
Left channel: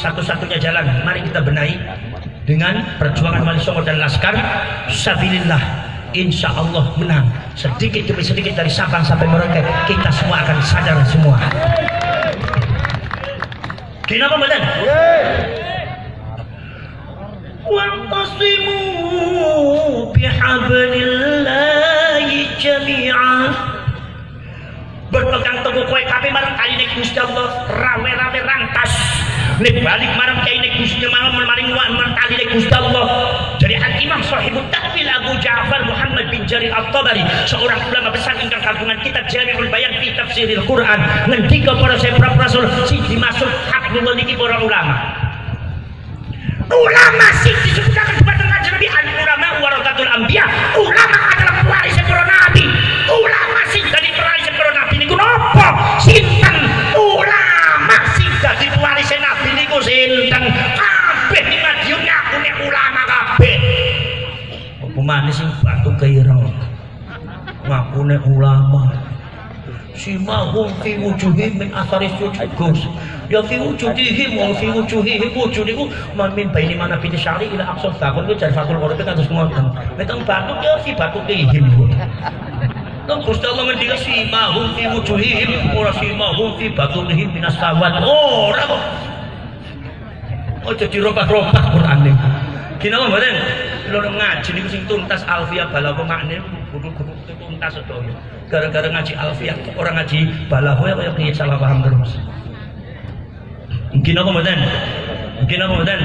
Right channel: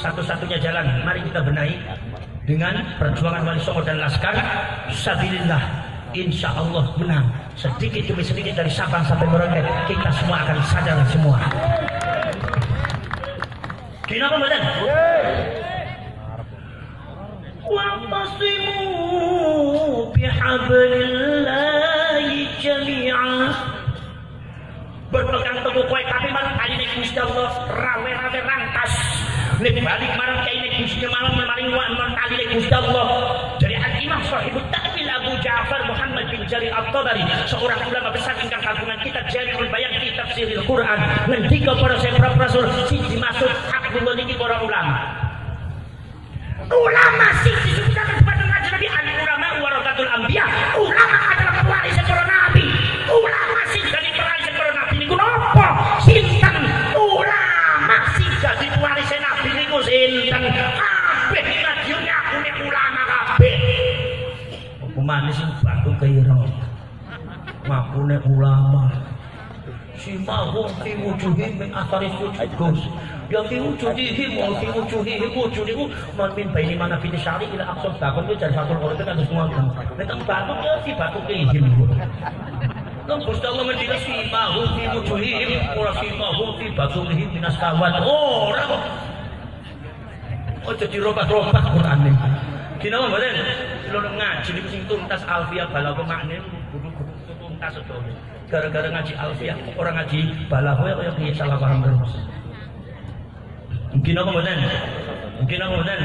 satu-satunya jalan, mari kita benahi dengan perjuangan Wali Songo dan Laskar sabilillah. Insya Allah menang sedikit demi sedikit dari Sabang sampai Merauke. Kita semua akan sadar semua. Kenapa betul? Wa'tasimu bihablillahi jami'ah. Berpegang teguh kowe kabeh marang kali nek Gusti Allah rawe-rawe rantas. Nek balik marang kali nek Gusti malam maring marang kali nek Gusti Allah. Dari Al-Imam Sahibut Ta'wil Abu Ja'far Muhammad bin Jarir At-Tabari, seorang ulama besar ingkang kagungan kitab Jami'ul Bayan fi Tafsiril Quran, ngendika para sahabat Rasul sing dimaksud hablul niki para ulama. Ulama sing disebutkan kepada Nabi al-ulama warathatul anbiya. Ulama adalah pewaris para nabi. Ulama sing dari pewaris para nabi niku napa? Sinten? Ulama sing dadi pewaris nabi niku sinten? Kabeh ning radio nyakune ulama kabeh. Apa manis sing batu keireng. Ngakune ulama. Simahum fi wujuhihim min athari sujud. Ya fi wujudihim wa fi wujudihim wujudiku man min baini mana fi syari ila aqsal takun ku jan fakul ora terus ngono. Nek batuk ya fi batuk ihim. Nang Gusti Allah ngendika simahum fi wujuhihim ora simahum fi batukihim min asawat. Ora kok. Ojo dirobah-robah Qur'ane. Kinapa mboten? Lho ngaji niku sing tuntas alfiah balaghah makne kudu-kudu tuntas sedaya. Gara-gara ngaji alfiah orang ngaji balaghah kaya piye salah paham terus. Mungkin apa mboten? Mungkin apa mboten?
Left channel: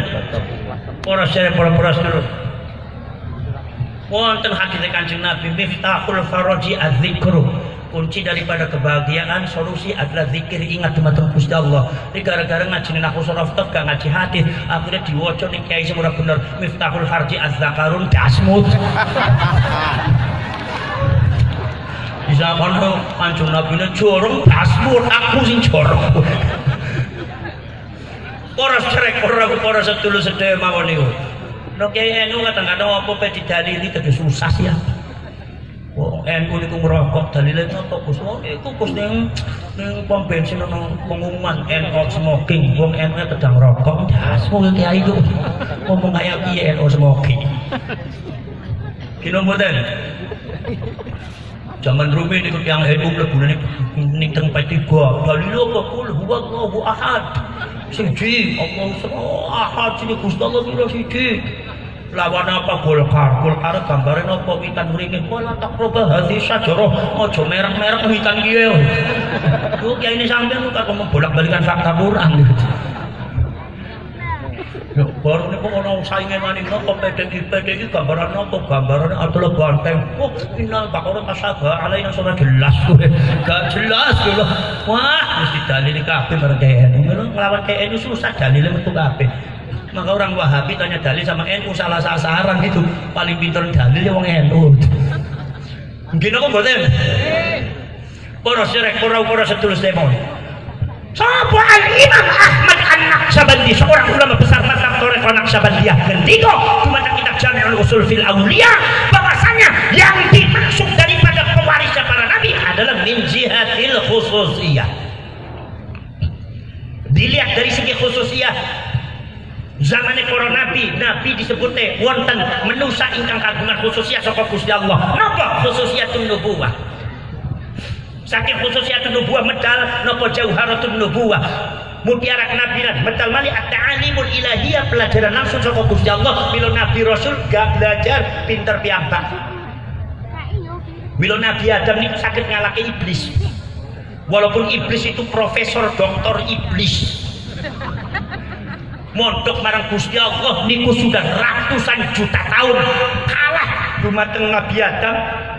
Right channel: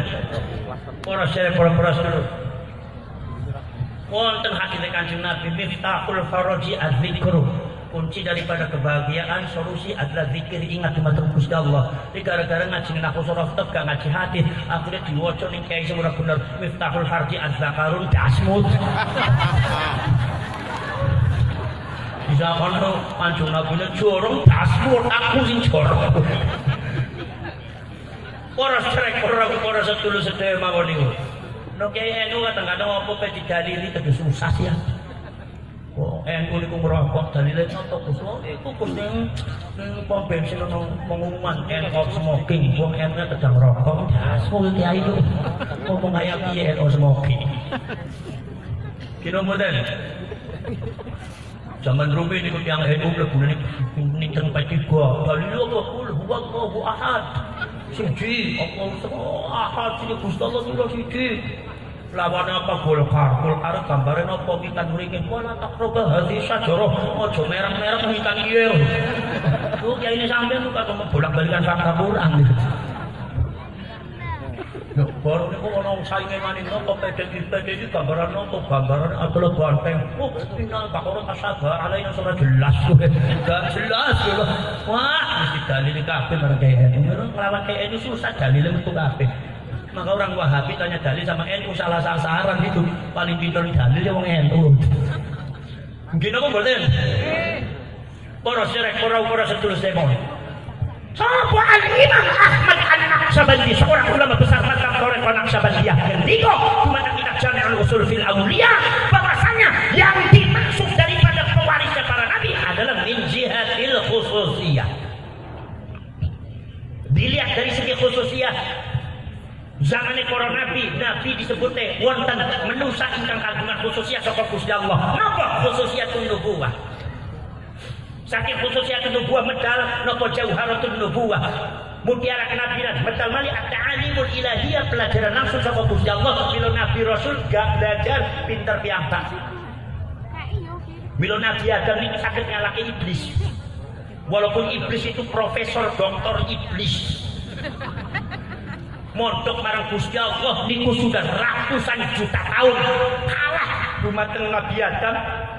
Para saya para sedulur. Wonten hadis Kanjeng Nabi miftahul faraji az-zikru. Kunci daripada kebahagiaan solusi adalah zikir, ingat dumateng Gusti Allah. Iki gara-gara ngaji nang surah Taf gak ngaji hadis, akhirnya diwaca ning kiai sing ora bener miftahul farji az-zakarun dasmut. Bisa kono Kanjeng Nabi jorong dasmut aku sing jorong. Para cerek para sedulur sedaya mawon niku. Nek kiai NU kadang-kadang apa pe didalili terus susah ya. Wong NU niku ngrokok dalile napa Gus? Wong iku Gus ning pom bensin ono pengumuman NU smoking. Wong NU sedang rokok. Dasmu kiai itu ngomong kaya piye NU smoking. Kino mboten. Zaman rumi niku tiyang NU mlebune ning teng P3. Dalile apa kul huwallahu ahad. Siji Allahu ahad sing Gusti Allah lho siji. Lawan apa Golkar gambarnya apa witan mringin wala takroba hati sajarah aja merek-merek witan kiye lho kiai ini sampeyan kok bolak-balikan fakta Quran yo baru niku ono sainge maning napa PDIP iki gambaran apa gambaran adalah banteng oh innal baqara tasaba alaina sudah jelas kowe gak jelas lho wah mesti dalil kabeh bareng KNU nglawan KNU susah dalile metu kabeh. Maka orang Wahabi tanya dalil sama NU salah sasaran gitu. Paling pintar dalil ya wong NU. Mungkin apa mboten? Para sirek para sedulur demon. Sapa Al-Imam Ahmad An-Naqsabandi seorang ulama besar mazhab Thariqah Naqsabandiyah ngendika di mana kitab Jami'ul Usul fil Auliya bahwasanya yang dimaksud daripada pewarisnya para nabi adalah min jihatil khususiyah. Dilihat dari segi khususiyah zamannya para nabi disebutnya wonten menusa ingkang kagungan khususiyah saka Gusti Allah. Napa khususiyatun nubuwah? Saking khususiyatun nubuwah medal napa jauharatun nubuwah. Mutiara kenabian medal mali at-ta'alimul ilahiyah pelajaran langsung saka Gusti Allah. Mila nabi rasul gak belajar pinter piyambak. Mila nabi Adam niku sakit ngalahke iblis. Walaupun iblis itu profesor doktor iblis. Mondok marang Gusti Allah niku sudah ratusan juta tahun kalah dumateng Nabi Adam.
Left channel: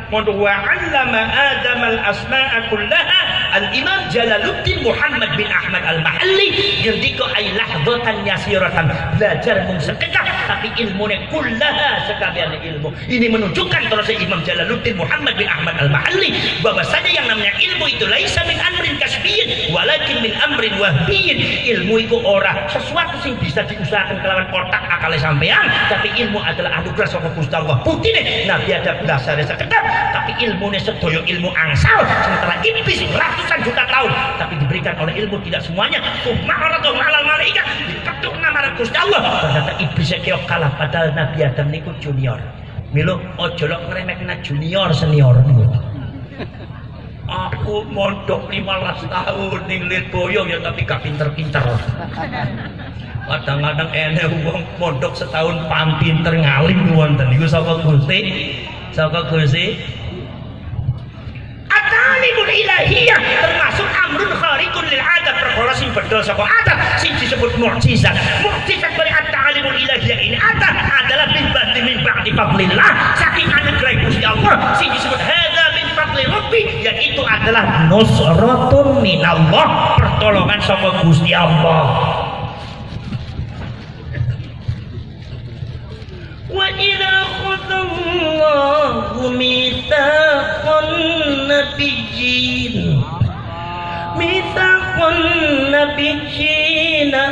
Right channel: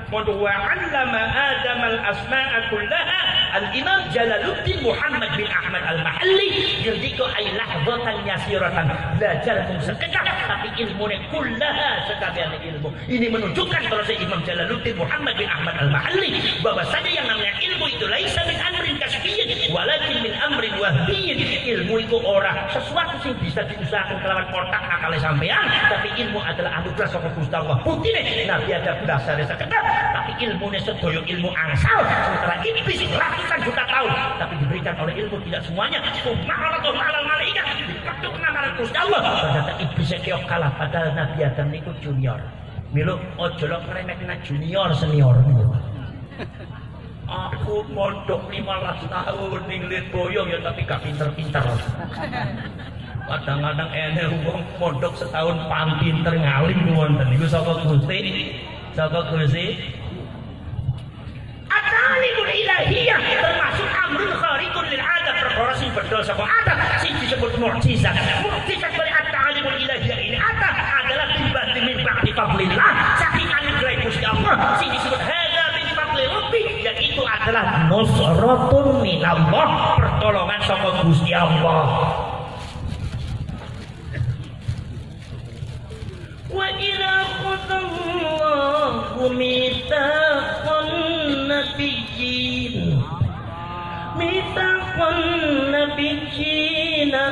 Mondok wa 'allama Adam al-asma'a kullaha al-Imam Jalaluddin Muhammad bin Ahmad al-Mahalli ngendika ay lahdatan yasiratan belajar mung sekedap tapi ilmune kullaha sekabian ilmu. Ini menunjukkan kalau Imam Jalaluddin Muhammad bin Ahmad al-Mahalli bahwasanya yang namanya ilmu itu laisa min amrin kasbiyyin walakin min amrin wahbiyyin. Ilmu itu ora sesuatu sing bisa diusahakan kelawan otak akale sampean, tapi ilmu adalah anugerah saka Gusti Allah. Buktine Nabi Adam dasare sekedap tapi ilmunya sedaya ilmu angsal sementara iblis ratusan juta tahun tapi diberikan oleh ilmu tidak semuanya. Ma'aratu ma'al malaikat diketuk nama Gusti Allah. Ternyata iblis kaya kalah padahal Nabi Adam niku junior. Milo ojo lok ngremehna junior senior niku. Aku mondok 15 tahun ning Lirboyo ya tapi gak pinter-pinter. Kadang-kadang enek wong mondok setahun pam pinter ngalim wonten niku saka Gusti. Saka Gusti at-ta'limul ilahiyah termasuk amrun khariqun lil 'adat perkara sing bedol saka adat sing disebut mukjizat. Mukjizat dari at-ta'limul ilahiyah ini adalah min ba'di fadlillah saking anugerah Gusti Allah sing disebut hadza min fadli rabbi yaitu adalah nusratun minallah pertolongan saka Gusti Allah. Wa idza khadallahu mitsaqan nabiyyin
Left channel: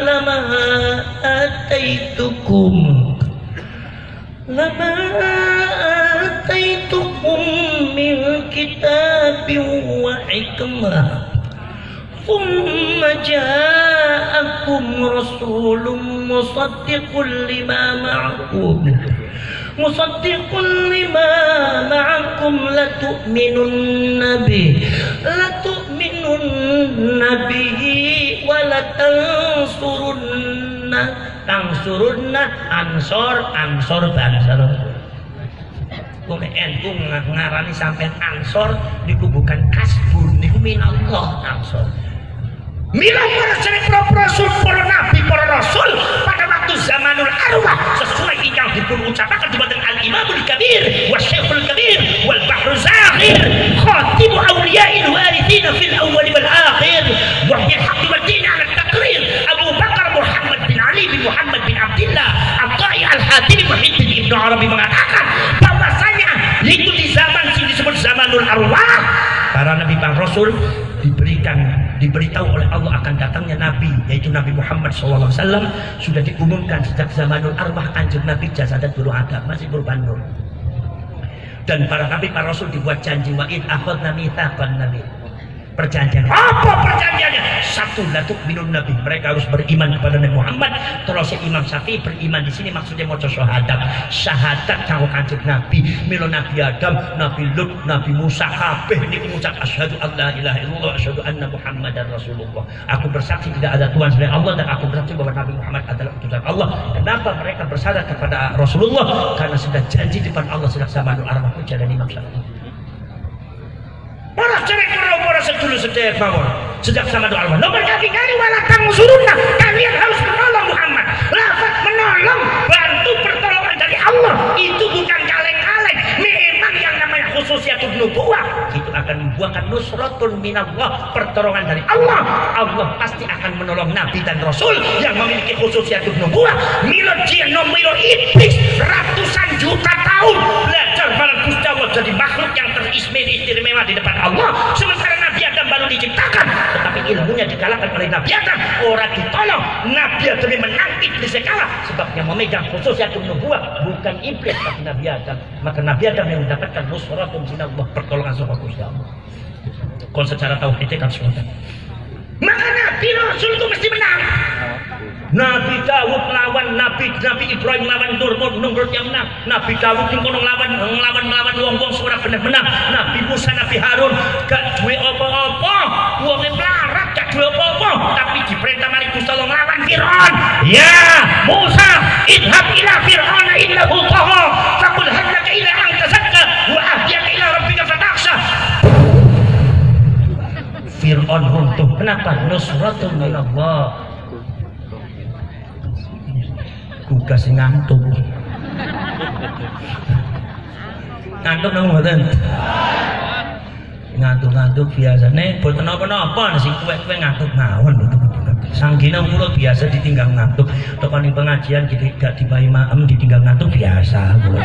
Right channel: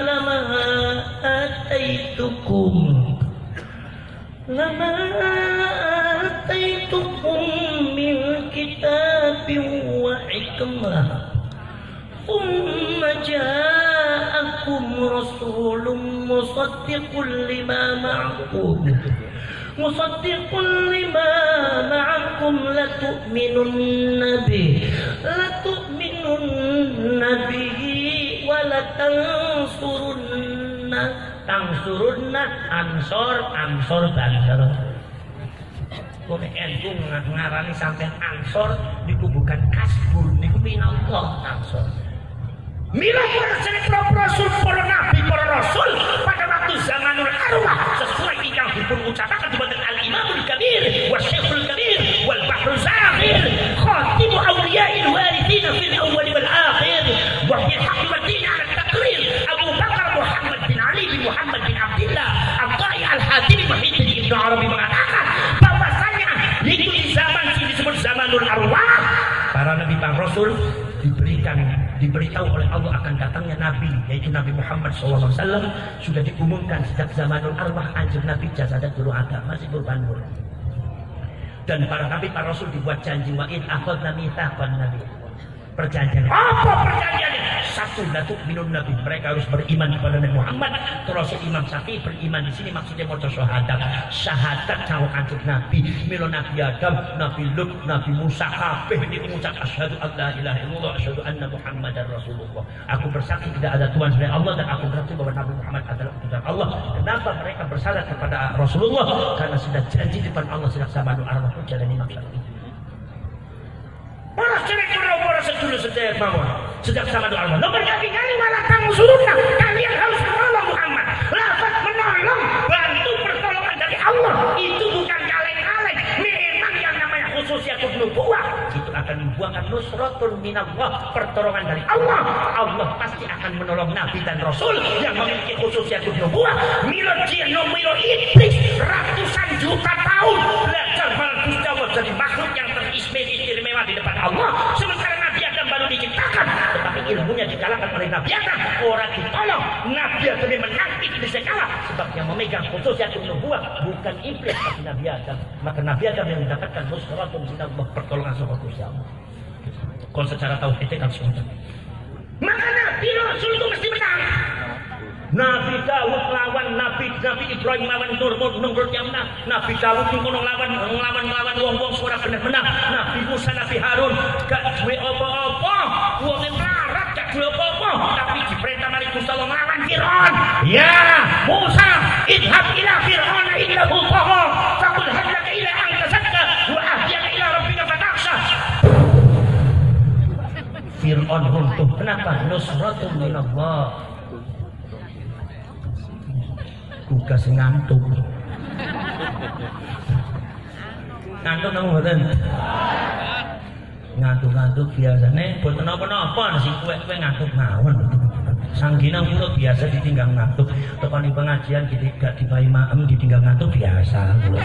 lama ataitukum min kitabin wa hikmah thumma ja'akum rasulun musaddiqun lima ma'akum latu'minunna bihi wa tansurunna ansor bansor. Kok NU ngarani sampean ansor niku bukan kasbun niku minallah ansor. Mila para rasul, para nabi, para rasul pada waktu zamanul arwah sesuai yang dipun ucapakan di badan al-Imamul Kabir wa Syekhul Kabir wal Bahru Zakhir khatimu awliya'il warithina fil awwal wal akhir wa bil haqqi wad din 'ala at-taqrir Abu Bakar Muhammad bin Ali bin Muhammad bin Abdullah At-Ta'i Al-Hatimi Muhyiddin Ibnu Arabi mengatakan bahwasanya itu di zaman yang disebut zamanul arwah para nabi para rasul diberitahu oleh Allah akan datangnya Nabi yaitu Nabi Muhammad SAW sudah diumumkan sejak zamanul arwah anjur Nabi jasadat dulu ada masih berubah nur. Dan para nabi, para rasul dibuat janji, wa id akhadna mitsaqan nabi. Perjanjian. Apa perjanjiannya? Satu, la tu'minun nabi. Mereka harus beriman kepada Nabi Muhammad. Terus Imam Syafi'i beriman di sini maksudnya maca syahadat. Syahadat kanggo Kanjeng Nabi, milo Nabi Adam, Nabi Lut, Nabi Musa kabeh niki ngucap asyhadu alla ilaha illallah asyhadu anna Muhammadar Rasulullah. Aku bersaksi tidak ada Tuhan selain Allah dan aku bersaksi bahwa Nabi Muhammad adalah utusan Allah. Kenapa mereka bersyahadat kepada Rasulullah? Karena sudah janji di depan Allah sejak zamanul arwah puja dan Imam Syafi'i. Para cerek para sedulur sedaya mawon sejak zaman doa Allah. Nomor kali walatan musuruna, kalian harus menolong Muhammad. Lafaz menolong, bantu pertolongan dari Allah itu bukan kaleng-kaleng. Memang yang namanya khususiatul nubuwah itu akan dibuahkan nusratul minallah, pertolongan dari Allah. Allah pasti akan menolong nabi dan rasul yang memiliki khususiatul nubuwah. Milo jin nomiro iblis ratusan juta tahun belajar bareng Gusti Allah jadi makhluk yang teristimewa di depan Allah, sementara Nabi Adam baru diciptakan, tetapi ilmunya dikalahkan oleh Nabi Adam. Orang ditolong, Nabi Adam menang, iblis kalah, sebab yang memegang khususiatul nubuwah bukan iblis tapi Nabi Adam. Maka Nabi Adam yang mendapatkan nusratun minallah, pertolongan sama Gusti Allah. Kon secara tauhid kan sudah. Maka Nabi Rasul itu mesti menang. Nabi Dawud lawan Nabi Ibrahim lawan Namrud yang menang. Nabi Dawud yang lawan wong-wong suara bener-bener. Nabi Musa, Nabi Harun gak duwe apa-apa, wong melarat gak duwe apa-apa, tapi diperintah mari Gusti Allah nglawan Firaun. Ya Musa, idhab ila Firaun innahu tagha, faqul hal laka ila an tazakka wa ahdiyaka ila rabbika fatakhsha. Firaun runtuh. Kenapa? Nusratun minallah. Tugas ngantuk nang mboten ngantuk biasane boten napa-napa sing kuwe ngantuk mawon itu sanggina kula biasa ditinggal ngantuk tekani pengajian gak dipahi maem ditinggal ngantuk biasa kula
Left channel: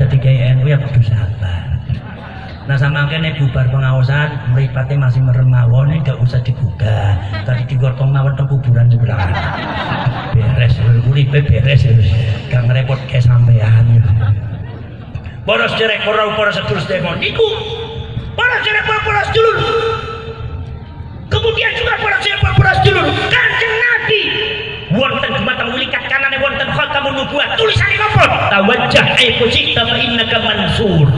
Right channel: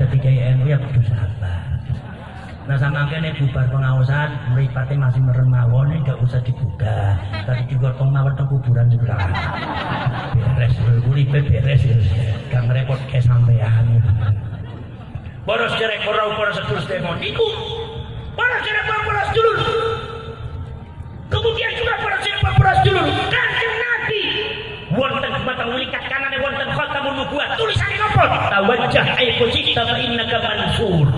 dadi kaya NU ya kudu sabar. Nah sama kene bubar pengawasan mripate masih merem mawon gak usah dibuka tadi digotong mawon teng kuburan sebelah beres uripe beres gak ngerepot ke sampean. Para sedherek para sedulur sedaya niku para sedherek para sedulur, kemudian juga para sedulur Kanjeng Nabi wonten dumateng mulikat kanane wonten khatamun nubuwah tulisane napa? Tawajjah aifujita fa innaka mansur.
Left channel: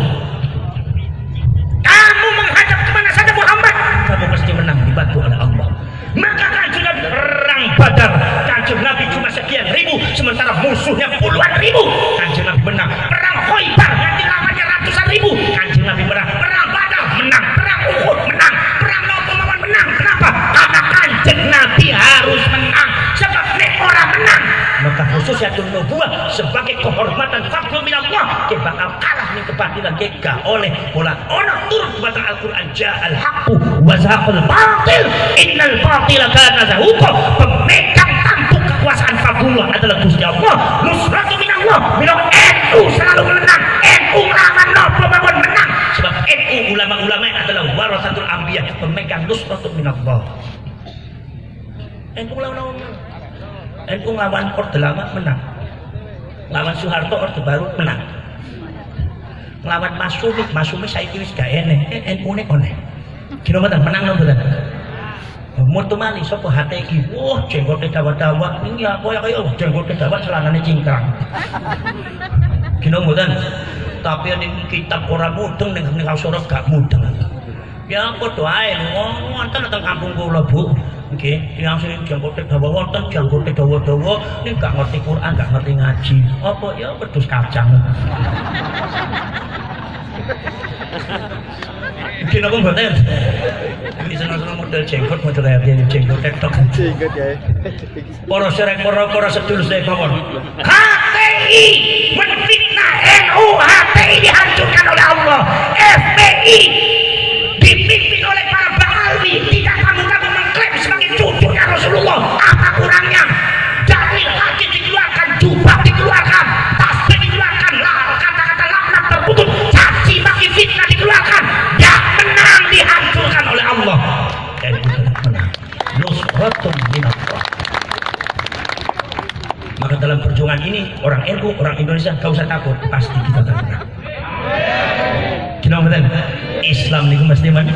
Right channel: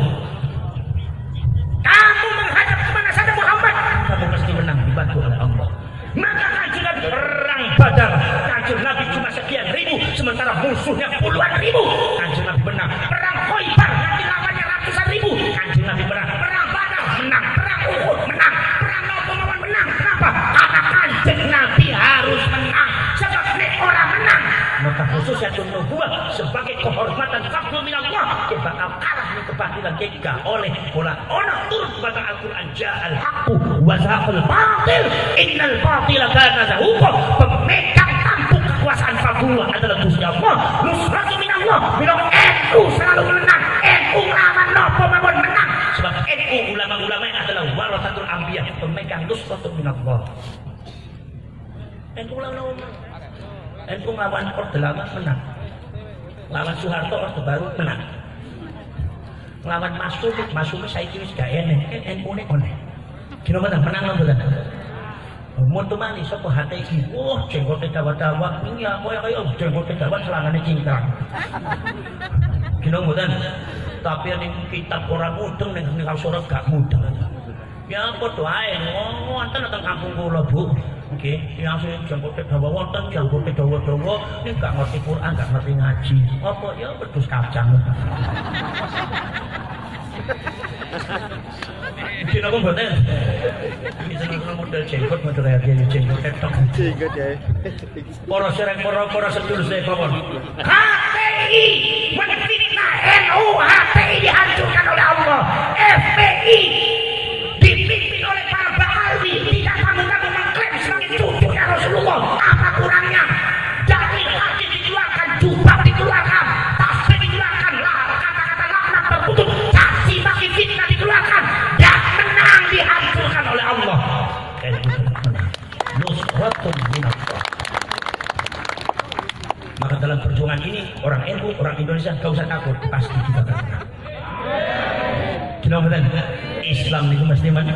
Kamu menghadap kemana saja Muhammad, kamu pasti menang dibantu oleh Allah. Maka Kanjeng Nabi perang Badar, Kanjeng Nabi cuma sekian ribu, sementara musuhnya puluhan ribu. Kanjeng Nabi menang. Perang Khaybar nanti lawannya ratusan ribu. Kanjeng Nabi menang. Perang Badar menang. Perang Uhud menang. Perang Maun menang. Kenapa? Karena Kanjeng Nabi harus menang. Sebab nek orang menang, maka khususnya nubuwah sebagai kehormatan fadl minallah dia bakal kalah dengan kebatilan dia oleh orang turun kepada Al-Quran ja'al haqqu wa zahaqul batil innal batila kana zahuqa. Pemegang tampuk kekuasaan fadlullah adalah Gusti Allah. Nusratu minallah. Bila NU selalu menang, NU lawan napa mawon menang, sebab NU ulama-ulama adalah warasatul anbiya, pemegang nusratu minallah. NU lawan NU lawan Orde Lama menang, lawan Soeharto Orde Baru menang, lawan Masumi saiki wis gak eneh, NU ne oleh. Kira mboten menang lho mboten. Mutu mali sapa HTI, wah jenggote dawa-dawa, iki apa ya kaya jenggote dawa celanane cingkrang. Kira mboten. Tapi ning kitab ora mudeng ning Al-Surat gak mudeng. Ya padha ae wonten teng kampung kula Bu. Nggih, yang sing jangkote dawa wonten jangkote dawa-dawa nek gak ngerti Quran, gak ngerti ngaji. Apa ya wedhus kacang. Mungkin apa mboten? Iki seneng-seneng model jenggot model ya jenggot TikTok. Jenggot ya. Para serek para sedulur saya mawon. HTI menfitnah NU, HTI dihancurkan oleh Allah. FPI dipimpin oleh para ba'alwi, tidak kamu mengklaim sebagai cucunya Rasulullah. Apa kurangnya? Dalil hadis dikeluarkan, jubah dikeluarkan, tasbih dikeluarkan, kata-kata laknat terputus, caci maki fitnah dikeluarkan. Yang menang dihancurkan oleh Allah. Dan itu menang. Nusratun minallah. Maka dalam perjuangan ini orang NU, orang Indonesia gak usah takut, pasti kita akan menang. Islam niku mesti menang.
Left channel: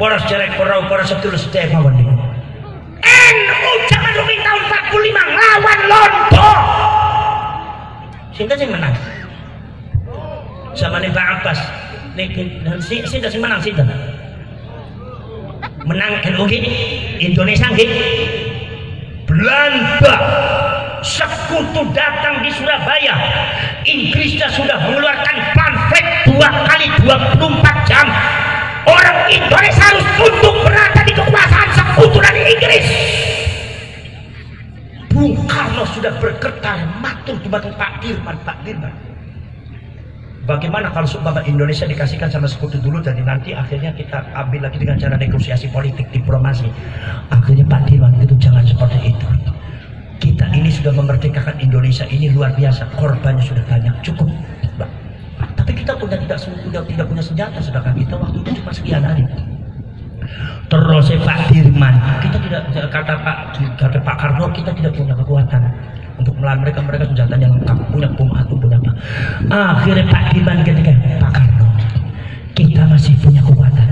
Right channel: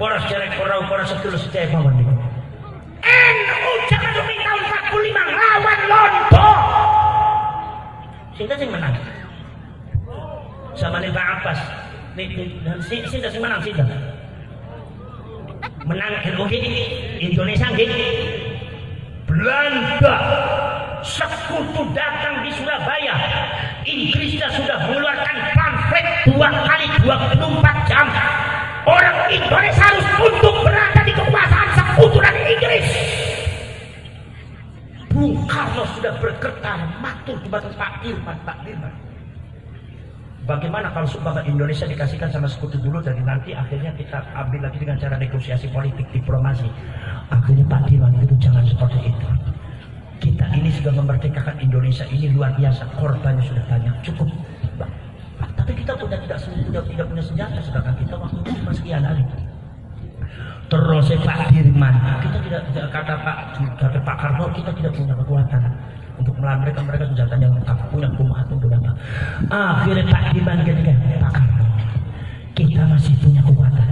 Para cerek para sedulur sedaya mawon niku. NU zaman ruling tahun 45 lawan Londo. Sinten sing menang? Zamane Pak Abbas. Niku sinten sing menang sinten? Menang kan mungkin Indonesia nggih. Belanda sekutu datang di Surabaya. Inggrisnya sudah mengeluarkan pamflet 2 kali 24 jam. Orang Indonesia harus tunduk berada di kekuasaan sekutu dari Inggris. Bung Karno sudah bergetar matur di batin Pak Dirman. Bagaimana kalau seumpama Indonesia dikasihkan sama sekutu dulu, jadi nanti akhirnya kita ambil lagi dengan cara negosiasi politik, diplomasi. Akhirnya Pak Dirman itu jangan seperti itu. Kita ini sudah memerdekakan Indonesia ini luar biasa, korbannya sudah banyak, cukup. Tapi kita tidak punya senjata, sedangkan kita waktu itu cuma sekian aja. Terus Pak Dirman, kita tidak kata Pak Karno, kita tidak punya kekuatan untuk melawan mereka senjatanya lengkap, punya bom atom punya. Akhirnya Pak Dirman ketika Pak Karno, kita masih punya kekuatan.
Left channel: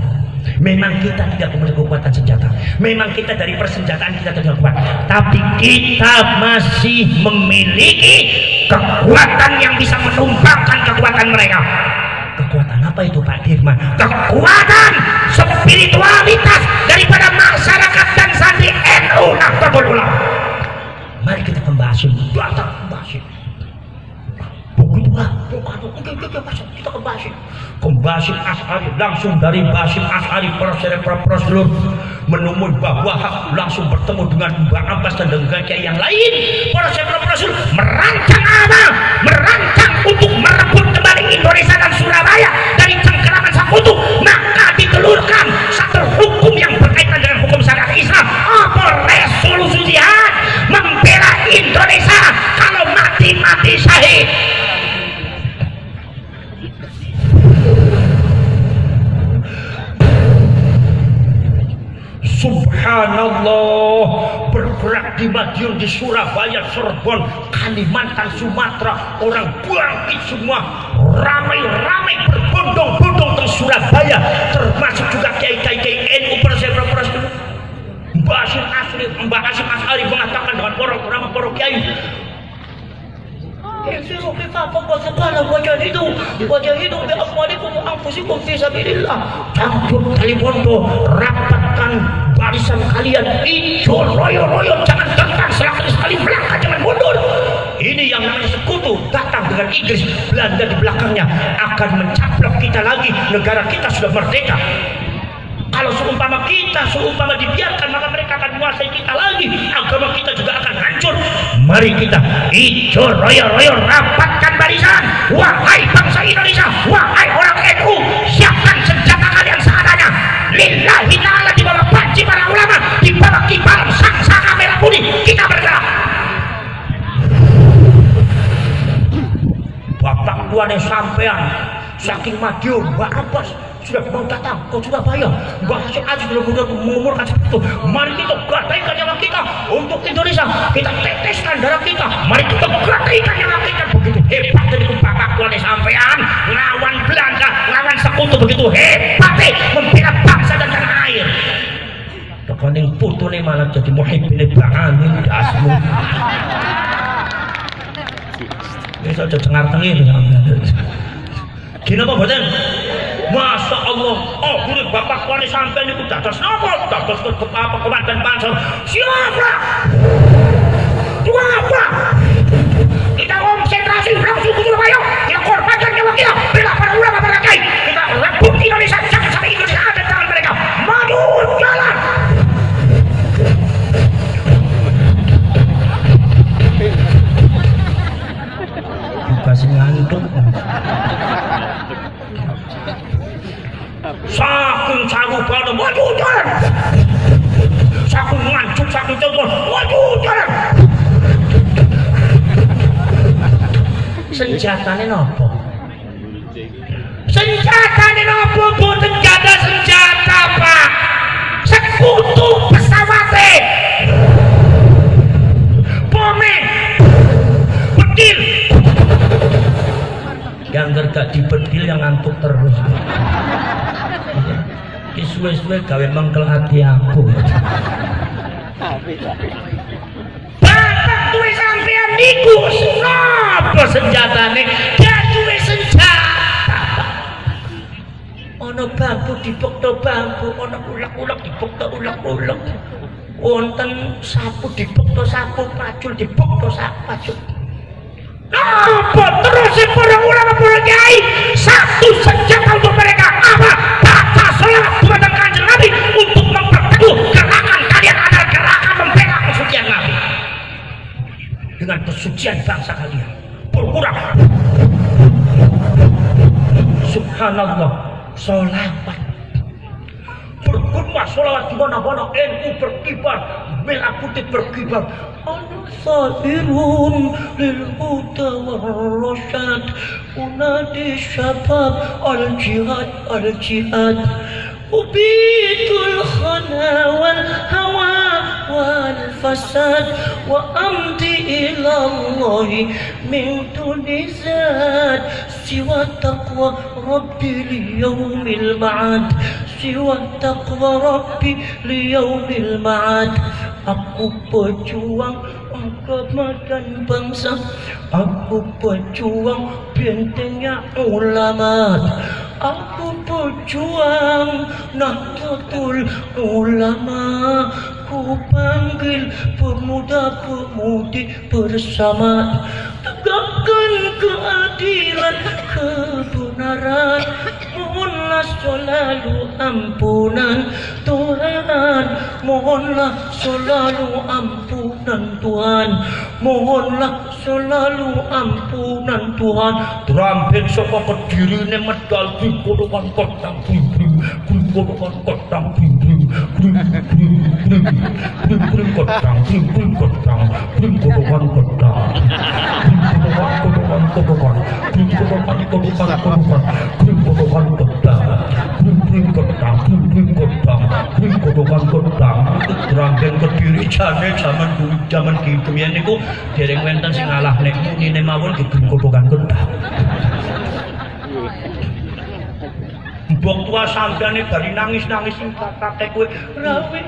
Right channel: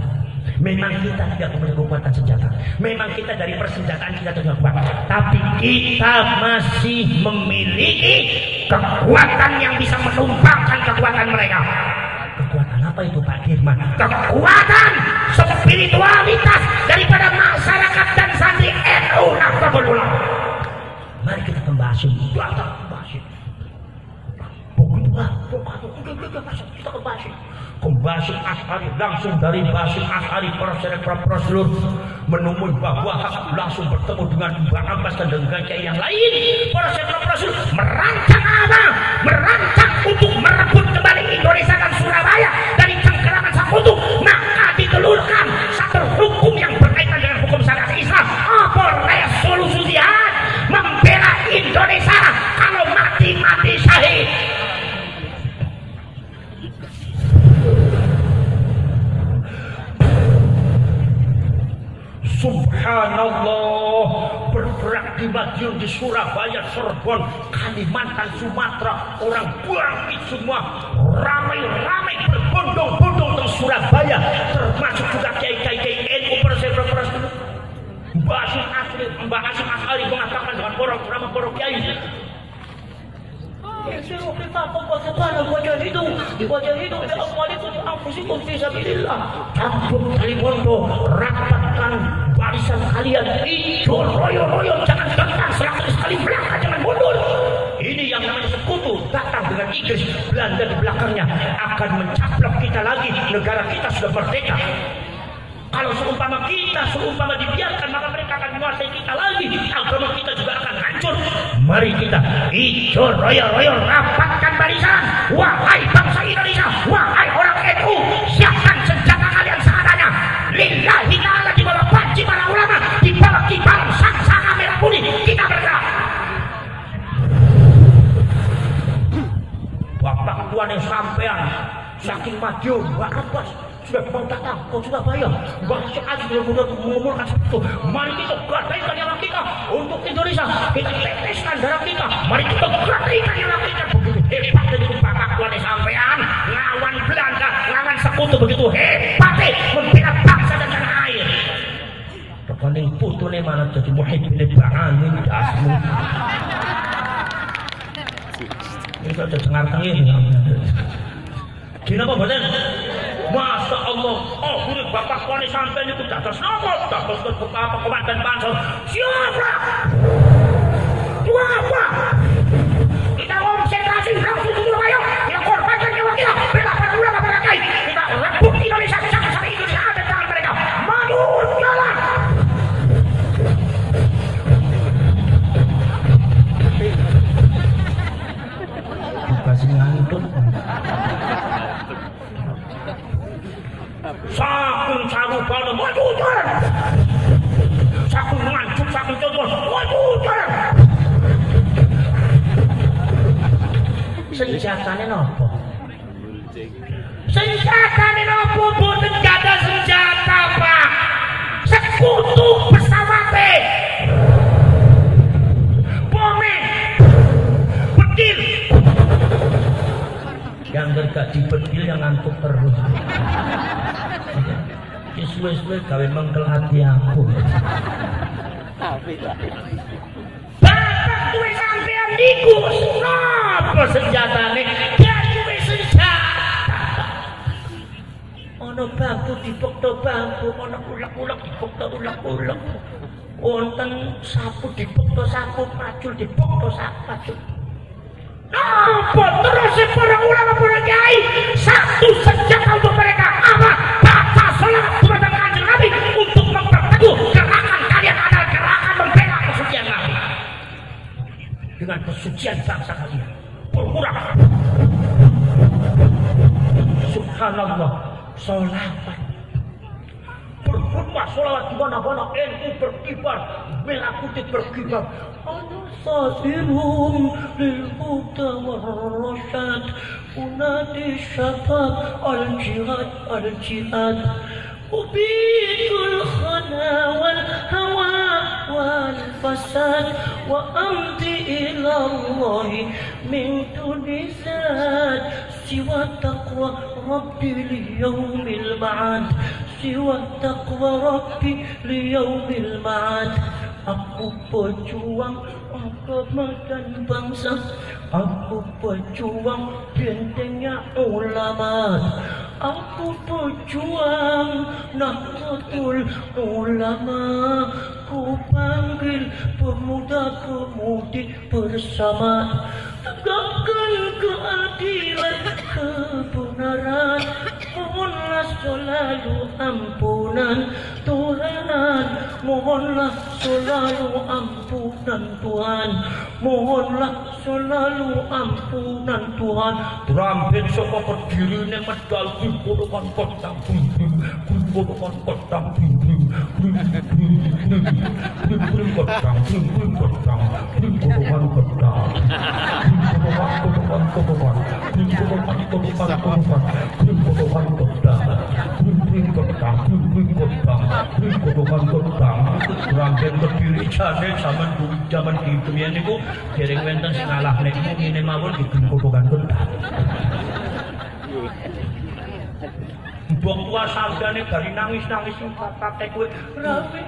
Memang kita tidak punya kekuatan senjata, memang kita dari persenjataan kita tidak kuat, tapi kita masih memiliki kekuatan yang bisa menumpangkan kekuatan mereka. Kekuatan apa itu Pak Dirman? Kekuatan spiritualitas daripada masyarakat dan santri NU Nahdlatul Ulama. Mari kita kembasin, begitulah kita kembasin Asy'ari, langsung dari Basim Asy'ari para seluruh menemui Mbah Wahab, langsung bertemu dengan Mbah Abbas dan dengan kiai yang lain. Para seluruh merancang apa? Merancang untuk merebut kembali Indonesia dan Surabaya dari cengkeraman sekutu. Maka ditelurkan satu hukum yang berkaitan dengan hukum syariat Islam. Apa resolusi jihad? Membela Indonesia, kalau mati syahid. Subhanallah, bergerak di Madiun, di Surabaya, Cirebon, Kalimantan, Sumatera, orang bangkit semua, ramai-ramai berbondong-bondong ke Surabaya, termasuk juga kiai-kiai NU perseperas. Mbah Hasyim Asy'ari mengatakan dengan orang-orang para kiai, wajahidu bi amwalikum wa anfusikum fi sabilillah. Cabut tali bondo, rapatkan barisan kalian, hijau royo-royo, jangan tentang 100 kali belakang, jangan mundur. Ini yang namanya sekutu datang dengan Inggris, Belanda di belakangnya akan mencaplok kita lagi. Negara kita sudah merdeka. Kalau seumpama dibiarkan, maka mereka akan menguasai kita lagi. Agama kita juga akan hancur. Mari kita hijau royo-royo, rapatkan barisan. Wahai bangsa Indonesia, wahai orang NU, siapkan senjata kalian seadanya. Lillahi ta'ala, di bawah panci para ulama, di bawah kibaran sang-sanga merah putih, kita bergerak. Bapak tuanya sampean saking Madiun, Mbak Abbas sudah mau datang ke Surabaya. Mbak Hasyim Asy'ari sudah mengumurkan seperti itu. Mari kita gadaikan nyawa kita untuk Indonesia. Kita teteskan darah kita. Mari kita gadaikan nyawa kita. Begitu hebat dari bapak tuanya sampean lawan Belanda, lawan sekutu, begitu hebat membela bangsa dan tanah air. Pokoknya putune malah jadi muhibbin ba'amin asmu. Ini saja cengar-cengir. Gini apa boten? Masya Allah, oh kulit bapak kuali sampai itu dados apa? Dados apa komandan pansel? Siapa? Siapa? Kita konsentrasi langsung ke Surabaya. Kita korbankan nyawa kita. Bela para ulama, para kiai. Kita rebut Indonesia, jangan sampai Indonesia ada di tangan mereka. Maju jalan. Kasih ngantuk. Saking sarubana, maju jalan. Saking nganjuk, saking telepon, maju jalan. Senjatanya nopo? Senjatanya nopo? Boten jada senjata Pak. Sekutu pesawate. Bome. Petir. Yang gak dibedil yang ngantuk terus. Suwe-suwe gawe mengkel hati aku. Bapak duwe sampean niku napa senjatane? Dia duwe senjata. Ono bambu dibekto bambu, ono ulek-ulek dibekto ulek-ulek. Wonten sapu dibekto sapu, pacul dibekto sapu pacul. Apa terus para ulama para kiai satu senjata untuk mereka apa? Baca selawat kepada Kanjeng Nabi untuk memperteguh gerakan kalian adalah gerakan membela kesucian Nabi dengan kesucian bangsa kalian. Berkurang. Subhanallah, sholawat. Berkurang sholawat di mana-mana. NU berkibar, merah putih berkibar. Al-Sa'irun lil-huda wal-rasyad unadi syabab al-jihad al-jihad ubitul khana wal-hawa wal-fasad wa amdi ilallahi min tunizad siwa taqwa rabbi liyawmil ma'ad siwa taqwa rabbi liyawmil ma'ad. Aku pejuang agama dan bangsa, aku pejuang bentengnya ulama, aku pejuang Nahdlatul Ulama, ku panggil pemuda-pemudi bersama, tegakkan keadilan kebenaran, mohonlah selalu ampunan Tuhan, mohonlah selalu ampunan Tuhan, mohonlah selalu ampunan Tuhan. Terampil sapa kedirine medal kudukan kotang kudukan kotang kotang Rangkaian Kediri zaman kitunya niku dereng wenten sing ngalah nek muni mawon gedung kobokan kentang. Mbok tua sampeyan bari nangis-nangis sing kakek kowe rawe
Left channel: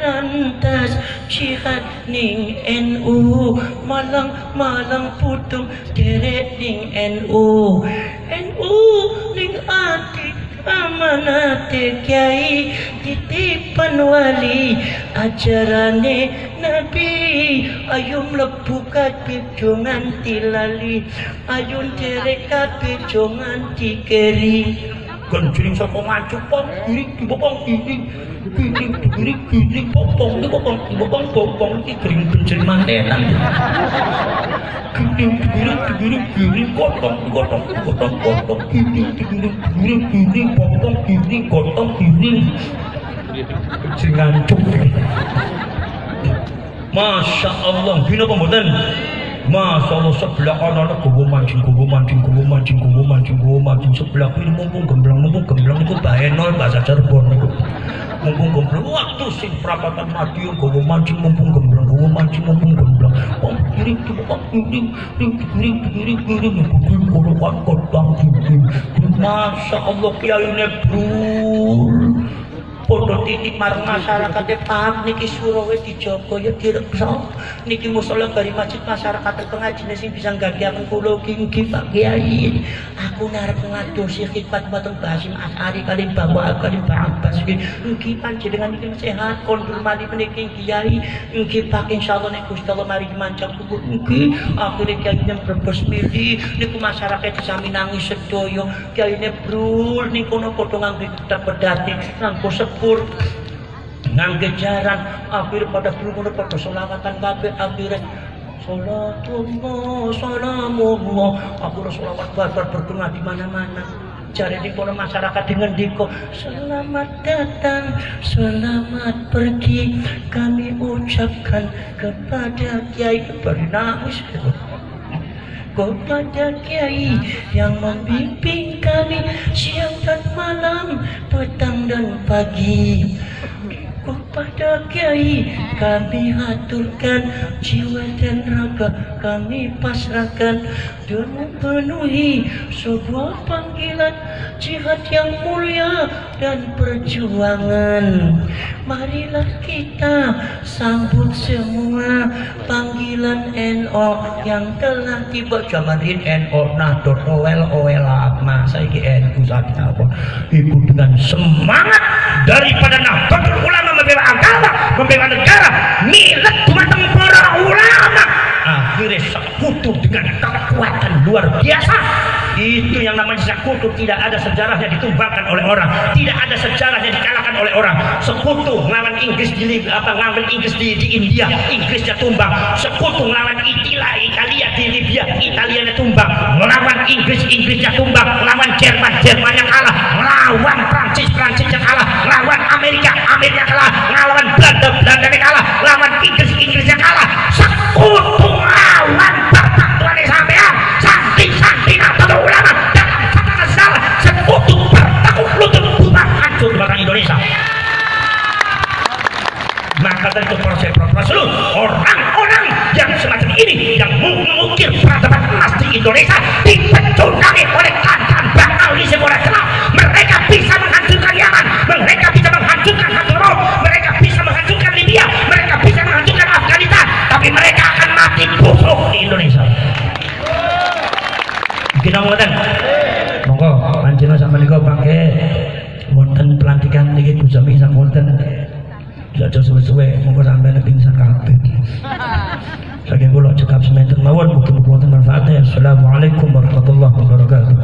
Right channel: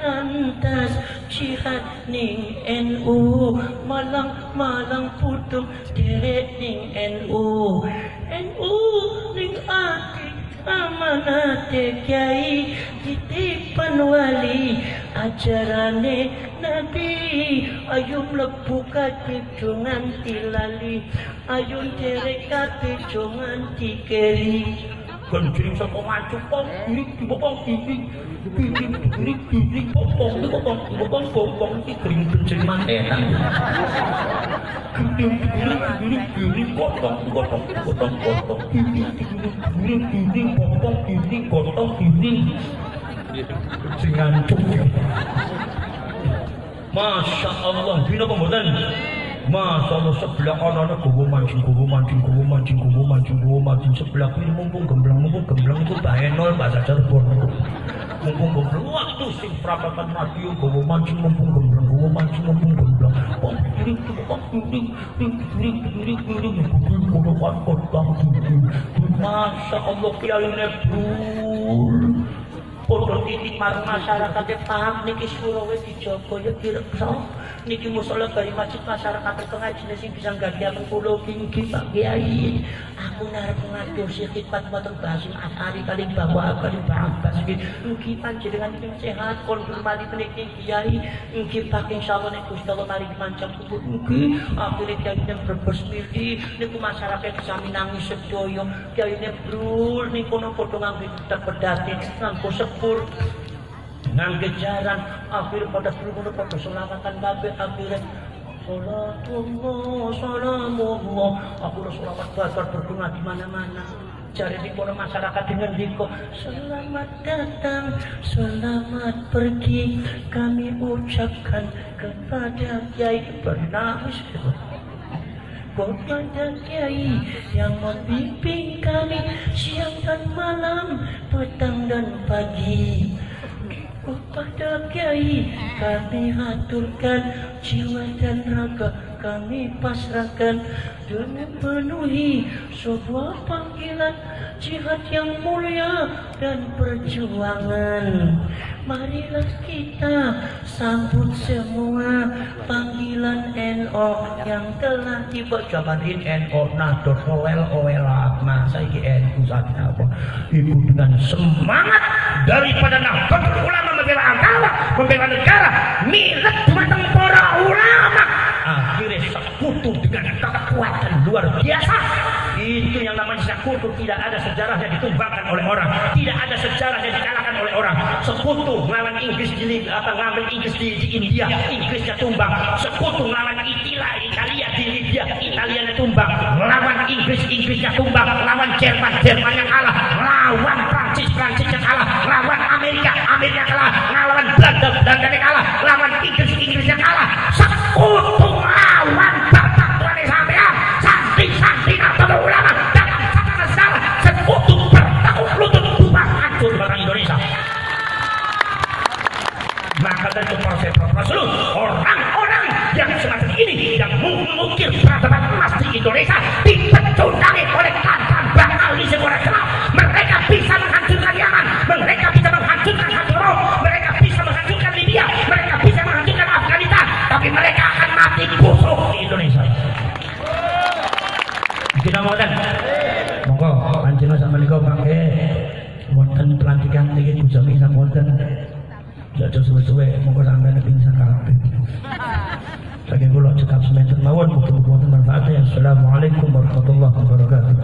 antas jihad ning NU malang putu derek ning NU ning ati amanate kiai titipan wali ajarane Nabi ayo mlebu kabeh jongan tilali ayo derek kabeh jongan dikeri genjring sapa maju pong kiri popong iki gering genjring mantenan kiri gotong kiri popong kiri gotong kiri ngancuk. Masya Allah, bina pembuatan. Masya Allah sebelah kanan gowo mancing sebelah kiri mumpung gemblang itu bahaya nol bahasa Cirebon itu. Mumpung gemblang waktu sing perapatan Madiun gowo mancing mumpung gemblang. Pong kiri Masya Allah kiyaine brul. Podo titik marang masyarakat paham niki suruh dijogo ya direksa niki musala bari masjid masyarakat pengajian sing bisa nggantiaken kula ki Pak Kiai aku narep ngadosi khidmat batang Basim Asari kali bawa kali Abbas niki panjenengan iki sehat konfirmasi niki Kiai niki Pak insyaallah nek Gusti Allah mari mancang tubuh niki akhire Kiai yang brebes mili niku masyarakat sami nangis sedaya Kiai brul niku kono padha nganggo pedati nganggo sepur ngangge jaran akhir pada berumur pada selawatan kabeh akhirnya salatullah salamullah aku selawat barbar bergema di mana-mana cari di kono masyarakat dengan diko selamat datang selamat pergi kami ucapkan kepada Kiai bernangis kepada Kiai yang membimbing kami siang dan malam, petang dan pagi. pada Kiai kami haturkan, jiwa dan raga kami pasrahkan demi memenuhi sebuah panggilan jihad yang mulia dan perjuangan. Marilah kita sambut semua panggilan NO yang telah tiba. Jamarin NO Nahdlatul Ulama masa iki NU apa ibu dengan semangat daripada Nahdlatul Ulama membela agama, membela negara, milik dumateng para ulama, akhirnya sekutu dengan kekuatan luar biasa. Itu yang namanya sekutu, tidak ada sejarahnya ditumbangkan oleh orang, tidak ada sejarahnya dikalahkan oleh orang. Sekutu melawan Inggris ngelawan Inggris di India, Inggrisnya tumbang. Sekutu melawan Italia di Libya, Italianya tumbang. Melawan Inggrisnya tumbang. Melawan Jermannya kalah. Melawan Prancisnya kalah. Melawan Amerika kalah. Melawan Belanda kalah. Melawan Inggrisnya kalah. Sekutu melawan persatuan sampean. Saking Nahdlatul Ulama jangan katakan salah. Sekutu bertekuk lutut bukan hancur barang Indonesia. Maka dari itu para seluruh orang-orang yang semacam ini yang mengukir peradaban emas di Indonesia dipecundangi oleh kancaan bakal di sebuah Islam. Mereka bisa menghancurkan Yaman, mereka bisa menghancurkan Hadramaut, mereka bisa menghancurkan Libya, mereka bisa menghancurkan Afghanistan, tapi mereka akan mati busuk di Indonesia. Kita ngoten. Monggo panjenengan sampeyan niku pangke wonten pelantikan niki Gus Jami sampun aja suwe-suwe monggo sampeyan pingsan kabeh. Saking kula cekap semanten mawon mugi-mugi wonten manfaate. Assalamualaikum warahmatullahi wabarakatuh.